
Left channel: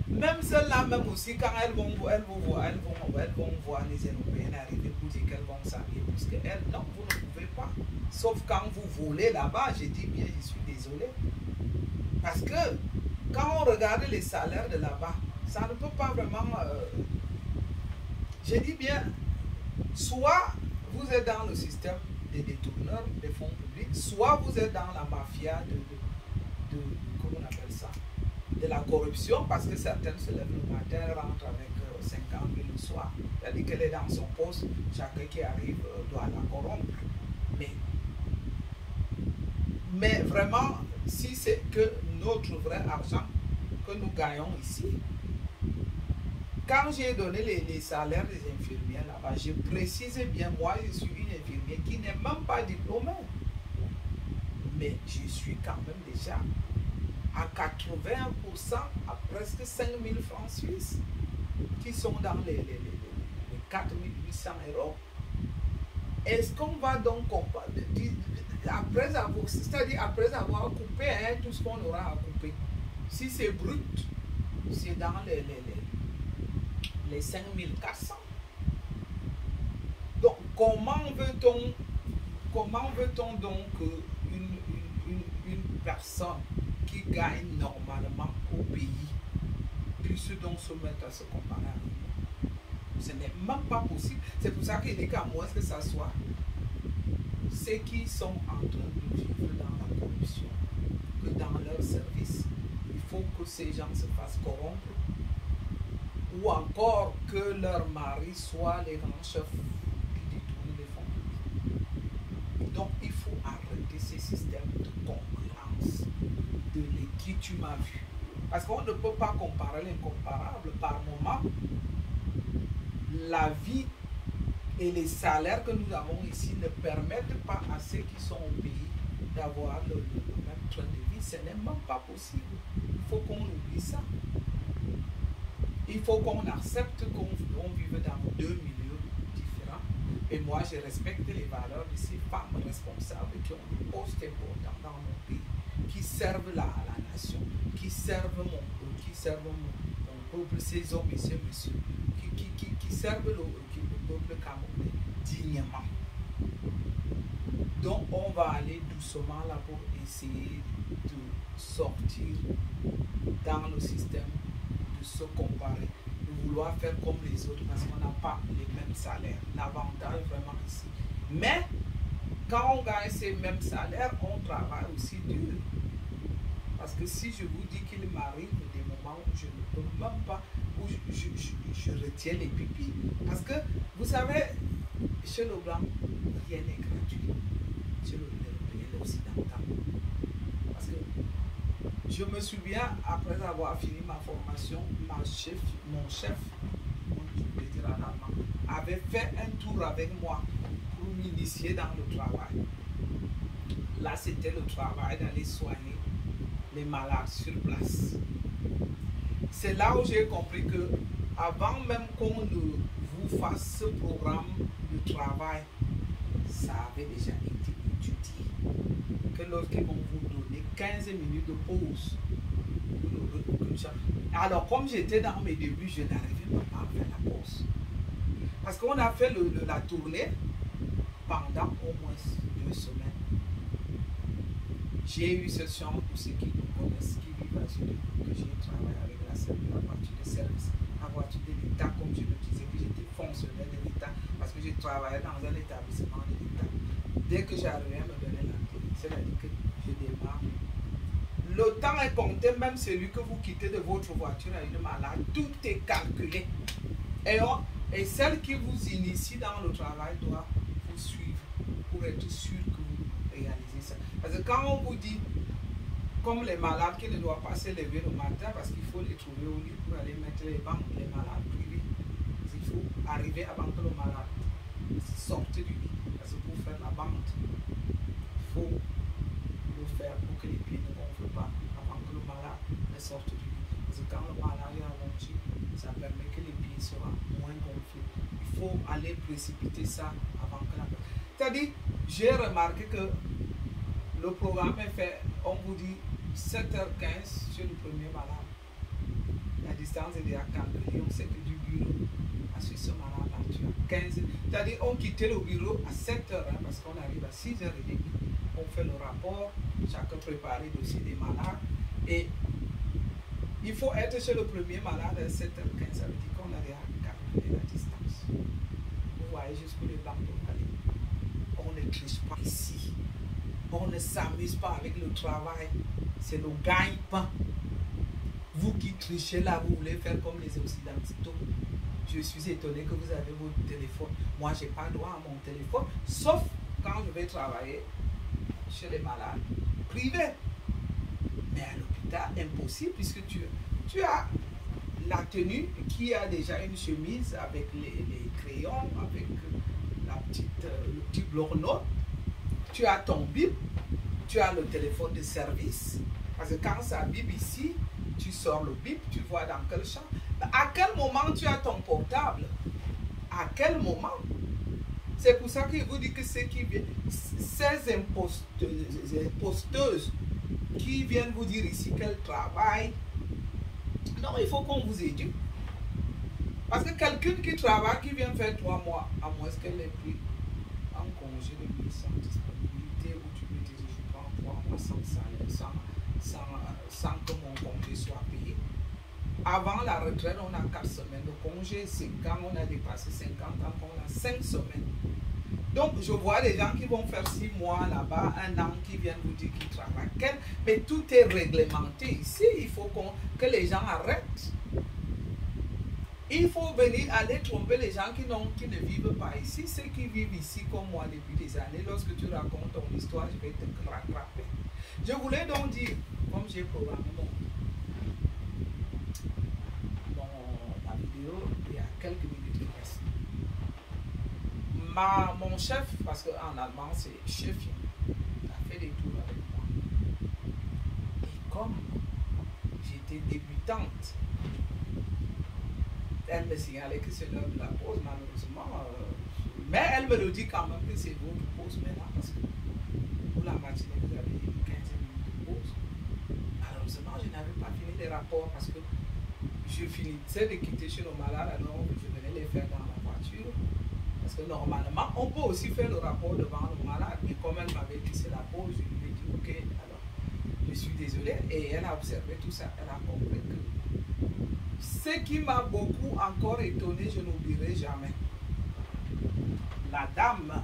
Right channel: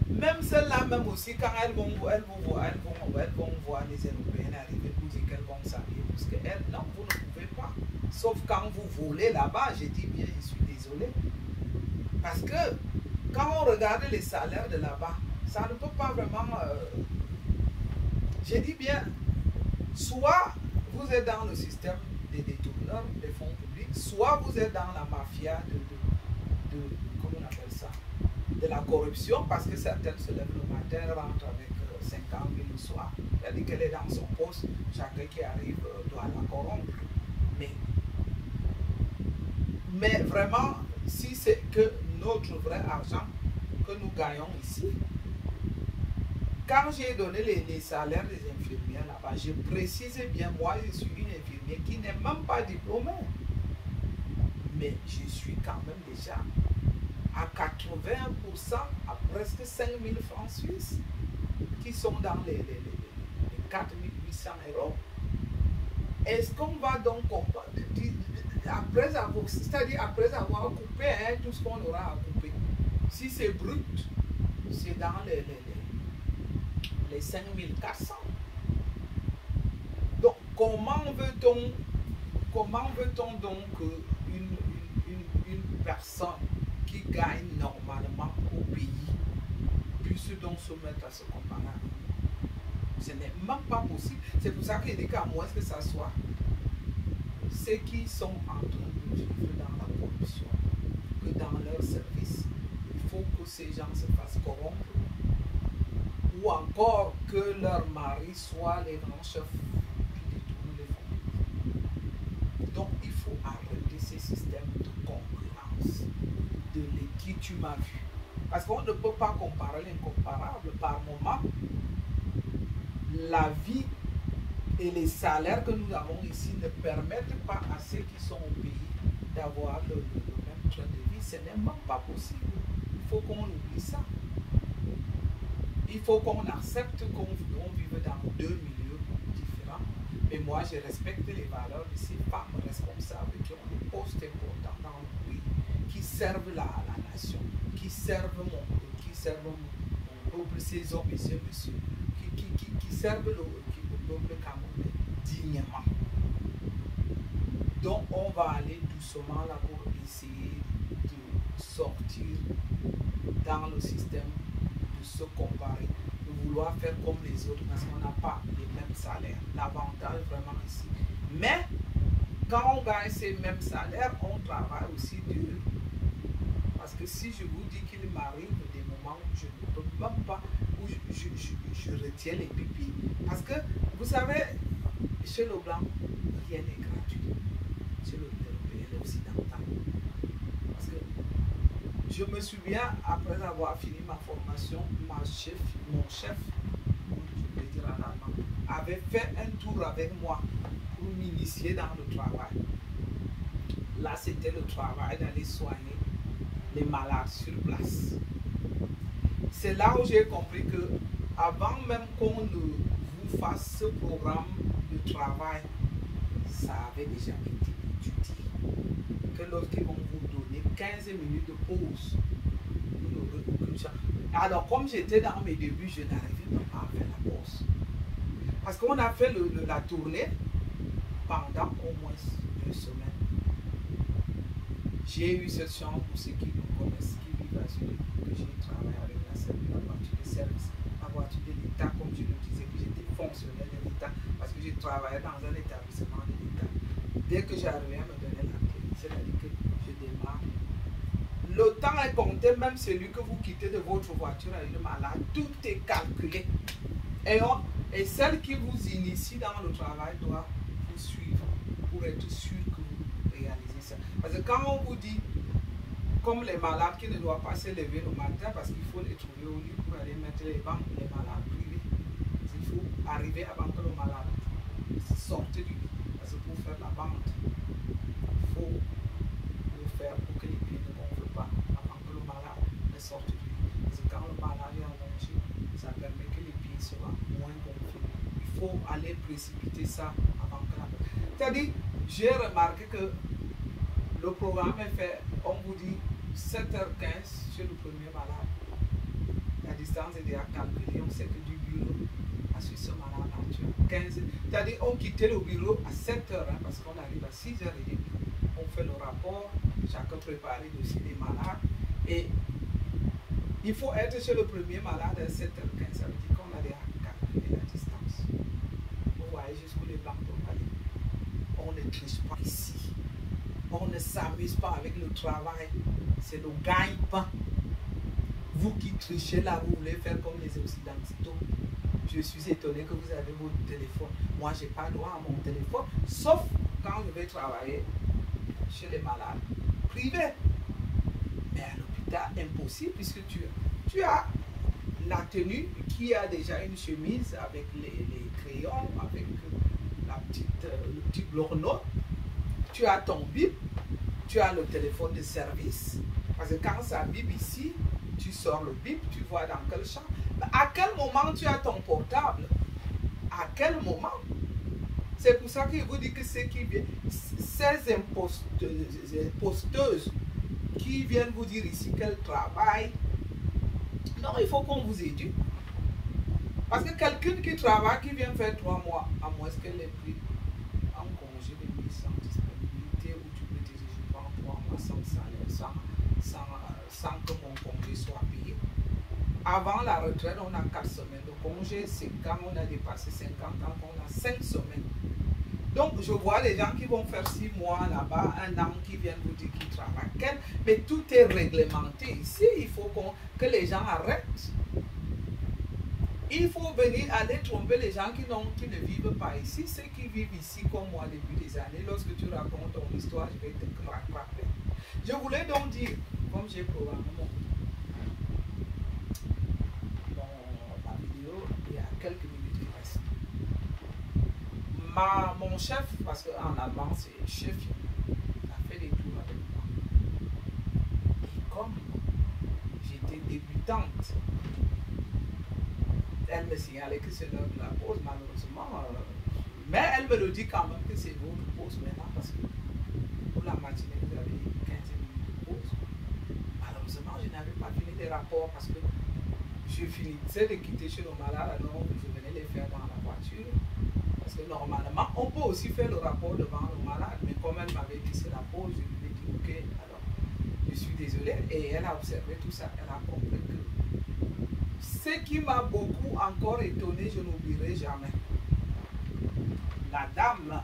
Même celles-là, même aussi, quand elles vont voir les Européennes arriver pour dire qu'elles vont s'habiller plus qu'elles, non, vous ne pouvez pas. Sauf quand vous volez là-bas, je dis bien, je suis désolé. Parce que quand on regarde les salaires de là-bas, ça ne peut pas vraiment... je dis bien, soit vous êtes dans le système des détourneurs des fonds publics, soit vous êtes dans la mafia comment on appelle ça, de la corruption, parce que certaines se lèvent le matin, rentrent avec 50 000 le soir. C'est-à-dire qu'elle est dans son poste, chacun qui arrive doit la corrompre. Mais vraiment, si c'est que notre vrai argent que nous gagnons ici, quand j'ai donné les salaires des infirmières là-bas, je précise bien, moi je suis une infirmière qui n'est même pas diplômée. Mais je suis quand même déjà à 80%, à presque 5 000 francs suisses, qui sont dans les 4 800 €. Est-ce qu'on va donc comparer, c'est-à-dire après avoir coupé tout ce qu'on aura à couper? Si c'est brut, c'est dans les 5 400. Donc, comment veut-on donc une personne qui gagne normalement au pays puisse donc se mettre à se comparer à nous? Ce n'est même pas possible. C'est pour ça qu'il est qu'à moins que ça soit ceux qui sont en train de vivre dans la corruption, que dans leur service, il faut que ces gens se fassent corrompre, ou encore que leur mari soit les grands chefs qui détournent les fonds. Donc il faut arrêter ces systèmes de concurrence, de qui tu m'as vu. Parce qu'on ne peut pas comparer l'incomparable. Par moment, la vie et les salaires que nous avons ici ne permettent pas à ceux qui sont au pays d'avoir le même train de vie. Ce n'est même pas possible. Il faut qu'on oublie ça. Il faut qu'on accepte qu'on vive dans deux milieux différents. Et moi, je respecte les valeurs de ces femmes responsables qui ont un poste important dans mon pays, qui servent la nation, qui servent mon peuple, ces hommes et ces messieurs, qui servent le peuple camerounais dignement. Donc, on va aller doucement là pour essayer de sortir dans le système, de se comparer, de vouloir faire comme les autres parce qu'on n'a pas les mêmes salaires. L'avantage vraiment ici. Mais, quand on gagne ces mêmes salaires, on travaille aussi dur. Parce que si je vous dis qu'il m'arrive des moments où je ne peux même pas, où je retiens les pipis. Parce que, vous savez, chez le blanc, rien n'est gratuit. Chez l'occidental. Parce que je me souviens, après avoir fini ma formation, mon chef, je peux dire en allemand, avait fait un tour avec moi pour m'initier dans le travail. là, c'était le travail d'aller soigner les malades sur place. C'est là où j'ai compris que avant même qu'on ne vous fasse ce programme de travail, ça avait déjà été étudié. Que lorsqu'ils vont vous donner 15 minutes de pause, vous n'aurez aucune chance. Alors, comme j'étais dans mes débuts, je n'arrivais pas à faire la pause. Parce qu'on a fait la tournée pendant au moins 2 semaines. J'ai eu cette chance pour ceux qui nous connaissent, qui vivent à Zurich, que j'ai travaillé avec la voiture de service, la voiture de l'État, comme je le disais, que j'étais fonctionnaire de l'État, parce que j'ai travaillé dans un établissement de l'État. Dès que j'arrivais à me donner la clé, c'est-à-dire que je démarre. Le temps est compté, même celui que vous quittez de votre voiture à une malade, tout est calculé. Et celle qui vous initie dans le travail doit vous suivre pour être sûr que vous réalisez ça. Parce que quand on vous dit, comme les malades qui ne doivent pas se lever le matin parce qu'il faut les trouver au lit pour aller mettre les bancs, les malades privés, il faut arriver avant que le malade sorte du lit. Parce que pour faire la bande, il faut le faire pour que les pieds ne gonflent pas avant que le malade ne sorte du lit. Parce que quand le malade est allongé, ça permet que les pieds soient moins gonflés. Il faut aller précipiter ça avant que la bande. C'est-à-dire, j'ai remarqué que le programme est fait, on vous dit 7h15 chez le premier malade. La distance est déjà calculée, on sait que du bureau à ce malade, tu as 15. C'est-à-dire, on quittait le bureau à 7h, hein, parce qu'on arrive à 6h30. On fait le rapport, chacun prépare le dossier des malades. Et il faut être chez le premier malade à 7h15. Ça veut dire qu'on a déjà calculé la distance. Vous voyez jusqu'où les bancs doivent aller. On ne triche pas ici. On ne s'amuse pas avec le travail. C'est le gagne-pain. Vous qui trichez là, vous voulez faire comme les Occidentaux. Je suis étonné que vous avez votre téléphone. Moi, je n'ai pas droit à mon téléphone, sauf quand je vais travailler chez les malades privés. Mais à l'hôpital, impossible, puisque tu as la tenue qui a déjà une chemise avec les crayons, avec le petit bloc-notes. Tu as ton bip, tu as le téléphone de service. Parce que quand ça bip ici, tu sors le bip, tu vois dans quel champ. À quel moment tu as ton portable? À quel moment? C'est pour ça qu'il vous dit que ceux qui viennent, ces imposteuses qui viennent vous dire ici qu'elles travaillent, non, il faut qu'on vous éduque. Parce que quelqu'un qui travaille, qui vient faire 3 mois, à moins qu'elle ait pris en congé de mise sans disponibilité, où tu peux dire je prends 3 mois sans salaire, sans que mon congé soit payé. Avant la retraite, on a 4 semaines de congé. C'est quand on a dépassé 50 ans qu'on a 5 semaines. Donc, je vois les gens qui vont faire 6 mois là-bas, 1 an, qui viennent vous dire qu'ils travaillent. Mais tout est réglementé ici. Il faut que les gens arrêtent. Il faut venir aller tromper les gens qui ne vivent pas ici. Ceux qui vivent ici comme moi depuis des années, lorsque tu racontes ton histoire, je vais te rattraper. Je voulais donc dire, comme j'ai programmé la vidéo, il y a quelques minutes qui restent. Mon chef, parce qu'en allemand c'est chef, a fait des tours avec moi. Et comme j'étais débutante, elle me signalait que c'est l'heure de la pause, malheureusement. Mais elle me le dit quand même que c'est votre pause maintenant, parce que pour la matinée, vous avez 15 minutes de pause. Malheureusement, je n'avais pas fini les rapports parce que je finissais de quitter chez le malade, alors je venais les faire dans la voiture. Parce que normalement, on peut aussi faire le rapport devant le malade, mais comme elle m'avait dit c'est la pause, je lui ai dit ok, alors je suis désolée. Et elle a observé tout ça, elle a compris que ce qui m'a beaucoup encore étonné, je n'oublierai jamais. La dame,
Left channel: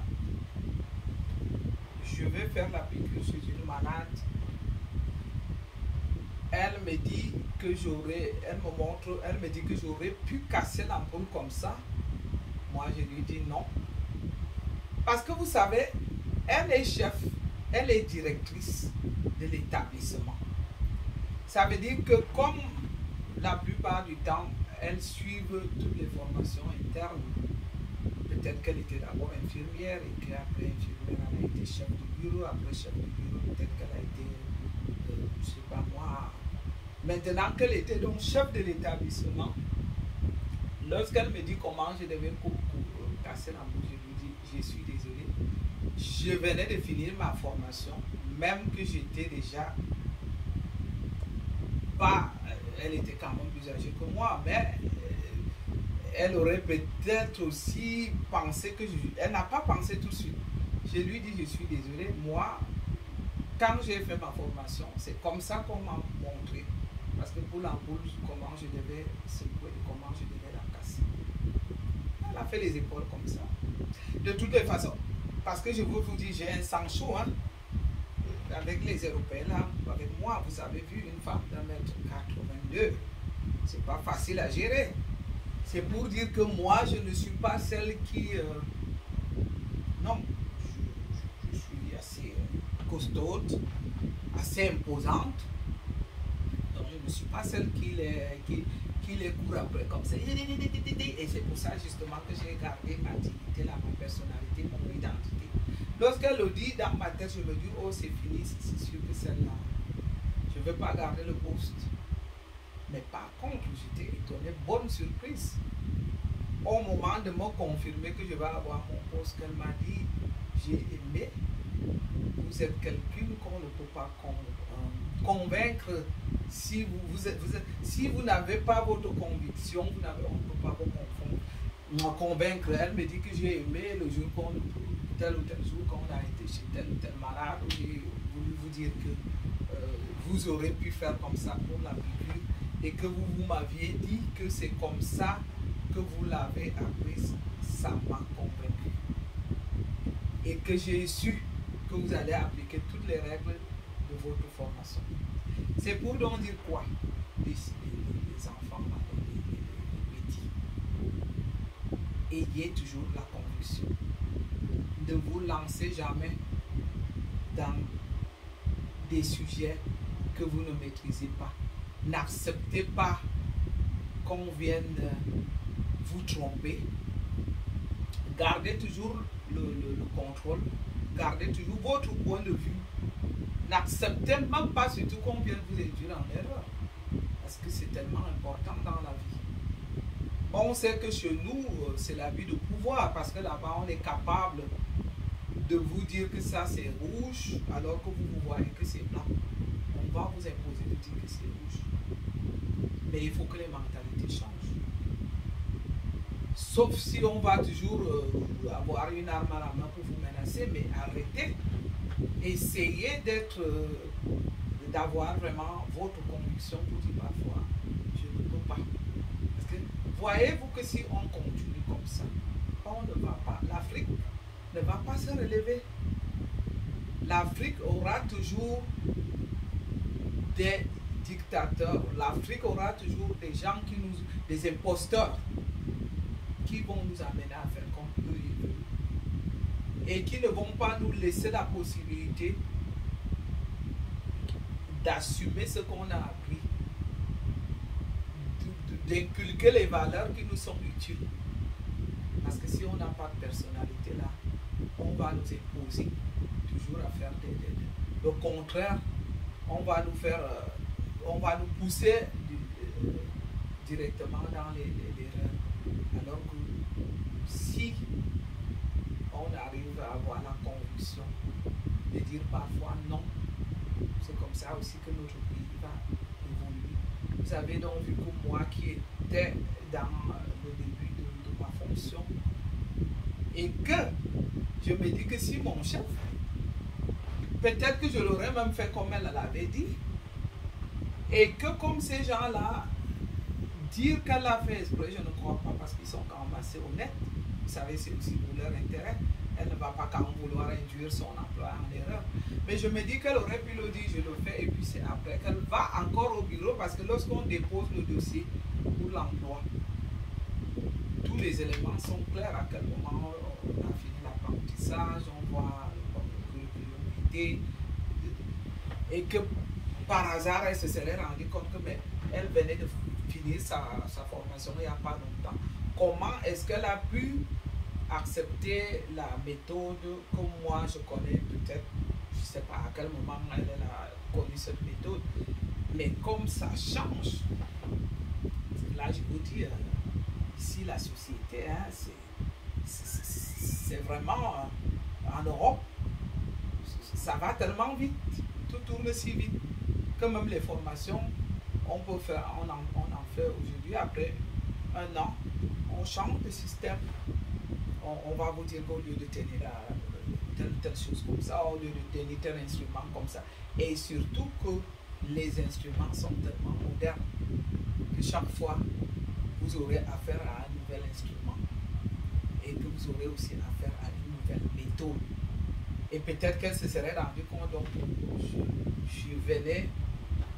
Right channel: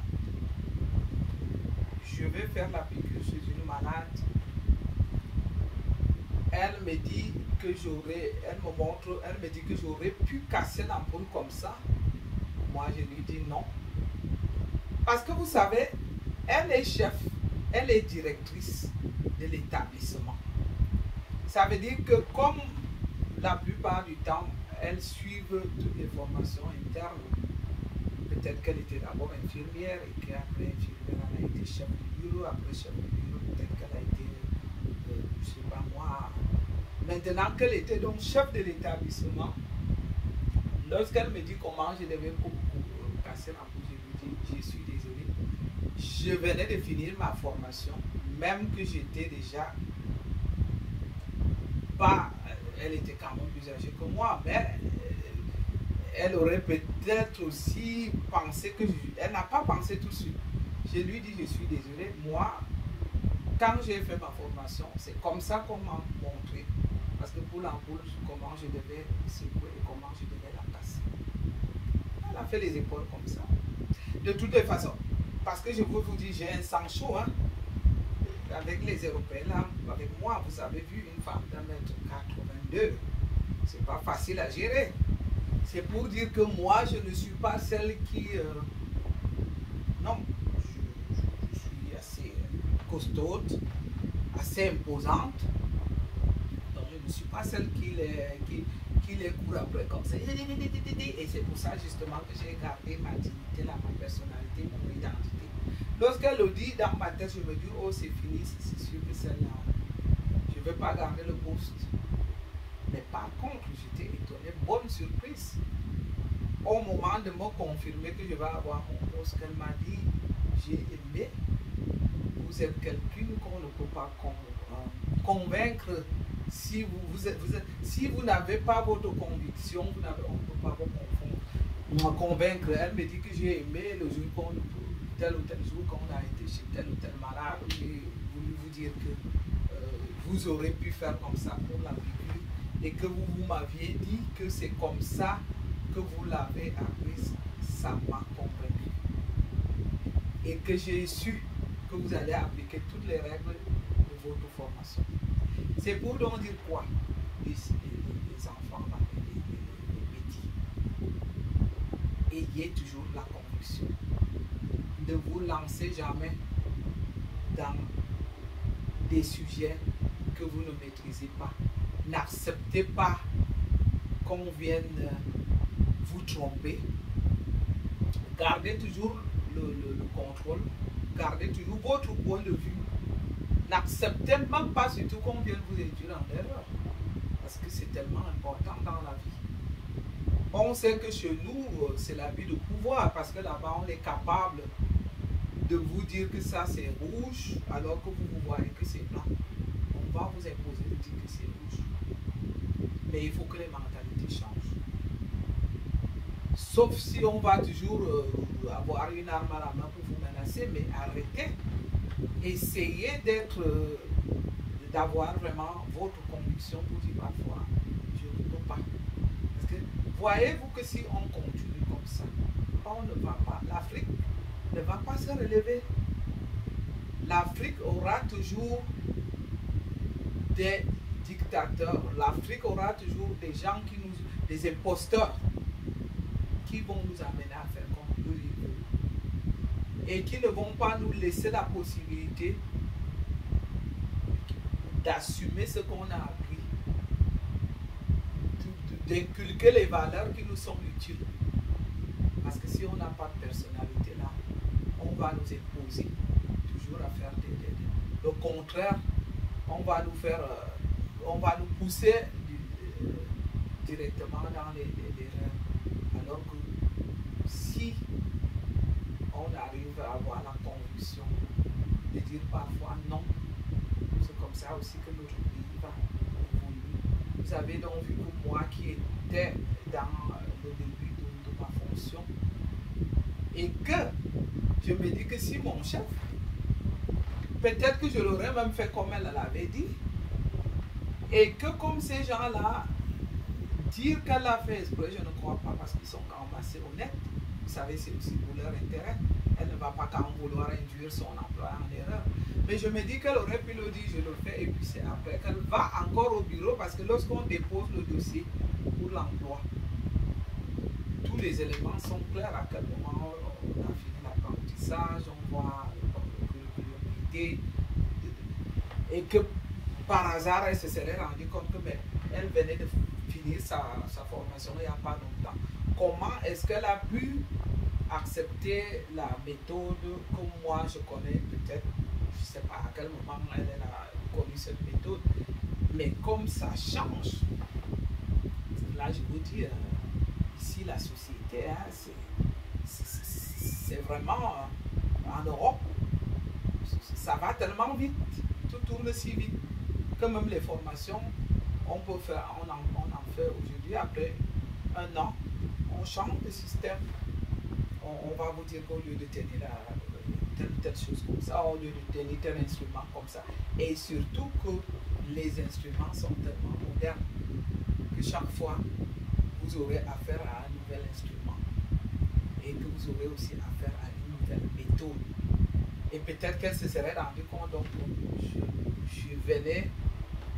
je vais faire la piqûre chez une malade. Elle me dit que elle me dit que j'aurais pu casser l'ampoule comme ça. Moi, je lui dis non. Parce que vous savez, elle est chef, elle est directrice de l'établissement. Ça veut dire que comme la plupart du temps, elles suivent toutes les formations internes. Peut-être qu'elle était d'abord infirmière et qu'après infirmière, elle a été chef du bureau, après chef du bureau. peut-être qu'elle a été, je ne sais pas moi, maintenant qu'elle était donc chef de l'établissement, lorsqu'elle me dit comment je devais casser la bouche, je lui dis, je suis désolé, je venais de finir ma formation, même que j'étais déjà pas, elle était quand même plus âgée que moi, mais elle aurait peut-être aussi pensé que elle n'a pas pensé tout de suite. Je lui dis, je suis désolé, moi, quand j'ai fait ma formation, c'est comme ça qu'on m'a montré. Parce que pour l'ampoule, comment je devais secouer et comment je devais la casser. Elle a fait les épaules comme ça. De toutes les façons, parce que je veux vous dire, j'ai un sang chaud, hein. Avec les Européens là, avec moi, vous avez vu une femme d'1m82. C'est pas facile à gérer. C'est pour dire que moi, je ne suis pas celle qui... non, je suis assez costaude, assez imposante. Donc, je ne suis pas celle qui les court après comme ça. Et c'est pour ça justement que j'ai gardé ma dignité, là, ma personnalité, mon identité. Lorsqu'elle le dit dans ma tête, je me dis, oh, c'est fini, c'est sûr que celle-là, je ne vais pas garder le poste. Mais par contre, j'étais étonnée, bonne surprise. Au moment de me confirmer que je vais avoir mon poste, qu'elle m'a dit, j'ai aimé, vous êtes quelqu'un qu'on ne peut pas convaincre. Si vous n'avez pas votre conviction, on ne peut pas vous convaincre. Elle me dit que j'ai aimé le jour qu'on, tel ou tel jour qu'on a été chez tel ou tel malade, j'ai voulu vous dire que vous aurez pu faire comme ça pour la piqûre et que vous m'aviez dit que c'est comme ça que vous l'avez appris, ça m'a convaincu. Et que j'ai su que vous allez appliquer toutes les règles de votre formation. C'est pour donc dire quoi? Les enfants, les petits. Ayez toujours la conviction. Ne vous lancez jamais dans des sujets que vous ne maîtrisez pas. N'acceptez pas qu'on vienne vous tromper. Gardez toujours le contrôle. Gardez toujours votre point de vue. N'acceptez même pas surtout qu'on vienne vous induire en erreur. Parce que c'est tellement important dans la vie. On sait que chez nous, c'est la vie de pouvoir. Parce que là-bas, on est capable de vous dire que ça c'est rouge, alors que vous voyez que c'est blanc. On va vous imposer de dire que c'est rouge. Mais il faut que les mentalités changent. Sauf si on va toujours avoir une arme à la main pour vous menacer, mais arrêtez. Essayez d'avoir vraiment votre conviction pour dire parfois, je ne peux pas. Parce que voyez-vous que si on continue comme ça, on ne va pas, l'Afrique ne va pas se relever. L'Afrique aura toujours des dictateurs, l'Afrique aura toujours des gens des imposteurs qui vont nous amener à faire comme eux ils veulent. Et qui ne vont pas nous laisser la possibilité d'assumer ce qu'on a appris, d'inculquer les valeurs qui nous sont utiles. Parce que si on n'a pas de personnalité là, on va nous imposer toujours à faire le contraire. On va nous pousser directement dans les erreurs. Alors que si on arrive à avoir la conviction de dire parfois non, c'est comme ça aussi que notre pays va évoluer. Vous avez donc vu que moi qui étais dans le début de ma fonction, et que je me dis que si mon chef, peut-être que je l'aurais même fait comme elle l'avait dit, et que comme ces gens-là, dire qu'elle a fait exprès, je ne crois pas, parce qu'ils sont quand même assez honnêtes. Vous savez, c'est aussi pour leur intérêt. Elle ne va pas quand même vouloir induire son emploi en erreur. Mais je me dis qu'elle aurait pu le dire, je le fais, et puis c'est après qu'elle va encore au bureau, parce que lorsqu'on dépose le dossier pour l'emploi, tous les éléments sont clairs à quel moment on a fini l'apprentissage, on voit le curriculum, et que par hasard, elle se serait rendue compte que elle venait de finir sa formation il n'y a pas longtemps. Comment est-ce qu'elle a pu accepter la méthode que moi je connais peut-être, sais pas à quel moment elle a connu cette méthode. Mais comme ça change, là je vous dis, ici la société, hein, c'est vraiment en Europe, ça va tellement vite, tout tourne si vite que même les formations, on peut faire, on en fait aujourd'hui, après un an, on change de système. On va vous dire qu'au lieu de tenir telle chose comme ça, au lieu de tenir tel instrument comme ça, et surtout que les instruments sont tellement modernes que chaque fois vous aurez affaire à un nouvel instrument et que vous aurez aussi affaire à une nouvelle méthode. Et peut-être qu'elle se serait rendue compte, donc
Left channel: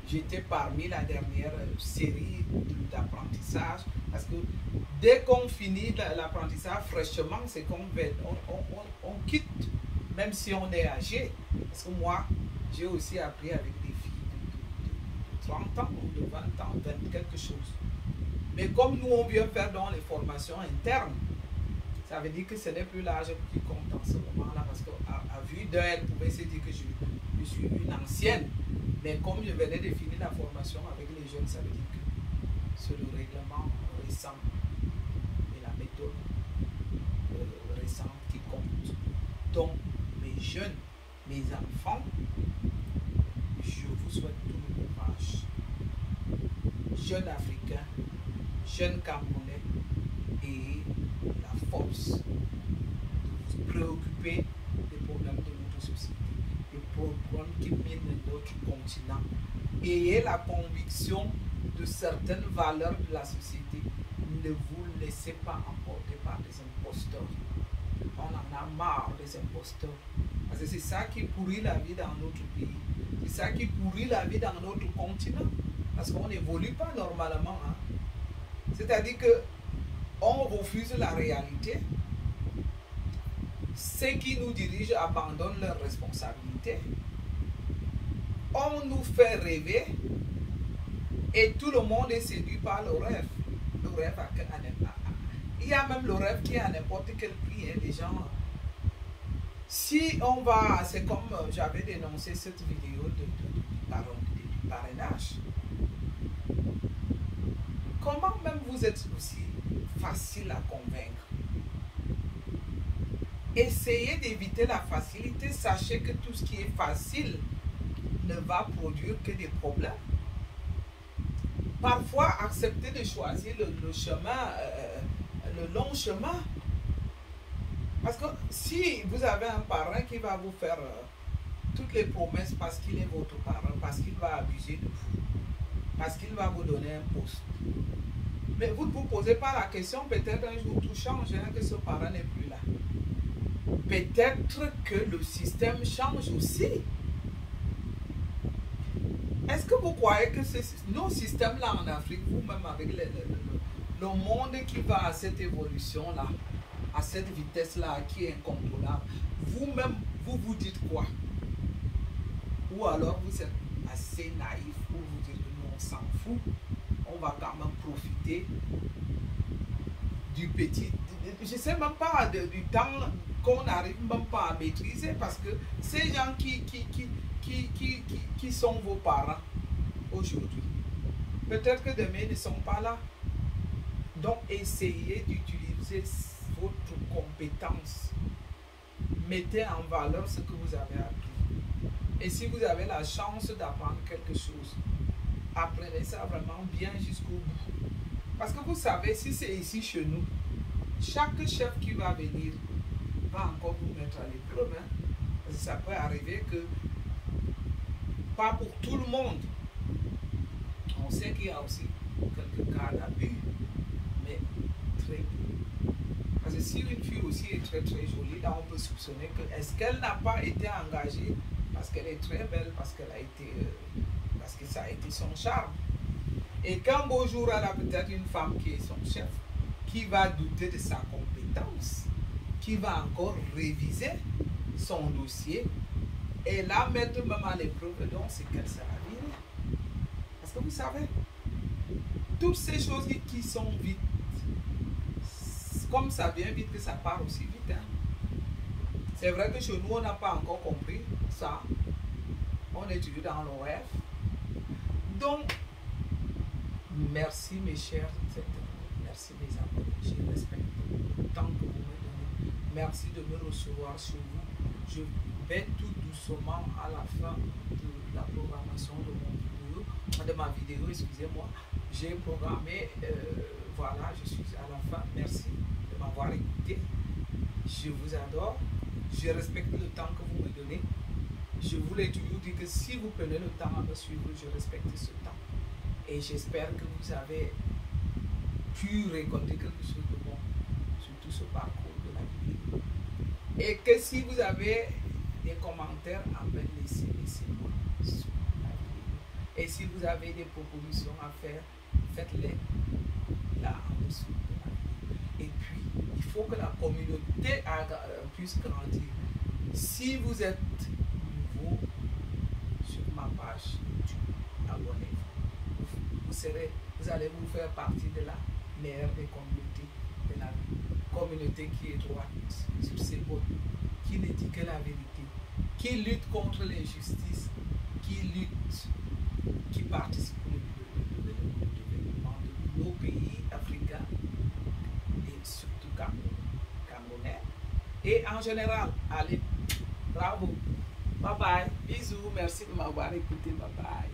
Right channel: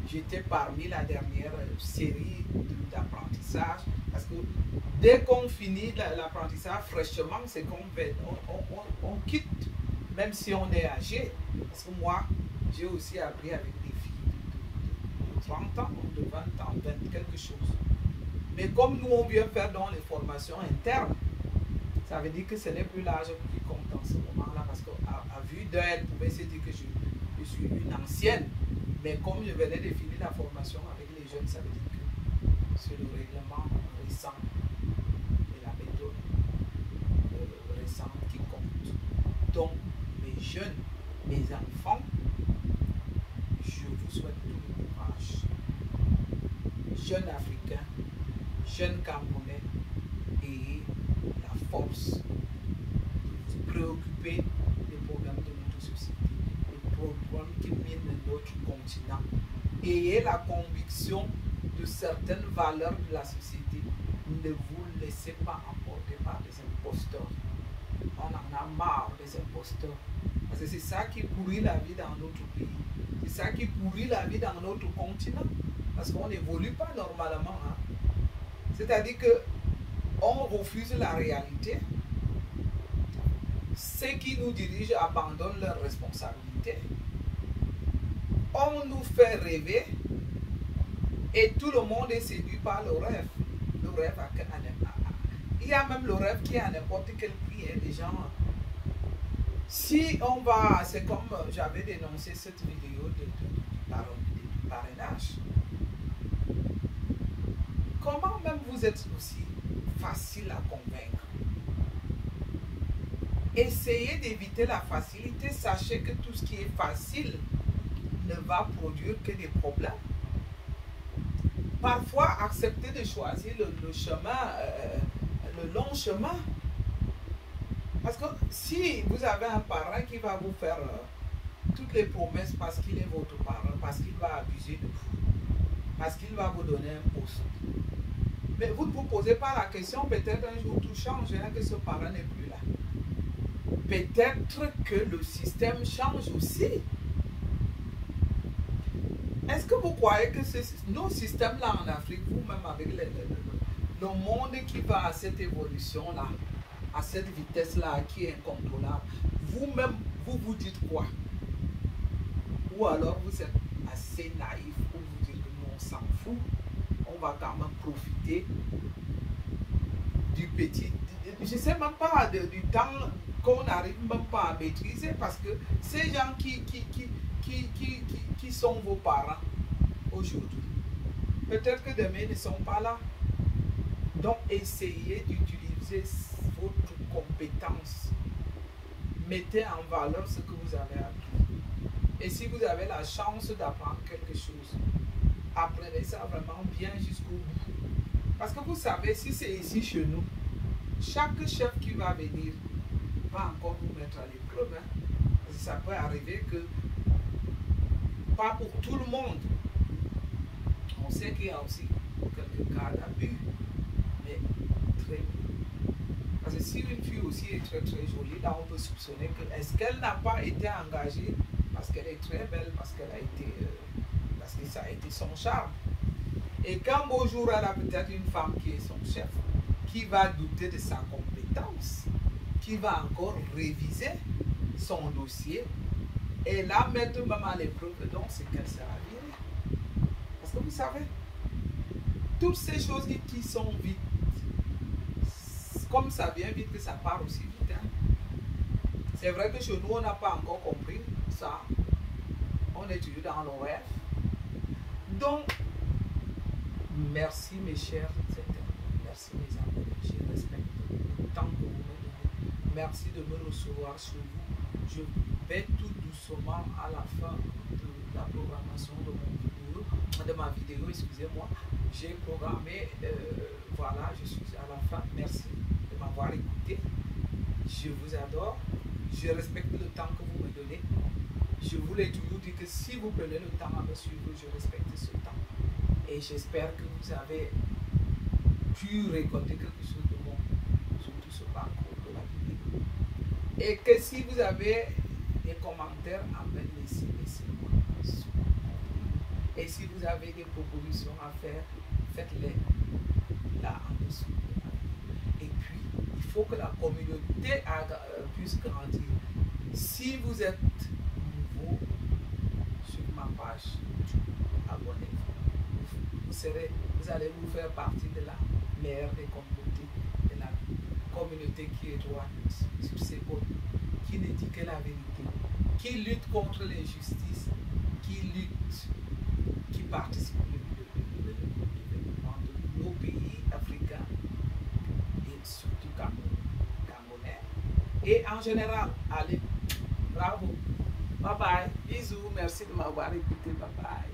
j'étais parmi la dernière série d'apprentissage, parce que dès qu'on finit l'apprentissage fraîchement, c'est qu'on on quitte, même si on est âgé. Parce que moi, j'ai aussi appris avec des filles de 30 ans, de 20 ans, quelque chose. Mais comme nous, on vient faire dans les formations internes, ça veut dire que ce n'est plus l'âge qui compte dans ce moment-là, parce qu'à vue d'elle, elle pouvait se dire que je suis une ancienne. Mais comme je venais de finir la formation avec les jeunes, ça veut dire que c'est le règlement récent et la méthode récente qui compte. Donc, mes jeunes, mes enfants, je vous souhaite tout le courage. Jeunes Africains, jeunes Camerounais, et la force de vous préoccuper des problèmes de notre société, des problèmes qui minent notre continent. Ayez la conviction de certaines valeurs de la société. Ne vous laissez pas emporter par des imposteurs. On en a marre des imposteurs. Parce que c'est ça qui pourrit la vie dans notre pays. C'est ça qui pourrit la vie dans notre continent. Parce qu'on n'évolue pas normalement. Hein. C'est-à-dire que on refuse la réalité. Ceux qui nous dirigent abandonnent leurs responsabilités. On nous fait rêver et tout le monde est séduit par le rêve. Le rêve il y a même le rêve qui est à n'importe quel prix. Hein, les gens, si on va, c'est comme j'avais dénoncé cette vidéo de parrainage. Comment même vous êtes aussi facile à convaincre? Essayez d'éviter la facilité. Sachez que tout ce qui est facile ne va produire que des problèmes. Parfois, acceptez de choisir le chemin, le long chemin. Parce que si vous avez un parrain qui va vous faire toutes les promesses parce qu'il est votre parrain, parce qu'il va abuser de vous, parce qu'il va vous donner un poste, mais vous ne vous posez pas la question, peut-être un jour tout change, hein, que ce parrain n'est plus là. Peut-être que le système change aussi. Est-ce que vous croyez que nos systèmes-là en Afrique, vous-même avec le monde qui va à cette évolution-là, à cette vitesse-là qui est incontrôlable, vous-même, vous vous dites quoi? Ou alors vous êtes assez naïf pour vous dire que nous, on s'en fout, on va quand même profiter du petit. Je ne sais même pas du temps qu'on n'arrive même pas à maîtriser, parce que ces gens qui sont vos parents aujourd'hui, peut-être que demain ils ne sont pas là. Donc essayez d'utiliser votre compétence. Mettez en valeur ce que vous avez appris. Et si vous avez la chance d'apprendre quelque chose, apprenez ça vraiment bien jusqu'au bout. Parce que vous savez, si c'est ici chez nous, chaque chef qui va venir va encore vous mettre à l'épreuve. Hein. Parce que ça peut arriver que, pas pour tout le monde, on sait qu'il y a aussi quelques cas d'abus, mais très peu. Parce que si une fille aussi est très très jolie, là on peut soupçonner que, est-ce qu'elle n'a pas été engagée parce qu'elle est très belle, parce qu'elle a été, parce que ça a été son charme. Et qu'un beau jour elle a peut-être une femme qui est son chef, qui va douter de sa compétence, qui va encore réviser son dossier et la mettre même à l'épreuve, donc c'est qu'elle sera virée. Parce que vous savez, toutes ces choses qui sont vite, comme ça vient vite que ça part aussi vite. Hein. C'est vrai que chez nous, on n'a pas encore compris ça. on est toujours dans nos rêves. Donc, merci mes chers internautes, merci mes abonnés, je respecte le temps que vous me donnez. Merci de me recevoir chez vous. Je vais tout doucement à la fin de la programmation de ma vidéo, excusez-moi. J'ai programmé, voilà, je suis à la fin. Merci de m'avoir écouté. Je vous adore. Je respecte le temps que vous me donnez. Je vous l'ai toujours dit que si vous prenez le temps à me suivre, je respecte ce temps. Et j'espère que vous avez pu récolter quelque chose de bon sur tout ce parcours de la vidéo. Et que si vous avez des commentaires à me laisser, laissez-moi. Et si vous avez des propositions à faire, faites-les là en dessous de la vidéo. Et puis, il faut que la communauté puisse grandir. Si vous êtes nouveau sur ma page YouTube, abonnez-vous. Vous allez vous faire partie de la meilleure des communautés, de la communauté qui est droite sur ses bords, qui ne dit que la vérité, qui lutte contre l'injustice, qui participe au développement de nos pays africains et surtout camerounais. Et en général, allez, bravo, bye bye, bisous, merci de m'avoir écouté, bye bye.